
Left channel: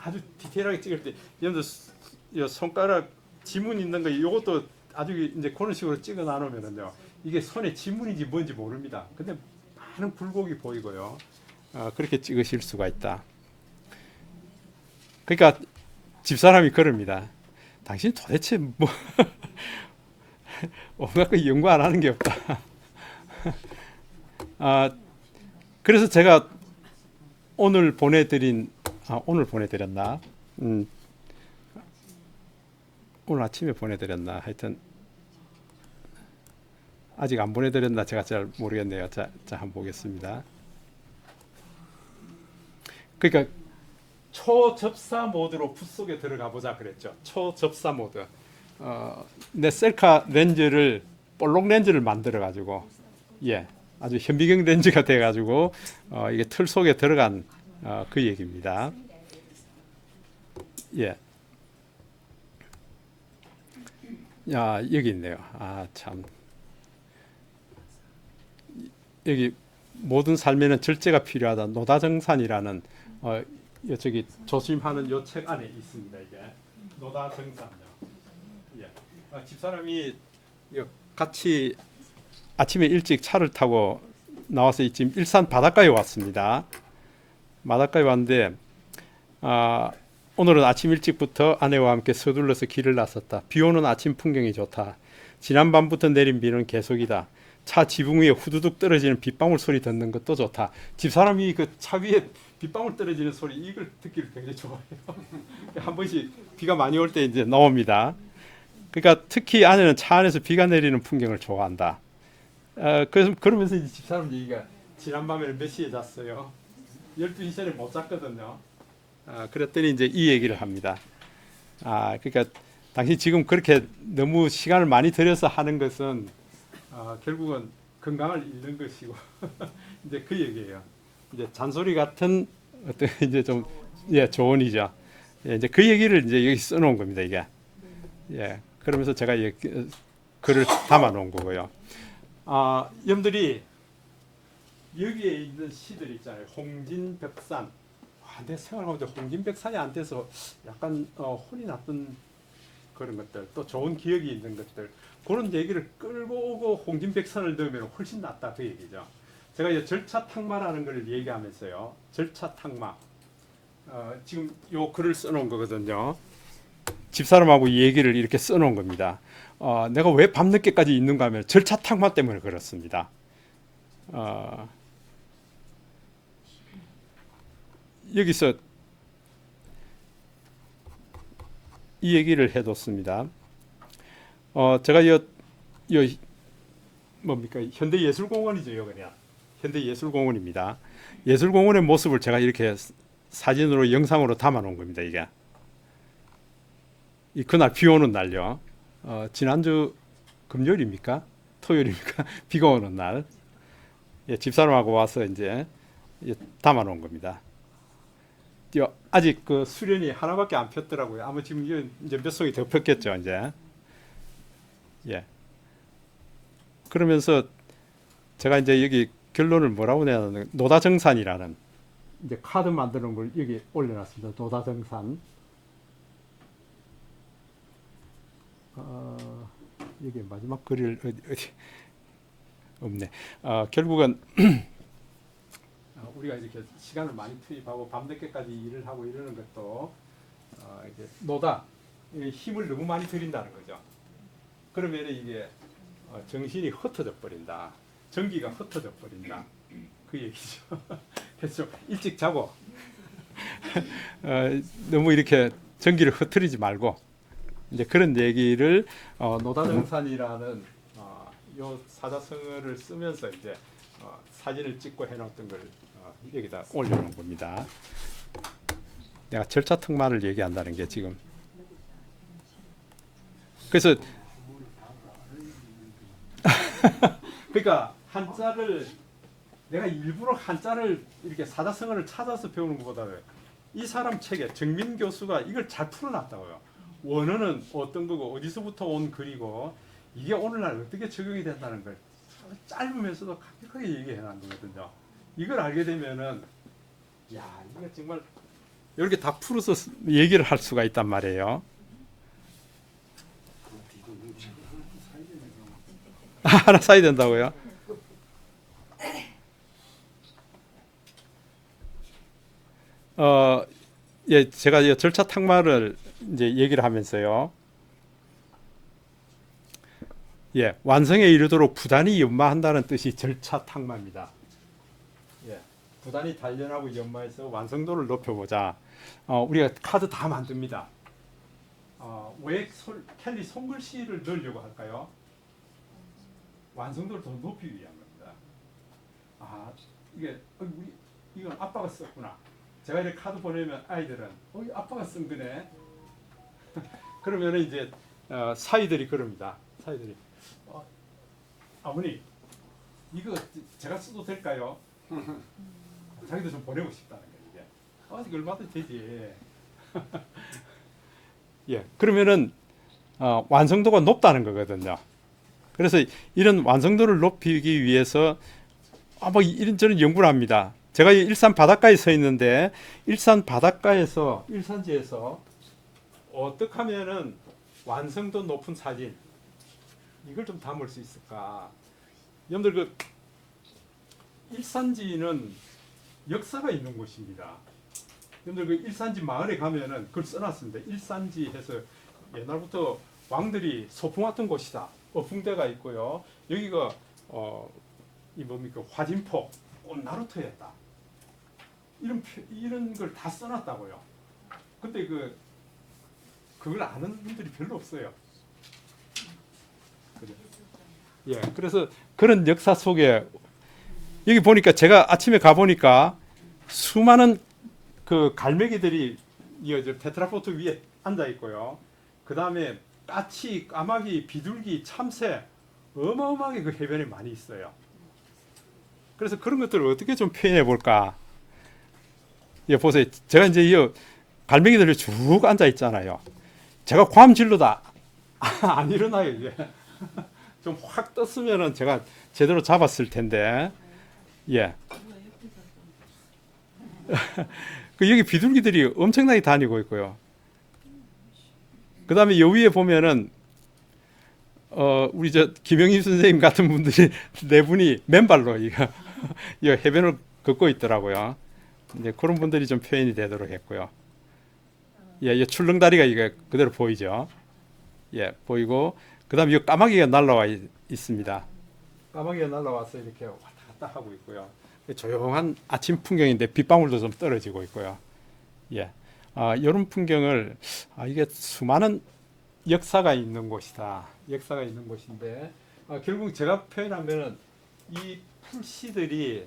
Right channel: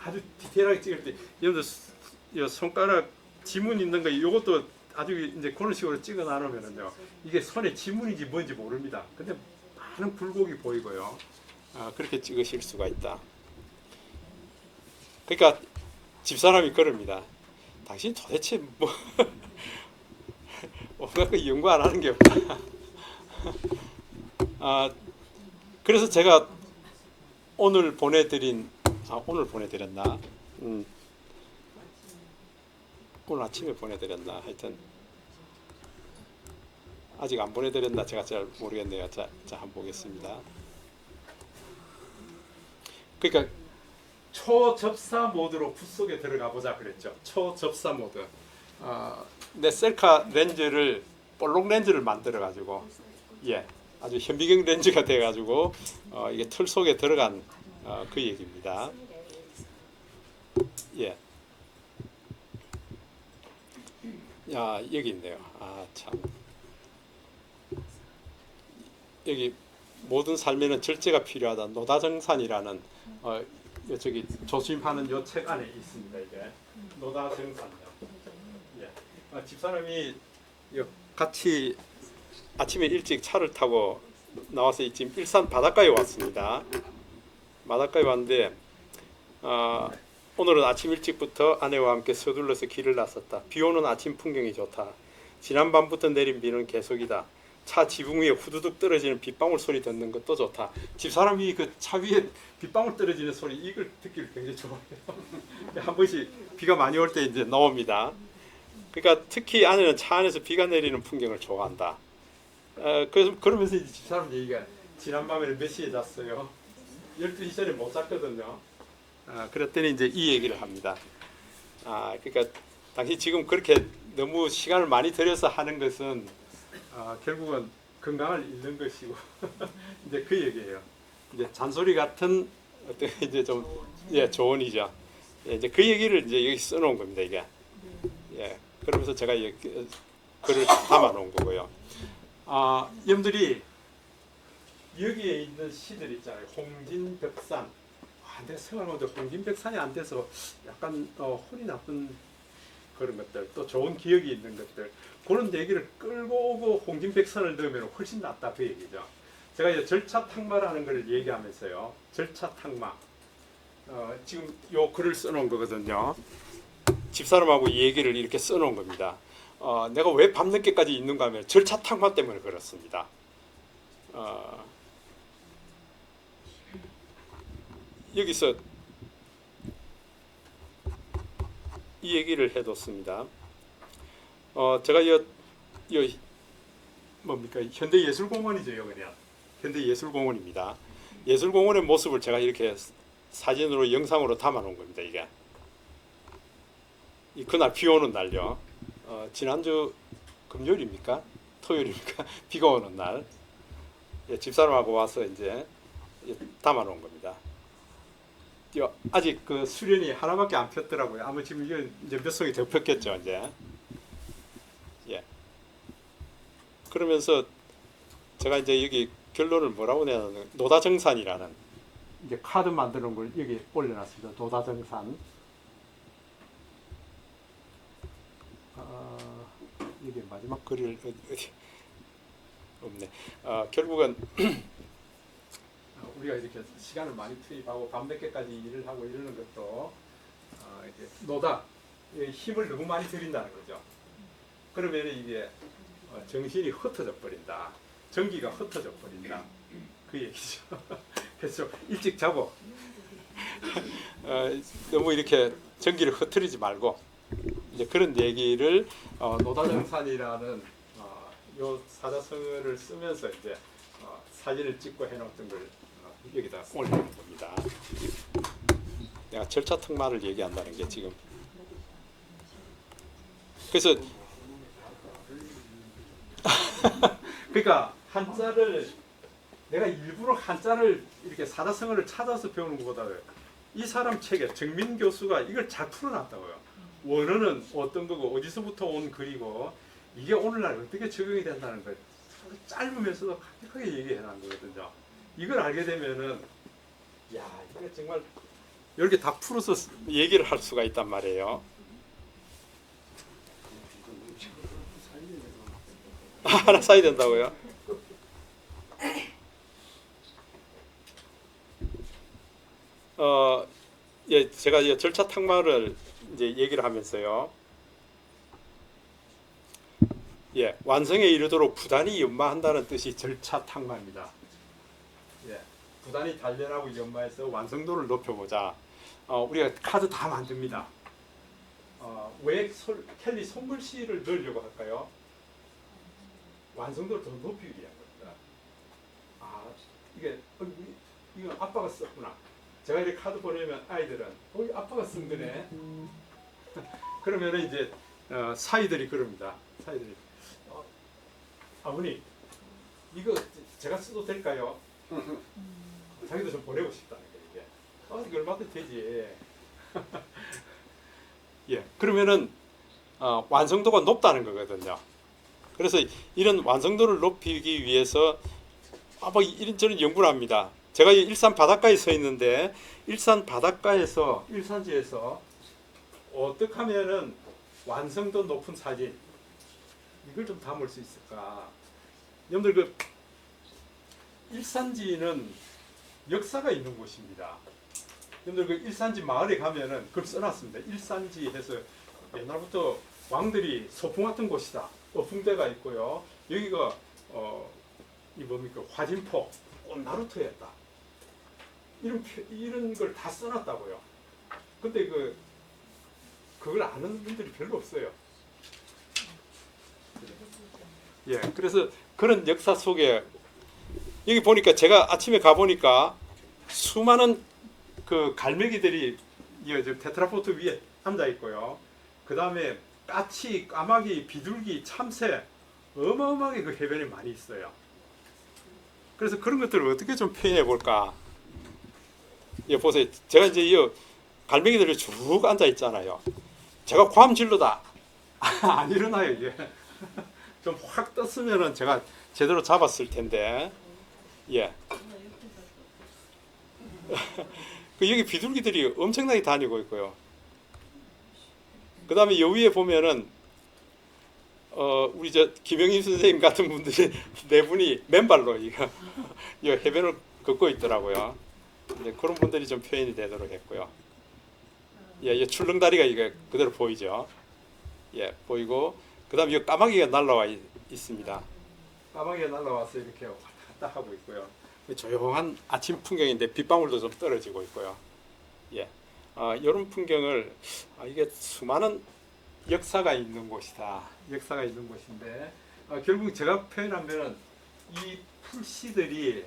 아주 디테일하게 찍을 때 여러분들 손가락 지문 있는 거 이것도 아주 이제 그런 식으로 찍어 나누면은요 이게 손에 지문인지 뭔지 모릅니다. 근데 많은 굴곡이 보이고요. 그렇게 찍으실 수가 있다. 그러니까 집사람이 그럽니다. 당신 도대체 뭐 온갖 연구 안 하는 게 없다. 그래서 제가 오늘 보내드렸나? 오늘 아침에 보내드렸나? 하여튼 아직 안 보내드렸나 제가 잘 모르겠네요. 자 한번 보겠습니다. 그러니까 초접사 모드로 붓 속에 들어가 보자 그랬죠. 초접사 모드. 내 셀카 렌즈를 볼록 렌즈를 만들어 가지고 아주 현미경 렌즈가 돼 가지고 이게 틀 속에 들어간 그 얘기입니다. 야, 여기 있네요. 참. 여기 모든 삶에는 절제가 필요하다. 노다정산이라는 저기 조심하는 요 책 안에 있습니다. 이게 노다정산이요. 집사람이 같이 아침에 일찍 차를 타고 나와서 지금 일산 바닷가에 왔습니다. 바닷가에 왔는데 오늘은 아침 일찍부터 아내와 함께 서둘러서 길을 나섰다. 비 오는 아침 풍경이 좋다. 지난밤부터 내린 비는 계속이다. 차 지붕 위에 후두둑 떨어지는 빗방울 소리 듣는 것도 좋다. 집사람이 그 차 위에 빗방울 떨어지는 소리 이걸 듣기를 굉장히 좋아해요. 한 번씩 비가 많이 올 때 이제 나옵니다. 그러니까 특히 아내는 차 안에서 비가 내리는 풍경을 좋아한다. 그래서 그러면서 이제 집사람 얘기가 지난 밤에는 몇 시에 잤어요? 12시 전에 못 잤거든요. 그랬더니 이제 이 얘기를 합니다. 그러니까 당신 지금 그렇게 너무 시간을 많이 들여서 하는 것은 결국은 건강을 잃는 것이고 이제 그 얘기예요. 이제 잔소리 같은 어떤 이제 좀 조언이죠. 이제 그 얘기를 이제 여기 써놓은 겁니다. 이게 그러면서 제가 이 글을 담아놓은 거고요. 여러분들이 여기에 있는 시들 있잖아요. 홍진백산. 내 생각하는데 홍진백산이 안 돼서 약간 혼이 났던 그런 것들, 또 좋은 기억이 있는 것들, 그런 얘기를 끌고 오고 홍진백산을 넣으면 훨씬 낫다 그 얘기죠. 제가 이 절차탕마라는 걸 얘기하면서요. 절차탕마. 지금 요 글을 써놓은 거거든요. 집사람하고 이 얘기를 이렇게 써놓은 겁니다. 내가 왜 밤늦게까지 있는가 하면 절차탕마 때문에 그렇습니다. 여기서 이 얘기를 해뒀습니다. 제가 뭡니까 현대예술공원이죠, 여기가 현대예술공원입니다. 예술공원의 모습을 제가 이렇게 사진으로 영상으로 담아놓은 겁니다. 이게 그날 비 오는 날요. 지난주 금요일입니까? 토요일입니까? 비가 오는 날 집사람하고 와서 이제 담아놓은 겁니다. 아직 그 수련이 하나밖에 안 폈더라고요. 아마 지금 이제 몇 송이 더 폈겠죠, 이제. 그러면서 제가 이제 여기 결론을 뭐라고 내냐면 노다정산이라는 이제 카드 만드는 걸 여기 올려놨습니다. 노다정산. 이게 마지막 글을 어디 없네. 결국은 우리가 이렇게 시간을 많이 투입하고 밤늦게까지 일을 하고 이러는 것도 이제 노다 힘을 너무 많이 들인다는 거죠. 그러면 이게 정신이 흩어져 버린다. 전기가 흩어져 버린다. 그 얘기죠. 그래서 일찍 자고 너무 이렇게 전기를 흐트리지 말고 이제 그런 얘기를 노다정산이라는 요 사자성어를 쓰면서 이제 사진을 찍고 해놨던 걸 여기다 올려놓은 겁니다. 내가 절차 특마를 얘기한다는 게 지금 그래서 그러니까 한자를 내가 일부러 한자를 이렇게 사자성어를 찾아서 배우는 것보다 이 사람 책에 정민 교수가 이걸 잘 풀어놨다고요. 원어는 어떤 거고 어디서부터 온 글이고 이게 오늘날 어떻게 적용이 된다는 걸 짧으면서도 강력하게 얘기해 놓은 거거든요. 이걸 알게 되면은 야 이거 정말 이렇게 다 풀어서 얘기를 할 수가 있단 말이에요. 하나 사야 된다고요? 제가 절차 탁마를 이제 얘기를 하면서요. 완성에 이르도록 부단히 연마한다는 뜻이 절차 탁마입니다. 부단히 단련하고 연마해서 완성도를 높여보자. 우리가 카드 다 만듭니다. 왜 켈리 손글씨를 넣으려고 할까요? 완성도를 더 높이기 위한 겁니다. 이거 아빠가 썼구나. 제가 이렇게 카드 보내면 아이들은 아빠가 쓴 거네. 그러면은 이제 사이들이 그럽니다. 사이들이 아버님 이거 제가 써도 될까요? 자기도 좀 보내고 싶다는 거예요. 이게 얼마든지 되지. 그러면은 완성도가 높다는 거거든요. 그래서 이런 완성도를 높이기 위해서 이런저런 연구를 합니다. 제가 일산 바닷가에 서 있는데 일산 바닷가에서 일산지에서 어떻게 하면은 완성도 높은 사진 이걸 좀 담을 수 있을까? 여러분들 일산지는 역사가 있는 곳입니다. 여러분들 일산지 마을에 가면은 그걸 써놨습니다. 일산지 해서 옛날부터 왕들이 소풍 왔던 곳이다. 어풍대가 있고요. 여기가 이 뭡니까 화진포 온 나루토였다. 이런 걸 다 써놨다고요. 근데 그걸 아는 분들이 별로 없어요. 그죠? 예, 그래서 그런 역사 속에 여기 보니까 제가 아침에 가 보니까 수많은 그 갈매기들이 이 테트라포트 위에 앉아 있고요. 그 다음에 까치, 까마귀, 비둘기, 참새 어마어마하게 그 해변에 많이 있어요. 그래서 그런 것들을 어떻게 좀 표현해 볼까? 예, 보세요. 제가 이제 이 갈매기들이 쭉 앉아 있잖아요. 제가 괌질러다 안 일어나요 이제. 좀 확 떴으면은 제가 제대로 잡았을 텐데. 예. 그 여기 비둘기들이 엄청나게 다니고 있고요. 그 다음에 요 위에 보면은 우리 저 김영희 선생님 같은 분들이 네 분이 맨발로 이 해변을 걷고 있더라고요. 이제 그런 분들이 좀 표현이 되도록 했고요. 예, 이 출렁다리가 이게 그대로 보이죠. 예, 보이고 그다음에 이 까마귀가 날라와 있습니다. 까마귀가 날라와서 이렇게 왔다 갔다 하고 있고요. 조용한 아침 풍경인데 빗방울도 좀 떨어지고 있고요. 예, 이런 풍경을 이게 수많은 역사가 있는 곳이다. 역사가 있는 곳인데 결국 제가 표현하면은 이 풀씨들이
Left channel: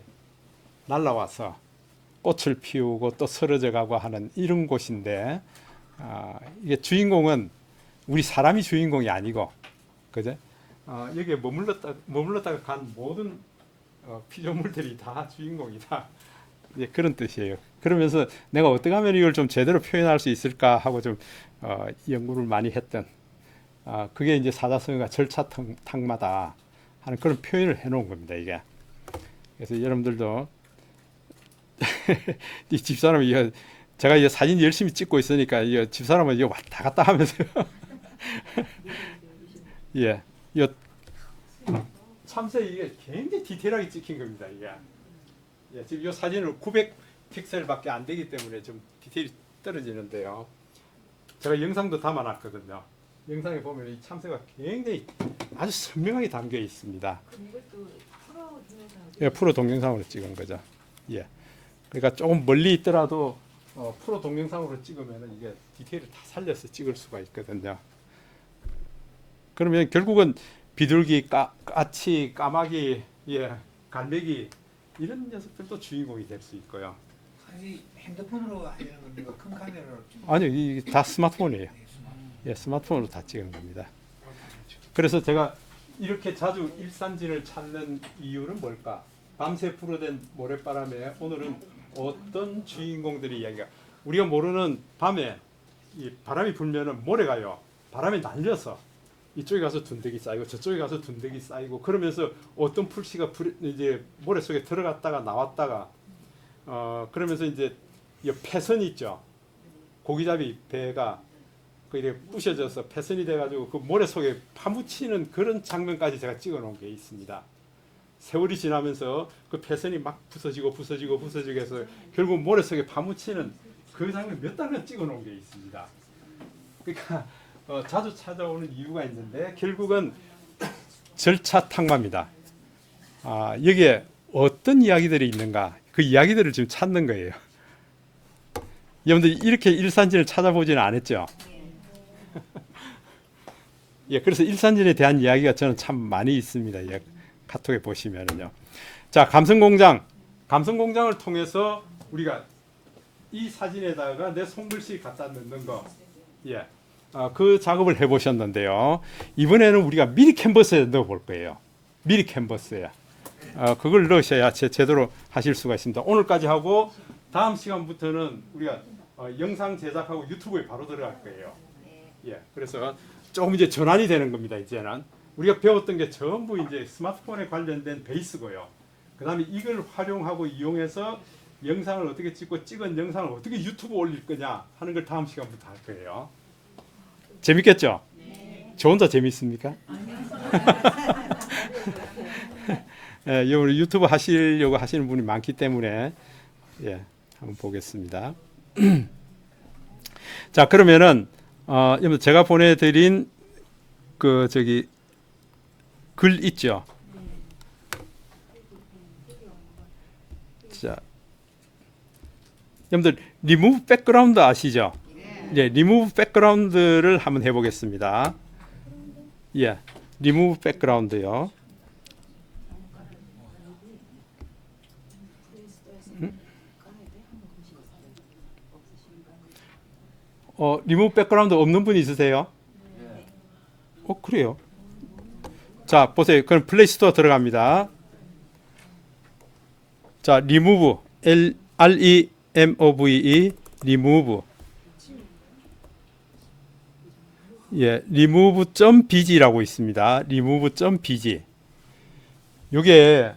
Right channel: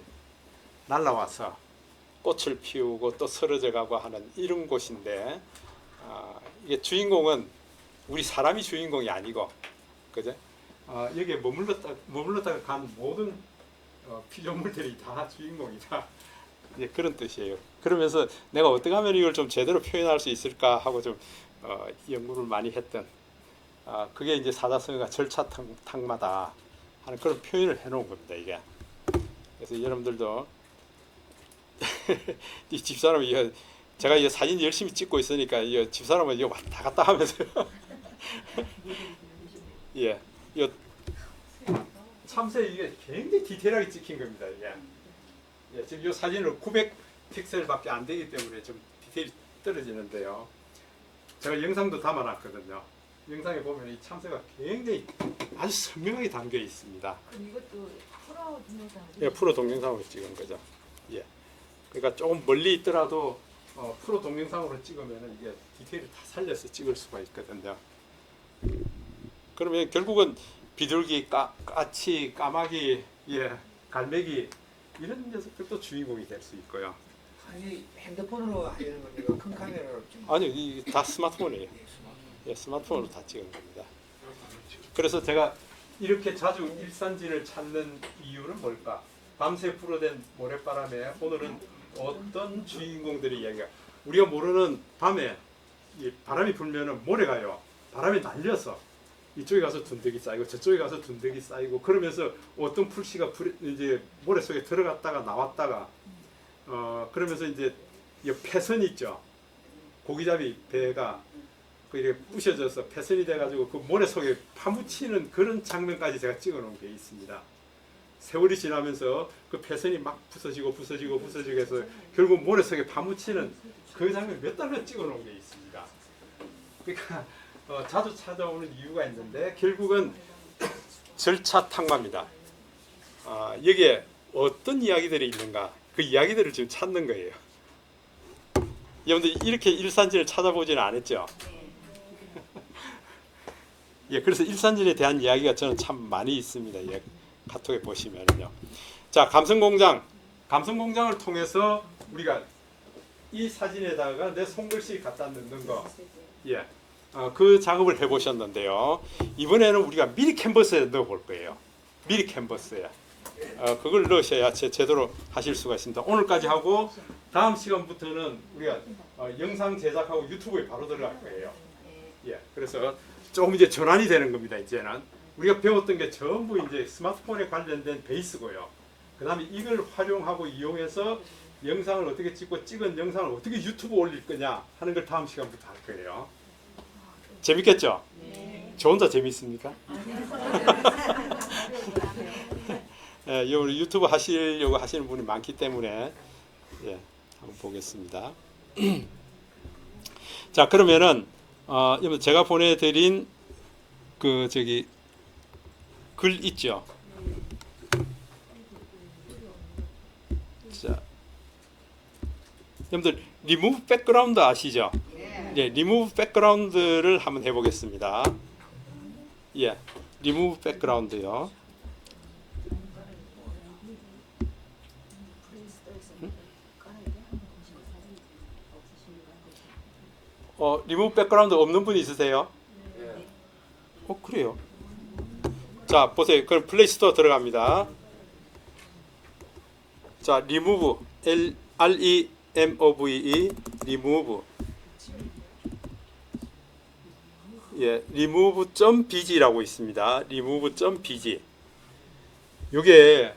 날라와서 꽃을 피우고 또 쓰러져 가고 하는 이런 곳인데 이게 주인공은 우리 사람이 주인공이 아니고 그죠? 여기에 머물렀다가 간 모든 피조물들이 다 주인공이다. 예, 그런 뜻이에요. 그러면서 내가 어떻게 하면 이걸 좀 제대로 표현할 수 있을까 하고 좀 연구를 많이 했던 그게 이제 사자성어가 절차탕마다 하는 그런 표현을 해놓은 겁니다. 이게. 그래서 여러분들도 이 집사람이 제가 이 사진 열심히 찍고 있으니까 이 집사람은 이거 왔다 갔다 하면서 예, 이 참새 이게 굉장히 디테일하게 찍힌 겁니다. 이게 예, 지금 이 사진을 900 픽셀밖에 안 되기 때문에 좀 디테일이 떨어지는데요. 제가 영상도 담아놨거든요. 영상에 보면 이 참새가 굉장히 아주 선명하게 담겨 있습니다. 그럼 이것도 프로 동영상. 예, 프로 동영상으로 찍은 거죠. 예. 그러니까 조금 멀리 있더라도 프로 동영상으로 찍으면 이게 디테일을 다 살려서 찍을 수가 있거든요. 그러면 결국은 비둘기, 까치, 까마귀, 예, 갈매기 이런 녀석들도 주인공이 될 수 있고요. 아니 핸드폰으로 하려는 겁니까? 큰 카메라로 찍는 아니요, 이게 다 스마트폰이에요. 예, 스마트폰으로 다 찍은 겁니다. 그래서 제가 이렇게 자주 일산진을 찾는 이유는 뭘까? 밤새 불어댄 모래바람에 오늘은 어떤 주인공들이 이야기가 우리가 모르는 밤에 이 바람이 불면은 모래가요. 바람에 날려서 이쪽에 가서 둔대기 쌓이고 저쪽에 가서 둔대기 쌓이고 그러면서 어떤 풀씨가 이제 모래 속에 들어갔다가 나왔다가 그러면서 이제 이 패선 있죠. 고기잡이 배가 그게 부셔져서 패선이 돼가지고 그 모래 속에 파묻히는 그런 장면까지 제가 찍어놓은 게 있습니다. 세월이 지나면서 그 패선이 막 부서지고 해서 결국 모래 속에 파묻히는 그 장면 몇 달을 찍어놓은 게 있습니다. 그러니까 자주 찾아오는 이유가 있는데 결국은 절차 탕마입니다. 여기에 어떤 이야기들이 있는가 그 이야기들을 지금 찾는 거예요. 여러분들 이렇게 일산진을 찾아보지는 않았죠? 예, 그래서 일산진에 대한 이야기가 저는 참 많이 있습니다. 예, 카톡에 보시면요. 자, 감성공장을 통해서 우리가 이 사진에다가 내 손글씨 갖다 넣는 거, 예, 그 작업을 해보셨는데요. 이번에는 우리가 미리 캔버스에 넣어볼 거예요. 미리 캔버스에. 그걸 넣으셔야 제대로 하실 수가 있습니다. 오늘까지 하고 다음 시간부터는 우리가 영상 제작하고 유튜브에 바로 들어갈 거예요. 예, 그래서 조금 이제 전환이 되는 겁니다. 이제는 우리가 배웠던 게 전부 이제 스마트폰에 관련된 베이스고요. 그 다음에 이걸 활용하고 이용해서 영상을 어떻게 찍고 찍은 영상을 어떻게 유튜브 올릴 거냐 하는 걸 다음 시간부터 할 거예요. 재밌겠죠? 저 혼자 재밌습니까? 예, 우리 유튜브 하시려고 하시는 분이 많기 때문에 예, 한번 보겠습니다. 자, 그러면은 제가 보내드린 그 글 있죠. 자, 여러분들 리무브 백그라운드 아시죠? 네, 리무브 백그라운드를 한번 해보겠습니다. 예, 리무브 백그라운드요. 리무브 백그라운드 없는 분 있으세요? 그래요. 자, 보세요. 그럼 플레이스토어 들어갑니다. 자, 리무브 REMOVE 리무브 예, remove.bg라고 있습니다. remove.bg. 이게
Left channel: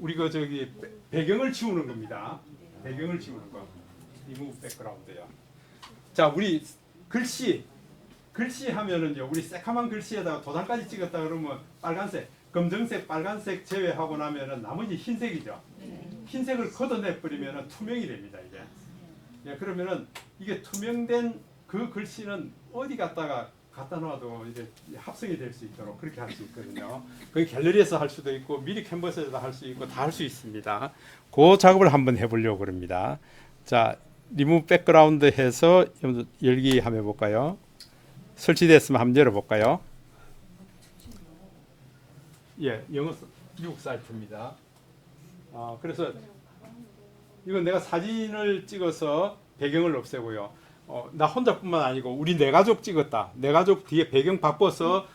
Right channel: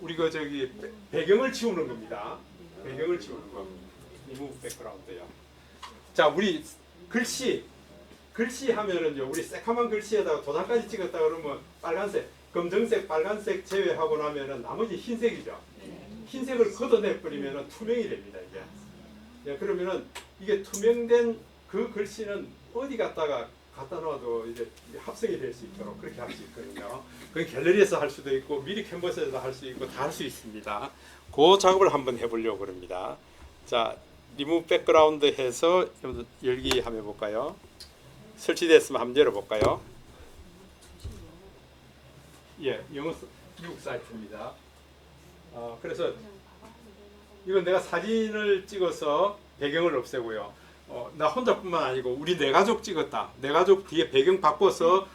우리가 저기 배경을 지우는 겁니다. 배경을 지우는 거. remove background요. 자, 우리 글씨 하면은요, 우리 새카만 글씨에다가 도장까지 찍었다 그러면 빨간색, 검정색, 빨간색 제외하고 나면은 나머지 흰색이죠. 흰색을 걷어내 버리면은 투명이 됩니다, 이게. 예, 그러면은 이게 투명된 그 글씨는 어디 갖다 놔도 이제 합성이 될 수 있도록 그렇게 할 수 있거든요. 그 갤러리에서 할 수도 있고 미리 캔버스에서 할 수 있고 다 할 수 있습니다. 그 작업을 한번 해보려고 합니다. 자, 리무브 백그라운드 해서 열기 한번 해볼까요? 설치됐으면 한번 열어볼까요? 예, 영어 미국 사이트입니다. 그래서 이건 내가 사진을 찍어서 배경을 없애고요. 나 혼자뿐만 아니고 우리 네 가족 찍었다. 네 가족 뒤에 배경 바꿔서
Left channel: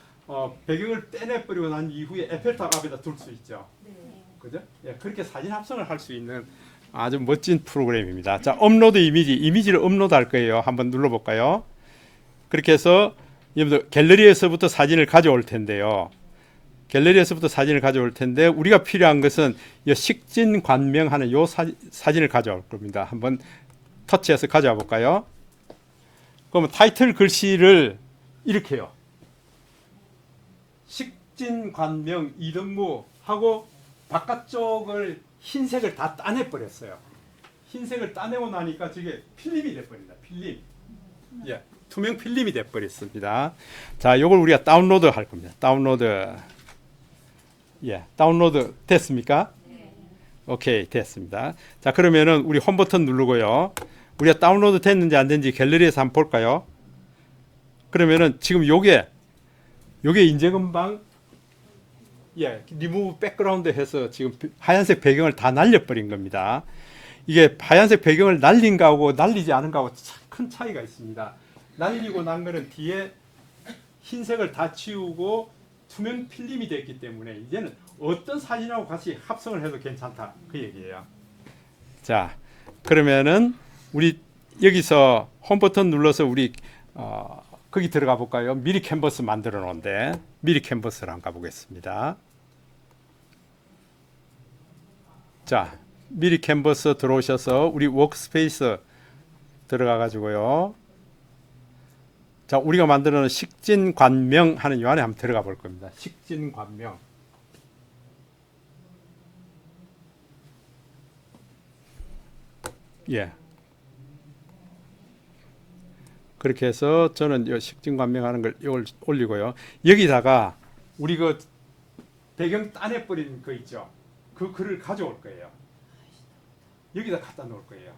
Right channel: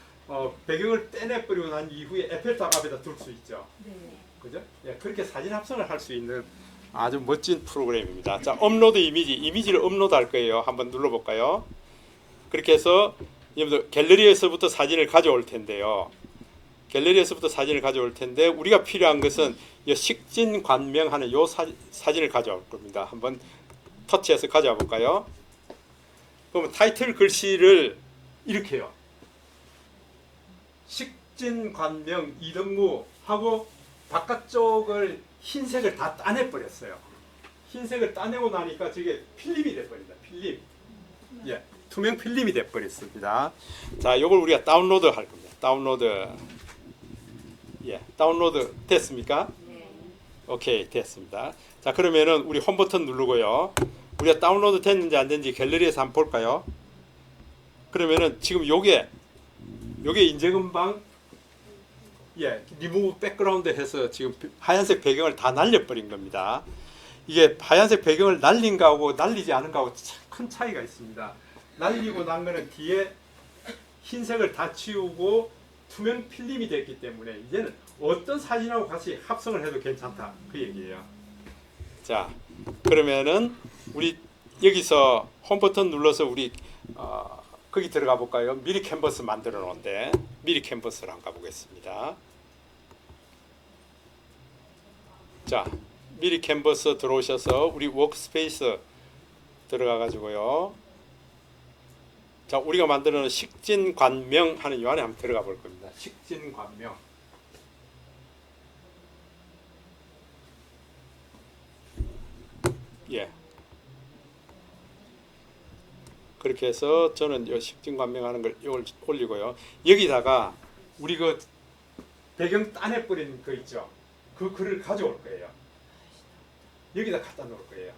배경을 떼내버리고 난 이후에 에펠탑 앞에다 둘 수 있죠. 그죠? 예, 그렇게 사진 합성을 할 수 있는 아주 멋진 프로그램입니다. 자, 업로드 이미지를 업로드 할 거예요. 한번 눌러볼까요? 그렇게 해서 여러분들 갤러리에서부터 사진을 가져올 텐데요. 갤러리에서부터 사진을 가져올 텐데 우리가 필요한 것은 이 식진 관명하는 이 사진을 가져올 겁니다. 한번 터치해서 가져와 볼까요? 그러면 타이틀 글씨를 이렇게요. 식진 관명 이등무 하고 바깥쪽을 흰색을 다 따내 버렸어요. 흰색을 따내고 나니까 저게 필름이 돼 버린다. 필름. 예. 투명 필름이 돼 버렸습니다. 자, 요걸 우리가 다운로드 할 겁니다. 다운로드. 예. 다운로드 됐습니까? 오케이, 됐습니다. 자, 그러면은 우리 홈 버튼 누르고요. 우리가 다운로드 됐는지 안 됐는지 갤러리에서 한번 볼까요? 그러면은 지금 요게 이제 금방 예, 리무브 백그라운드 해서 지금 하얀색 배경을 다 날려버린 겁니다. 이게 하얀색 배경을 날린 거하고 날리지 않은 거하고 큰 차이가 있습니다. 날리고 난 거는 뒤에 흰색을 다 치우고 투명 필름이 됐기 때문에 이제는 어떤 사진하고 같이 합성을 해도 괜찮다, 그 얘기예요. 자, 그러면은 우리 여기서 홈 버튼 눌러서 우리 거기 들어가 볼까요? 미리 캔버스 만들어 놓은데 미리 캔버스를 한번 가보겠습니다. 자, 미리 캔버스 들어오셔서 우리 워크스페이스 들어가 가지고요. 자, 우리가 만들어 놓은 식진관명 하는 요 안에 한번 들어가 볼 겁니다. 식진관명. 예. 그렇게 해서 저는 이 식진관명하는 걸 이걸 올리고요. 여기다가 우리 그 배경 따내버린 거 있죠. 그 글을 가져올 거예요. 여기다 갖다 놓을 거예요.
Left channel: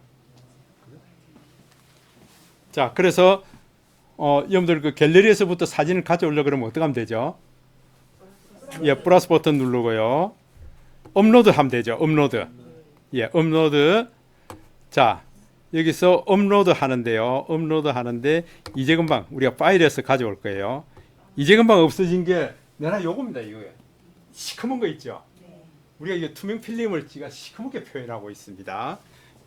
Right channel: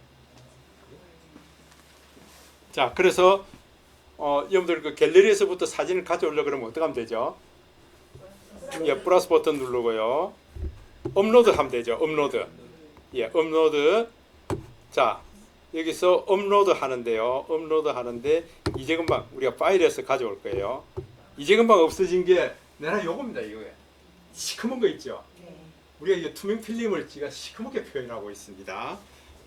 자, 그래서 여러분들 그 갤러리에서부터 사진을 가져오려고 그러면 어떻게 하면 되죠? 예, 플러스 버튼 누르고요. 업로드 하면 되죠. 업로드. 예, 업로드. 자, 여기서 업로드 하는데요. 업로드 하는데 이제 금방 우리가 파일에서 가져올 거예요. 이제 금방 없어진 게 내가 요겁니다. 이거예요. 시커먼 거 있죠. 우리가 이게 투명 필름을 지가 시커멓게 표현하고 있습니다.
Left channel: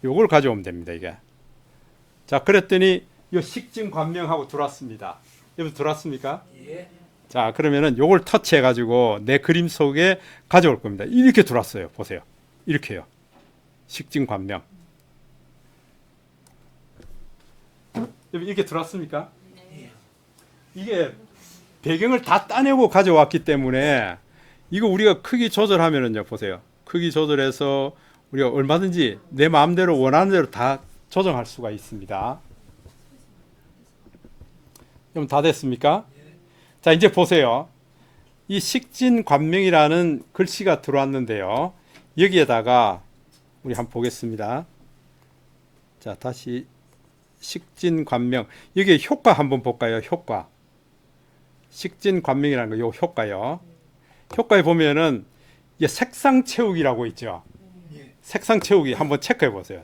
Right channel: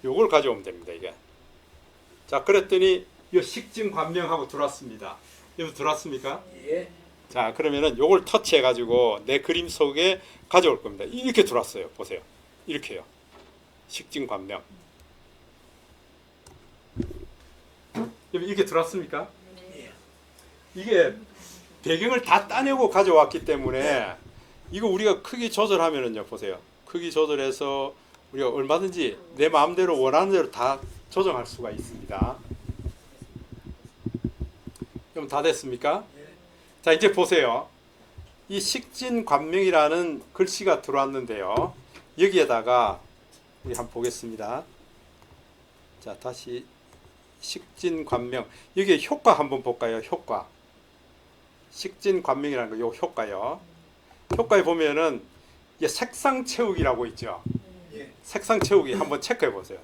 요걸 가져오면 됩니다. 이게. 자, 그랬더니 이 식진 관명하고 들어왔습니다. 여기 들어왔습니까? 예. 자, 그러면은 요걸 터치해 가지고 내 그림 속에 가져올 겁니다. 이렇게 들어왔어요. 보세요. 이렇게요. 식진 관명. 이렇게 들어왔습니까? 이게 배경을 다 따내고 가져왔기 때문에 이거 우리가 크기 조절하면은요, 보세요. 크기 조절해서 우리가 얼마든지 내 마음대로 원하는 대로 다 조정할 수가 있습니다. 그럼 다 됐습니까? 자, 이제 보세요. 이 식진관명이라는 글씨가 들어왔는데요. 여기에다가 우리 한번 보겠습니다. 자, 다시 식진관명. 여기 효과 한번 볼까요? 효과. 식진관명이라는 거, 요 효과요. 효과에 보면은 이게 색상 채우기라고 있죠. 예. 색상 채우기 한번 체크해 보세요.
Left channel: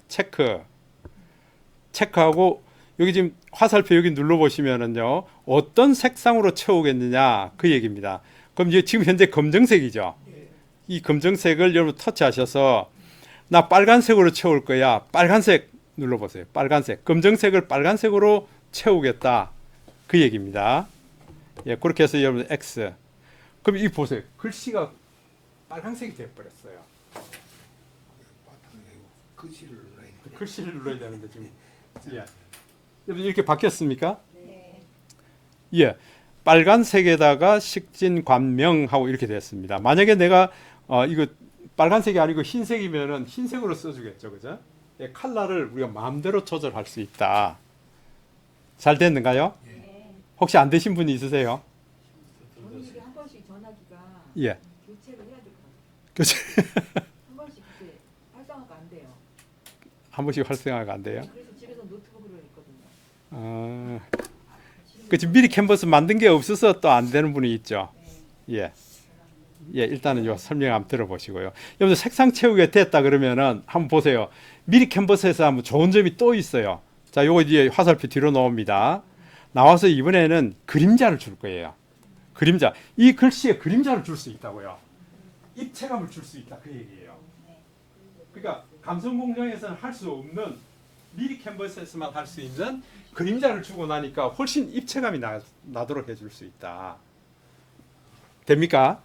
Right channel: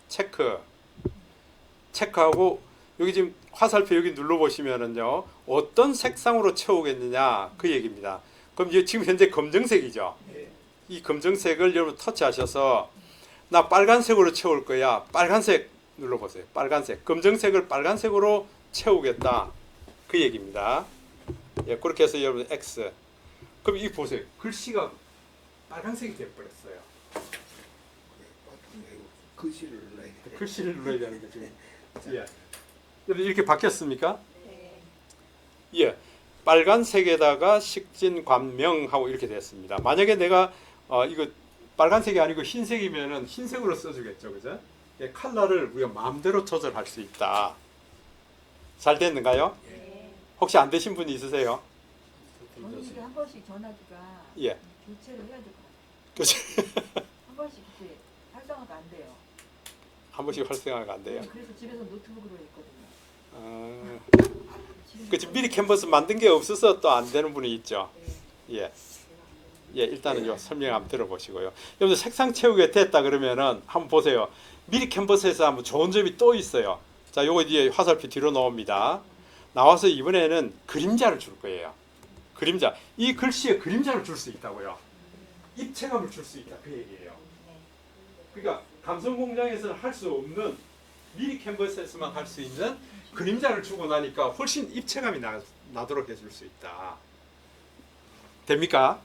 체크하고 여기 지금 화살표 여기 눌러 보시면은요. 어떤 색상으로 채우겠느냐 그 얘기입니다. 그럼 이제 지금 현재 검정색이죠. 예. 이 검정색을 여러분 터치하셔서 나 빨간색으로 채울 거야. 빨간색 눌러 보세요. 빨간색. 검정색을 빨간색으로 채우겠다. 그 얘기입니다. 예, 그렇게 해서 여러분 X. 그럼 이 보세요. 글씨가 빨간색이 되어 버렸어요. 글씨를 눌러야 돼. 글씨를 눌러야 되는데 지금. 예. 여러분 이렇게 바뀌었습니까? 네. 예. 빨간색에다가 식진관명하고 이렇게 됐습니다. 만약에 내가 이거 빨간색이 아니고 흰색이면은 흰색으로 써주겠죠, 그죠? 예, 컬러를 우리가 마음대로 조절할 수 있다. 잘 됐는가요? 네. 혹시 안 되신 분이 있으세요? 본인이 한 번씩 전화기가 예. 교체를 해야 될 것 같아요. 그치? 한 번씩 이렇게 활성화가 안 돼요. 한 번씩 활성화가 안 돼요. 그래서 집에서 노트북으로 했거든요. 그치, 미리 캔버스 만든 게 없어서 또 안 되는 분이 있죠. 예. 예, 일단은 요 설명 한번 들어보시고요. 여러분 색상 채우기가 됐다 그러면은 한번 보세요. 미리 캔버스에서 한번 좋은 점이 또 있어요. 자, 요거 이제 화살표 뒤로 나옵니다. 나와서 이번에는 그림자를 줄 거예요. 그림자. 이 글씨에 그림자를 줄 수 있다고요. 입체감을 줄 수 있다 그 얘기예요. 그러니까 감성 공장에서는 할 수 없는 미리 캔버스에서만 할 수 있는 그림자를 주고 나니까 훨씬 입체감이 나도록 해줄 수 있다. 됩니까?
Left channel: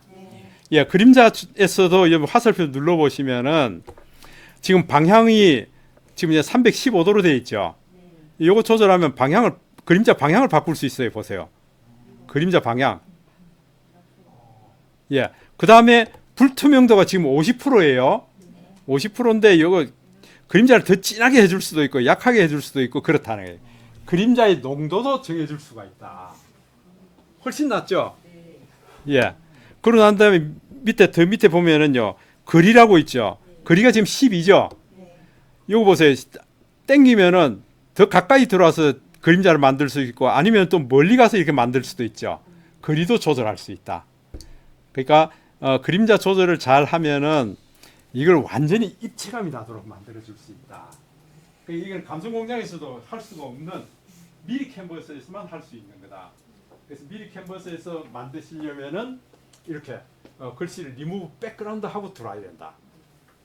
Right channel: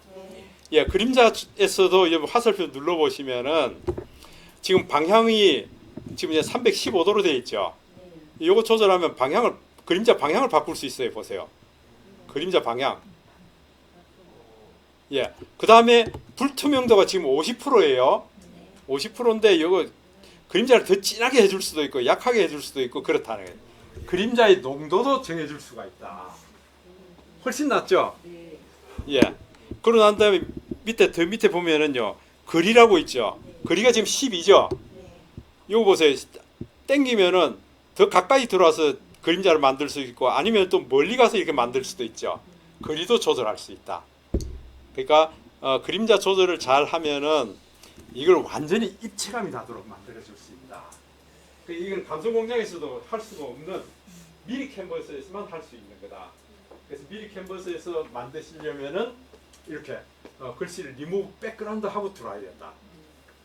예, 그림자에서도 여러분 화살표 눌러보시면은 지금 방향이 지금 이제 315도로 되어 있죠. 요거 조절하면 그림자 방향을 바꿀 수 있어요. 보세요. 그림자 방향. 예, 그 다음에 불투명도가 지금 50%예요. 50%인데 이거 그림자를 더 진하게 해줄 수도 있고 약하게 해줄 수도 있고 그렇다는 거예요. 그림자의 농도도 정해줄 수가 있다. 훨씬 낫죠? 예. 그러고 난 다음에 더 밑에 보면은요. 거리라고 있죠. 거리가 지금 12죠. 이거 보세요. 땡기면은 더 가까이 들어와서 그림자를 만들 수 있고 아니면 또 멀리 가서 이렇게 만들 수도 있죠. 거리도 조절할 수 있다. 그러니까 그림자 조절을 잘 하면은 이걸 완전히 입체감이 나도록 만들어 줄 수 있다. 그러니까 이건 감성 공장에서도 할 수가 없는 미리 캔버스에서만 할 수 있는 거다. 그래서 미리 캔버스에서 만드시려면은 이렇게 글씨를 리무브 백그라운드 하고 들어와야 된다.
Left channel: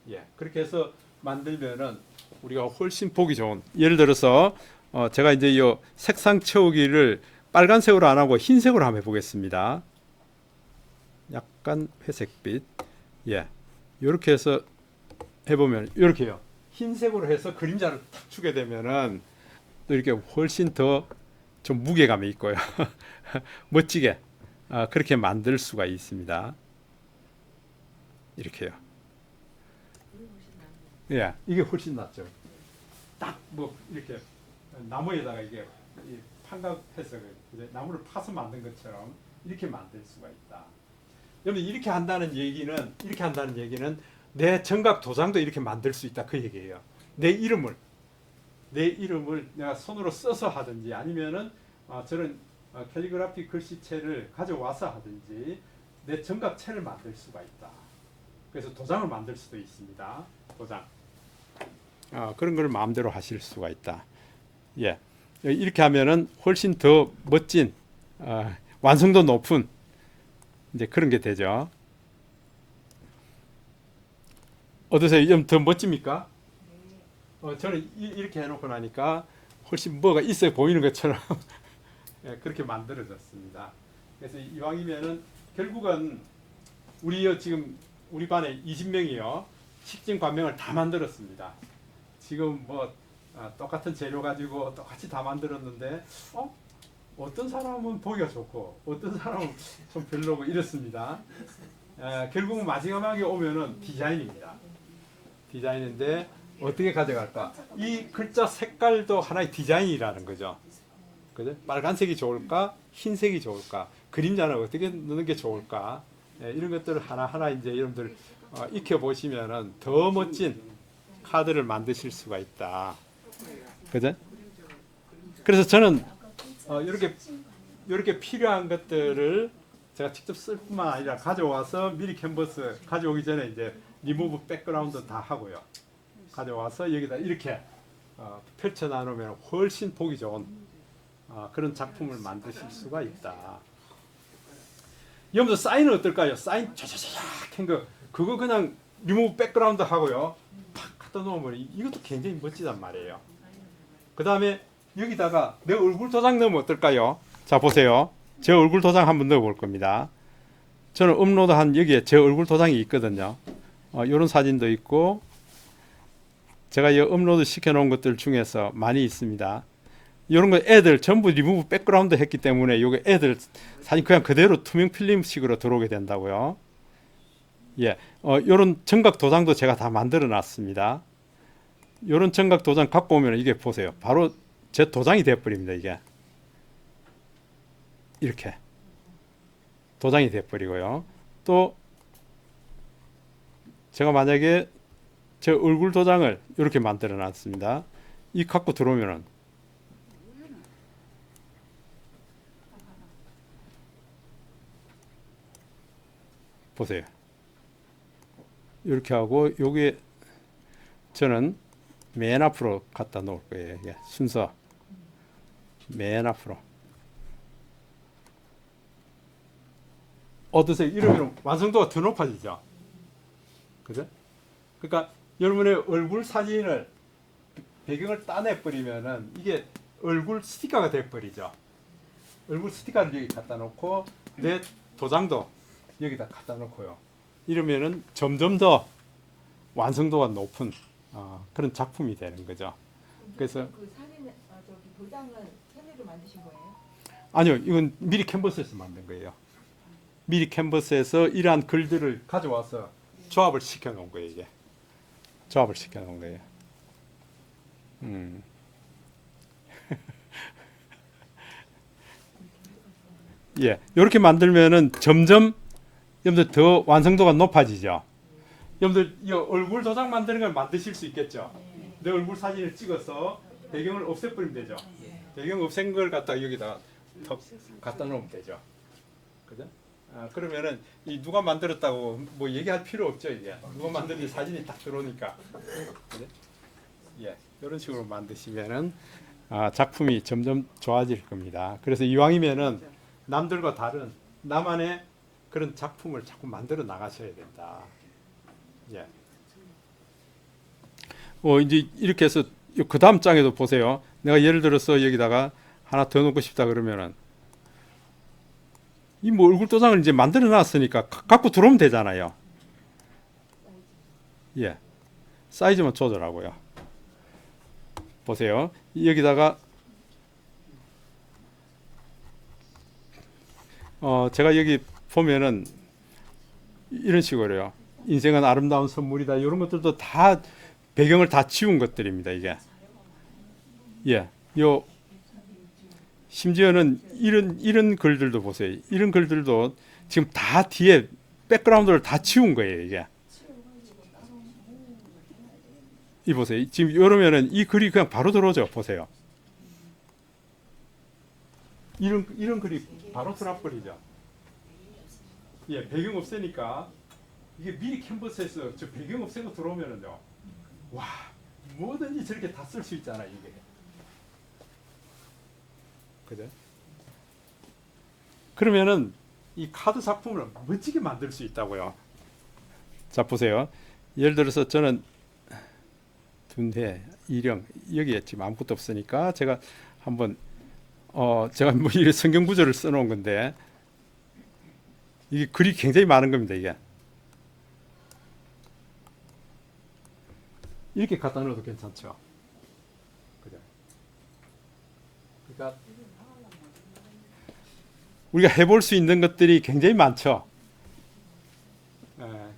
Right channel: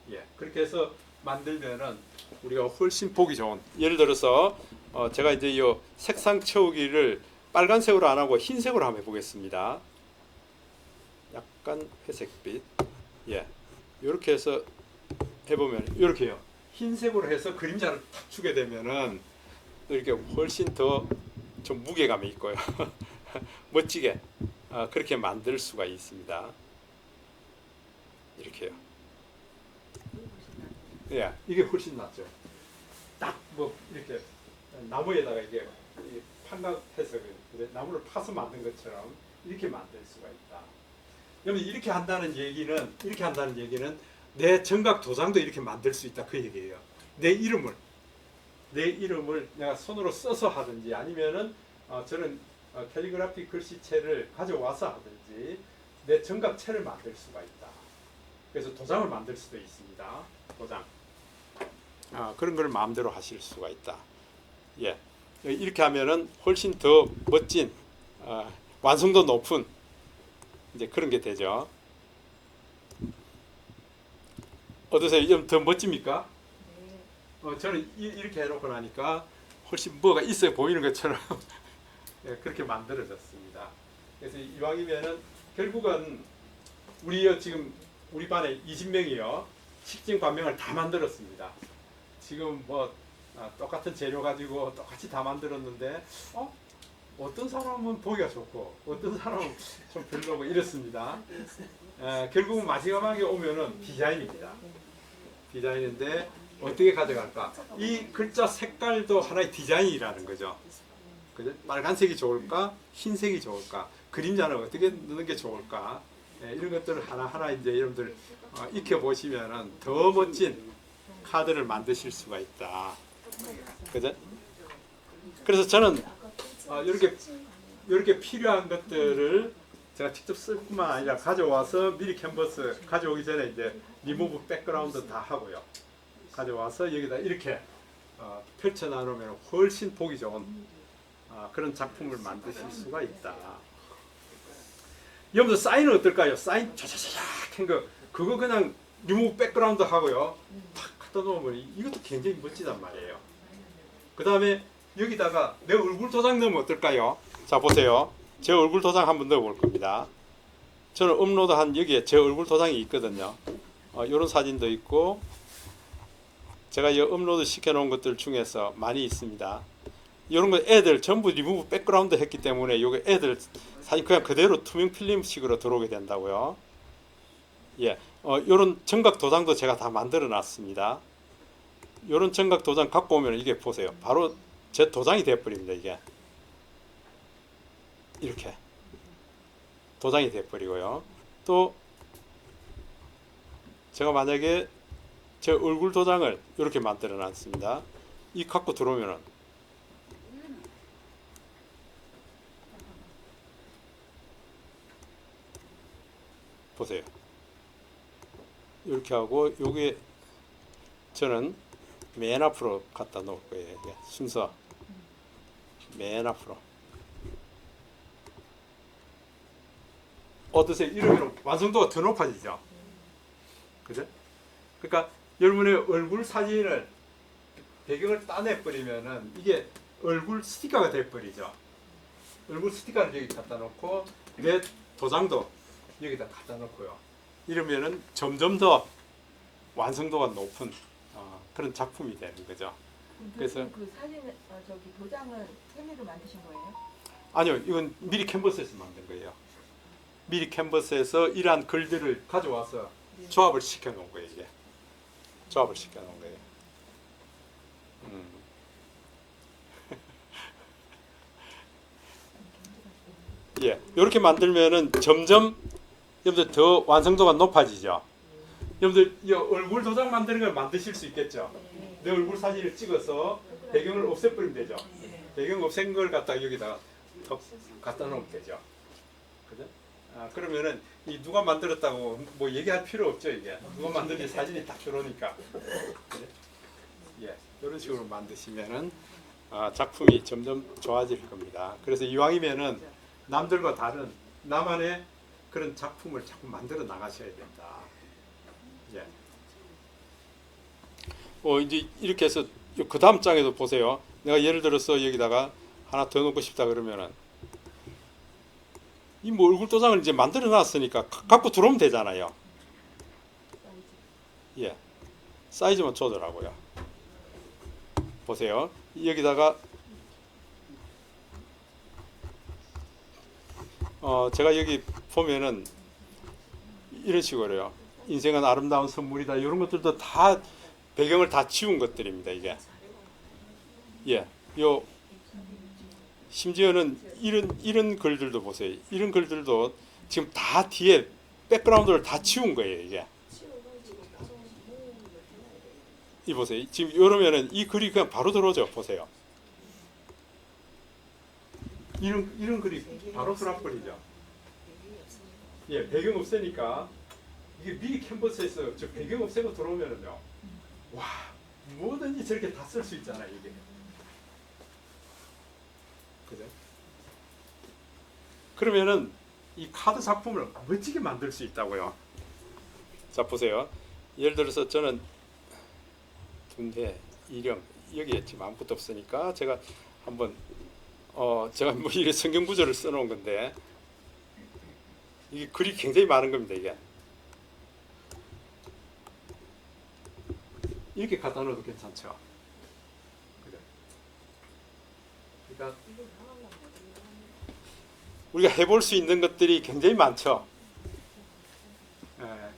예, 그렇게 해서 만들면은 우리가 훨씬 보기 좋은. 예를 들어서 제가 이제 이 색상 채우기를 빨간색으로 안 하고 흰색으로 한번 해보겠습니다. 약간 회색빛. 예, 이렇게 해서 해보면 이렇게요. 흰색으로 해서 그림자를 탁 주게 되면은 이렇게 훨씬 더 좀 무게감이 있고요. 멋지게 그렇게 만들 수가 있습니다. 이렇게요. 예, 이게 훨씬 낫죠. 딱 뭐 이렇게 나무에다가 이게 판각해서 나무를 파서 만든 것처럼 이렇게 만들 수가 있다. 여러분 이렇게 한다는 얘기는 내 정각 도장도 이렇게 만들 수 있다 그 얘기예요. 내 이름을 내가 손으로 써서 하든지 아니면은 저런 캘리그라피 글씨체를 가져와서 하든지 내 정각체를 만들 수가 있다. 그래서 도장을 만들 수도 있습니다. 도장. 그런 걸 마음대로 하실 수가 있다. 예, 이렇게 하면은 훨씬 더 멋진 완성도 높은 이제 그런 게 되죠. 어떠세요? 좀 더 멋집니까? 저는 이렇게 해놓고 나니까 훨씬 뭐가 있어 보이는 것처럼 예, 그렇게 만들어졌습니다. 그래서 이왕이면은 결국은 지금 우리 반에 20명이요 식진 관명을 다 만들었습니다. 지금 뭐 똑같은 재료 가지고 똑같이 다 만들었는데 어떤 사람은 보기가 좋고 어떤 사람은 좀 별로고 이렇습니다. 결국은 마지막에 오면은 디자인입니다. 디자인인데 어떻게 가져갈까? 이 글자 색깔도 하나의 디자인이라는 거죠. 그죠? 빨간색이 좋을까? 흰색이 좋을까? 그림자는 어떻게 넣는 게 좋을까? 이런 것들을 하나하나 이제 여러분들 익혀 보시면은 더 멋진 카드를 만드실 수가 있다. 그죠? 그래서 저는 이렇게 필요한 것들을 제가 직접 쓸 뿐만 아니라 가져와서 미리 캔버스 가져오기 전에 이제 리무브 백그라운드 다 하고요. 가져와서 여기다 이렇게 펼쳐 놔놓으면 훨씬 보기 좋은 그런 작품을 만드실 수가 있다. 여러분들 사인은 어떨까요? 사인 촤촤촤 한 거 그거 그냥 리무브 백그라운드 하고요. 팍 갖다 놓으면 이것도 굉장히 멋지단 말이에요. 그 다음에 여기다가 내 얼굴 도장 넣으면 어떨까요? 자 보세요. 제 얼굴 도장 한번 넣어볼 겁니다. 저는 업로드한 여기에 제 얼굴 도장이 있거든요. 이런 사진도 있고 제가 이 업로드 시켜놓은 것들 중에서 많이 있습니다. 이런 거 애들 전부 리무브 백그라운드 했기 때문에 요게 애들 사진 그냥 그대로 투명 필름식으로 들어오게 된다고요. 예, 요런 정각 도장도 제가 다 만들어 놨습니다. 요런 정각 도장 갖고 오면 이게 보세요. 바로 제 도장이 되어버립니다. 이게 이렇게 도장이 되어버리고요. 또 제가 만약에 제 얼굴 도장을 이렇게 만들어 놨습니다. 이 갖고 들어오면은 보세요. 이렇게 하고 요게 저는 맨 앞으로 갖다 놓을 거예요. 이게 순서 맨 앞으로. 어떠세요? 이러면 완성도가 더 높아지죠. 그죠? 그러니까 여러분의 얼굴 사진을 배경을 따내 버리면은 이게 얼굴 스티커가 돼 버리죠. 얼굴 스티커를 여기 갖다 놓고 내 도장도 여기다 갖다 놓고요. 이러면은 점점 더 완성도가 높은 그런 작품이 되는 거죠. 그래서 그 사진 저기 도장은 세미로 만드신 거예요? 아니요, 이건 미리 캔버스에서 만든 거예요. 미리 캔버스에서 이러한 글들을 가져와서 조합을 시켜 놓은 거예요. 이게 조합을 시켜 놓은 거예요. 예, 이렇게 만들면은 점점 여러분들 더 완성도가 높아지죠. 여러분들 이 얼굴 도장 만드는 걸 만드실 수 있겠죠. 내 얼굴 사진을 찍어서 배경을 없애버리면 되죠. 배경 없앤 걸 갖다 여기다 갖다 놓으면 되죠. 그죠? 그러면은 이 누가 만들었다고 뭐 얘기할 필요 없죠. 이게 누가 만들지 사진이 딱 들어오니까. 그죠? 예, 이런 식으로 만드시면은 작품이 점점 좋아질 겁니다. 그래서 이왕이면은 남들과 다른 나만의 그런 작품을 자꾸 만들어 나가셔야 된다. 예. 이제 이렇게 해서 그 다음 장에도 보세요. 내가 예를 들어서 여기다가 하나 더 넣고 싶다 그러면은 이 뭐 얼굴 도장을 이제 만들어 놨으니까 갖고 들어오면 되잖아요. 예. 사이즈만 조절하고요. 보세요. 여기다가 제가 여기 보면은 이런 식으로요. 인생은 아름다운 선물이다. 이런 것들도 다 배경을 다 지운 것들입니다. 이게 예, 요 심지어는 이런 글들도 보세요. 이런 글들도 지금 다 뒤에 백그라운드를 다 지운 거예요. 이게 이 보세요. 지금 이러면은 이 글이 그냥 바로 들어오죠. 보세요. 이런 글이 바로 들어버리죠. 예, 배경 없애니까 이게 미리 캔버스에서 저 배경 없애고 들어오면은요, 와, 뭐든지 저렇게 다 쓸 수 있잖아요. 이게 그죠? 그러면은 이 카드 작품을 멋지게 만들 수 있다고요. 자 보세요. 예를 들어서 저는 둔대, 이령 여기에 지금 아무것도 없으니까 제가 한번 제가 뭐 이 성경 구절을 써놓은 건데 이게 글이 굉장히 많은 겁니다. 이게 이렇게 갖다 넣어도 괜찮죠. 그죠? 그러니까 우리가 해볼 수 있는 것들이 굉장히 많죠.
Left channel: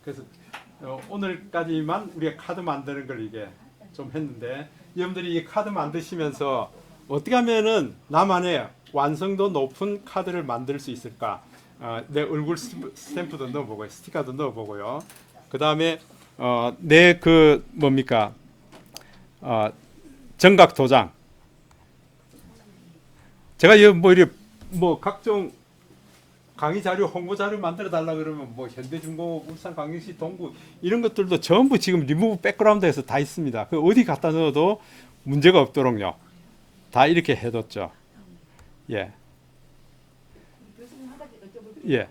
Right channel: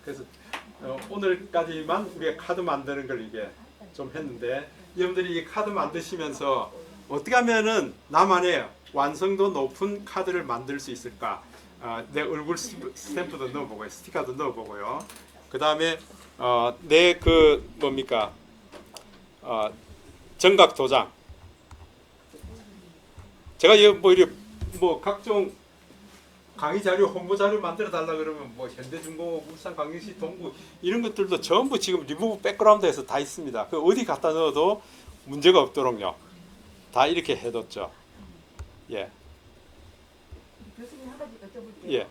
그래서 오늘까지만 우리가 카드 만드는 걸 이게 좀 했는데 여러분들이 이 카드 만드시면서 어떻게 하면은 나만의 완성도 높은 카드를 만들 수 있을까? 내 얼굴 스탬프도 넣어보고요, 스티커도 넣어보고요. 그 다음에 내 그 뭡니까 정각 도장. 제가 뭐 각종 강의 자료, 홍보 자료 만들어 달라 그러면 뭐 현대중공업, 울산광역시, 동구 이런 것들도 전부 지금 리무브 백그라운드에서 다 있습니다. 그 어디 갖다 넣어도 문제가 없도록요. 다 이렇게 해뒀죠. 예. 교수님 한 가지 여쭤볼게요. 예.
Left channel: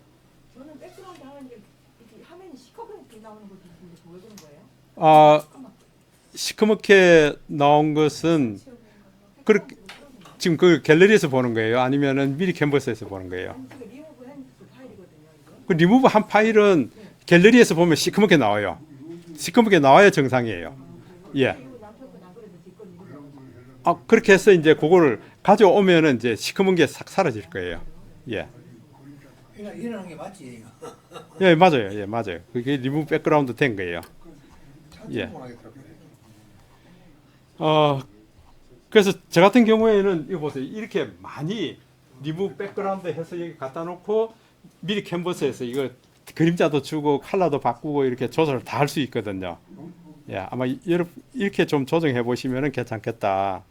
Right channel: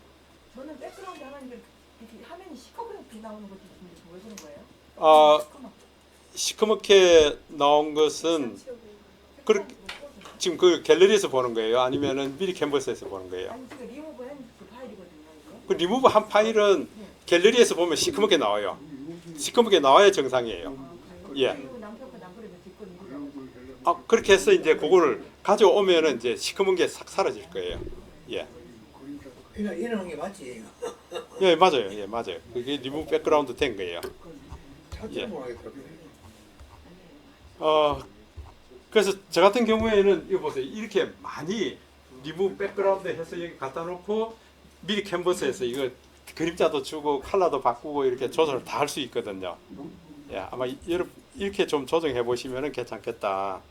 저는 백그라운드 하는데 화면이 시커멓게 나오는 것도 있는데 왜 그런 거예요? 시커멓게 나온 것은 그렇게 지금 그 갤러리에서 보는 거예요? 아니면은 미리 캔버스에서 보는 거예요? 아니 그게 리무브 한 그 파일이거든요. 이게. 그 리무브 한 파일은 갤러리에서 보면 시커멓게 나와요. 시커멓게 나와야 정상이에요. 예. 그리고 양쪽은 안 그래도 있거든요. 그렇게 해서 이제 그거를 가져오면은 이제 시커먼 게 싹 사라질 거예요. 예. 이러는 게 맞지. 예, 맞아요. 예, 맞아요. 그게 리무브 백그라운드 된 거예요. 예. 그래서 저 같은 경우에는 이거 보세요. 이렇게 많이 리무브 백그라운드 해서 여기 갖다 놓고 미리 캔버스에서 이거 그림자도 주고 컬러도 바꾸고 이렇게 조절을 다 할 수 있거든요. 예, 아마 이렇게 좀 조정해 보시면은 괜찮겠다.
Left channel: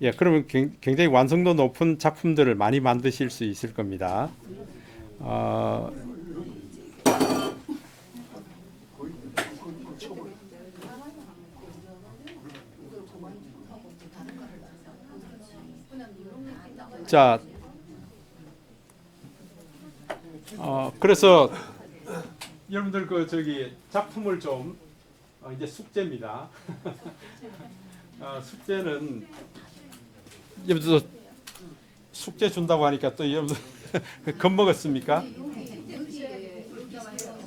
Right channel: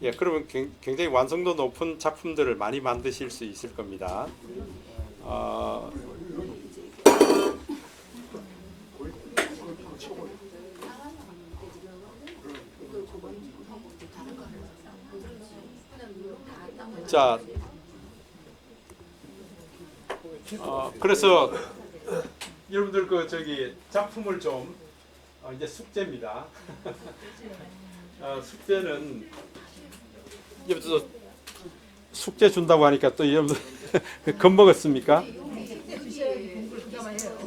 예, 그러면 굉장히 완성도 높은 작품들을 많이 만드실 수 있을 겁니다. 자, 그래서 여러분들 그 저기 작품을 좀 이제 숙제입니다. 숙제는 여러분들 숙제 준다고 하니까 또 여러분들 겁먹었습니까?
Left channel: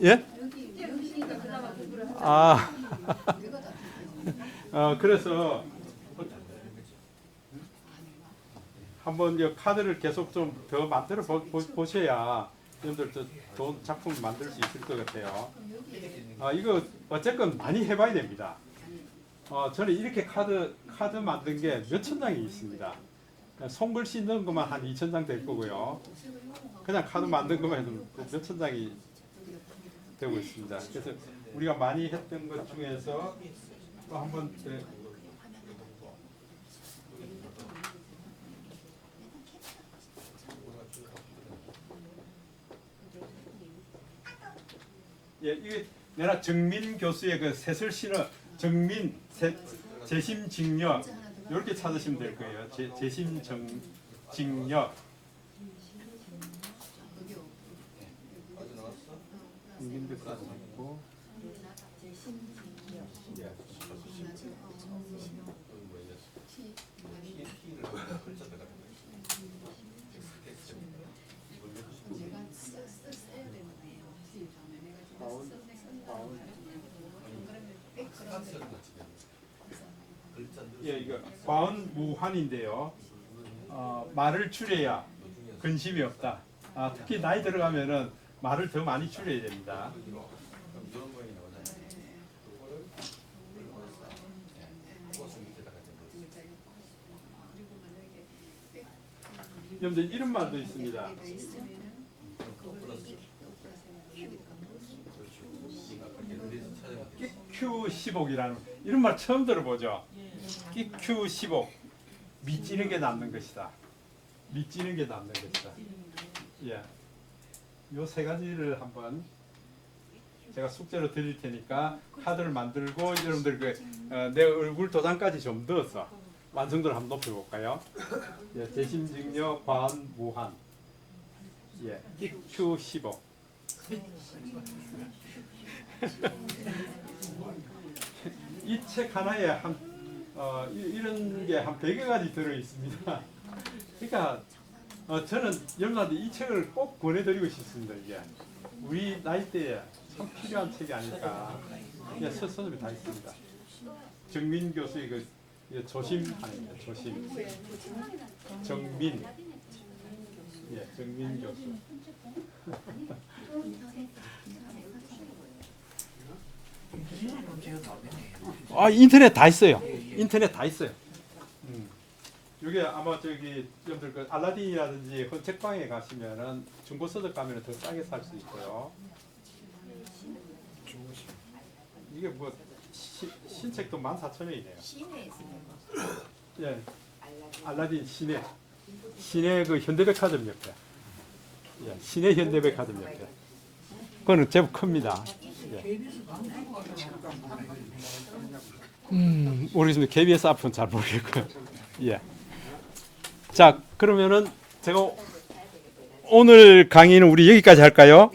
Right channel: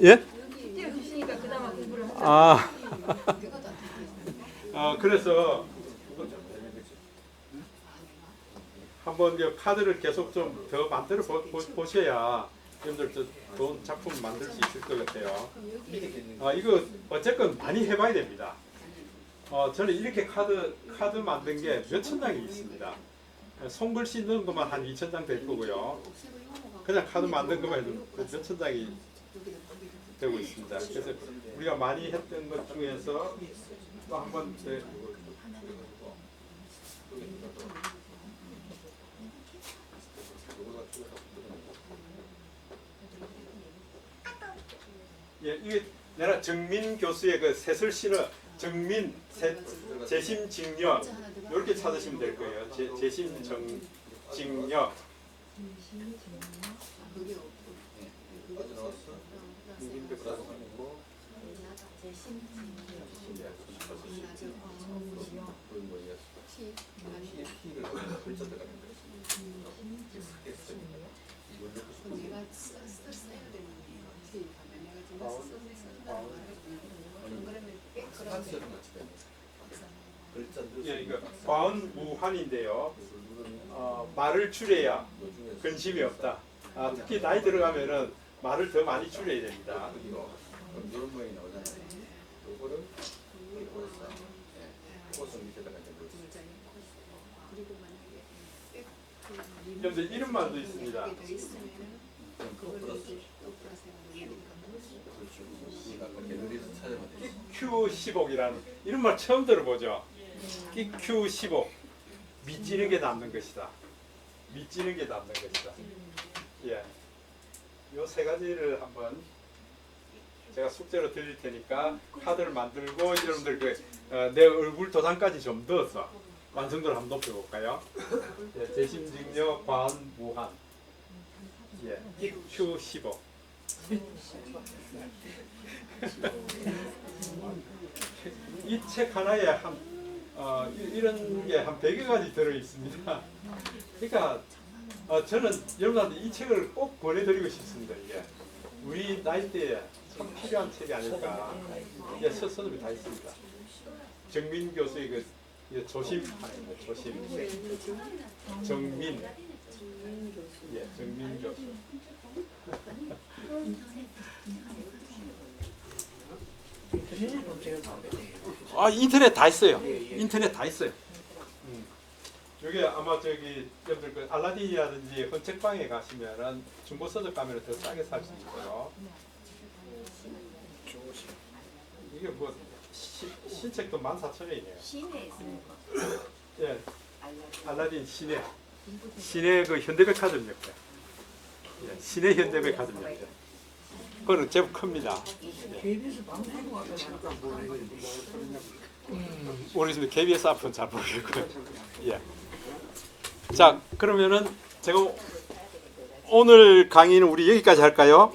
예? 그래서 한번 이 카드를 계속 좀 더 만들어 보셔야 여러분들 좋은 작품 만들 수 있을 것 같아요. 이거 어쨌건 많이 해봐야 됩니다. 저는 이렇게 카드 만든 게 몇천 장이 있습니다. 손글씨 넣은 것만 한 2,000장 될 거고요. 그냥 카드 만든 것만 해도 몇천 장이 되고 있습니다. 그래서 우리가 많이 했던 것 중에서 또 한번 예, 이게 내가 정민 교수의 그 새슬신어 정민 재심직력 이렇게 찾으시면 될 거예요. 재심직력 임금백사도 있고 예, 이거 과언무환인데요. 말을 줄여야 근심이 없다. 특히 나이 들어가면은 말을 더 많이 줄여야 됩니다. 여러분들 이런 말도 있습니다. 끼큐15이라는 이런 말 처음 들어보죠. 끼큐15 밑지는 게 남는 것이다. 밑지는 게 남는 것이다. 예, 요 세 가지를 한번 제가 숙제로 드릴 테니까 카드를 만들고 여러분들 내 얼굴 도장까지 좀 넣어서 완성도를 한번 높여볼까요? 예, 재심직력, 과언, 무한. 예, 끼큐15. 이 책 하나에 이런 게 한 100여 가지 들어 있습니다. 그러니까 저는 여러분한테 이 책을 꼭 권해드리고 싶습니다. 이게 우리 나이대에 참 필요한 책이 아닐까. 예, 서점이 다 있습니다. 정민 교수의 그 조심하는 거, 조심. 정민. 예, 정민 교수. 인터넷 다 있어요. 인터넷 다 있어요. 이게 아마 여러분들 그 알라딘이라든지 헌책방에 가시면은 중고 서적 가면은 더 싸게 살 수 있고요. 이게 뭐 신책도 14,000원이네요. 시내에 있는 거. 예, 알라딘. 알라딘 시내 그 현대백화점 옆에. 예, 시내 현대백화점 옆에. 그거는 제법 큽니다. KBS 방송국 우리 KBS 앞은 잘 모르겠고요. 예. 자, 그러면은 제가 오늘 강의는 우리 여기까지 할까요?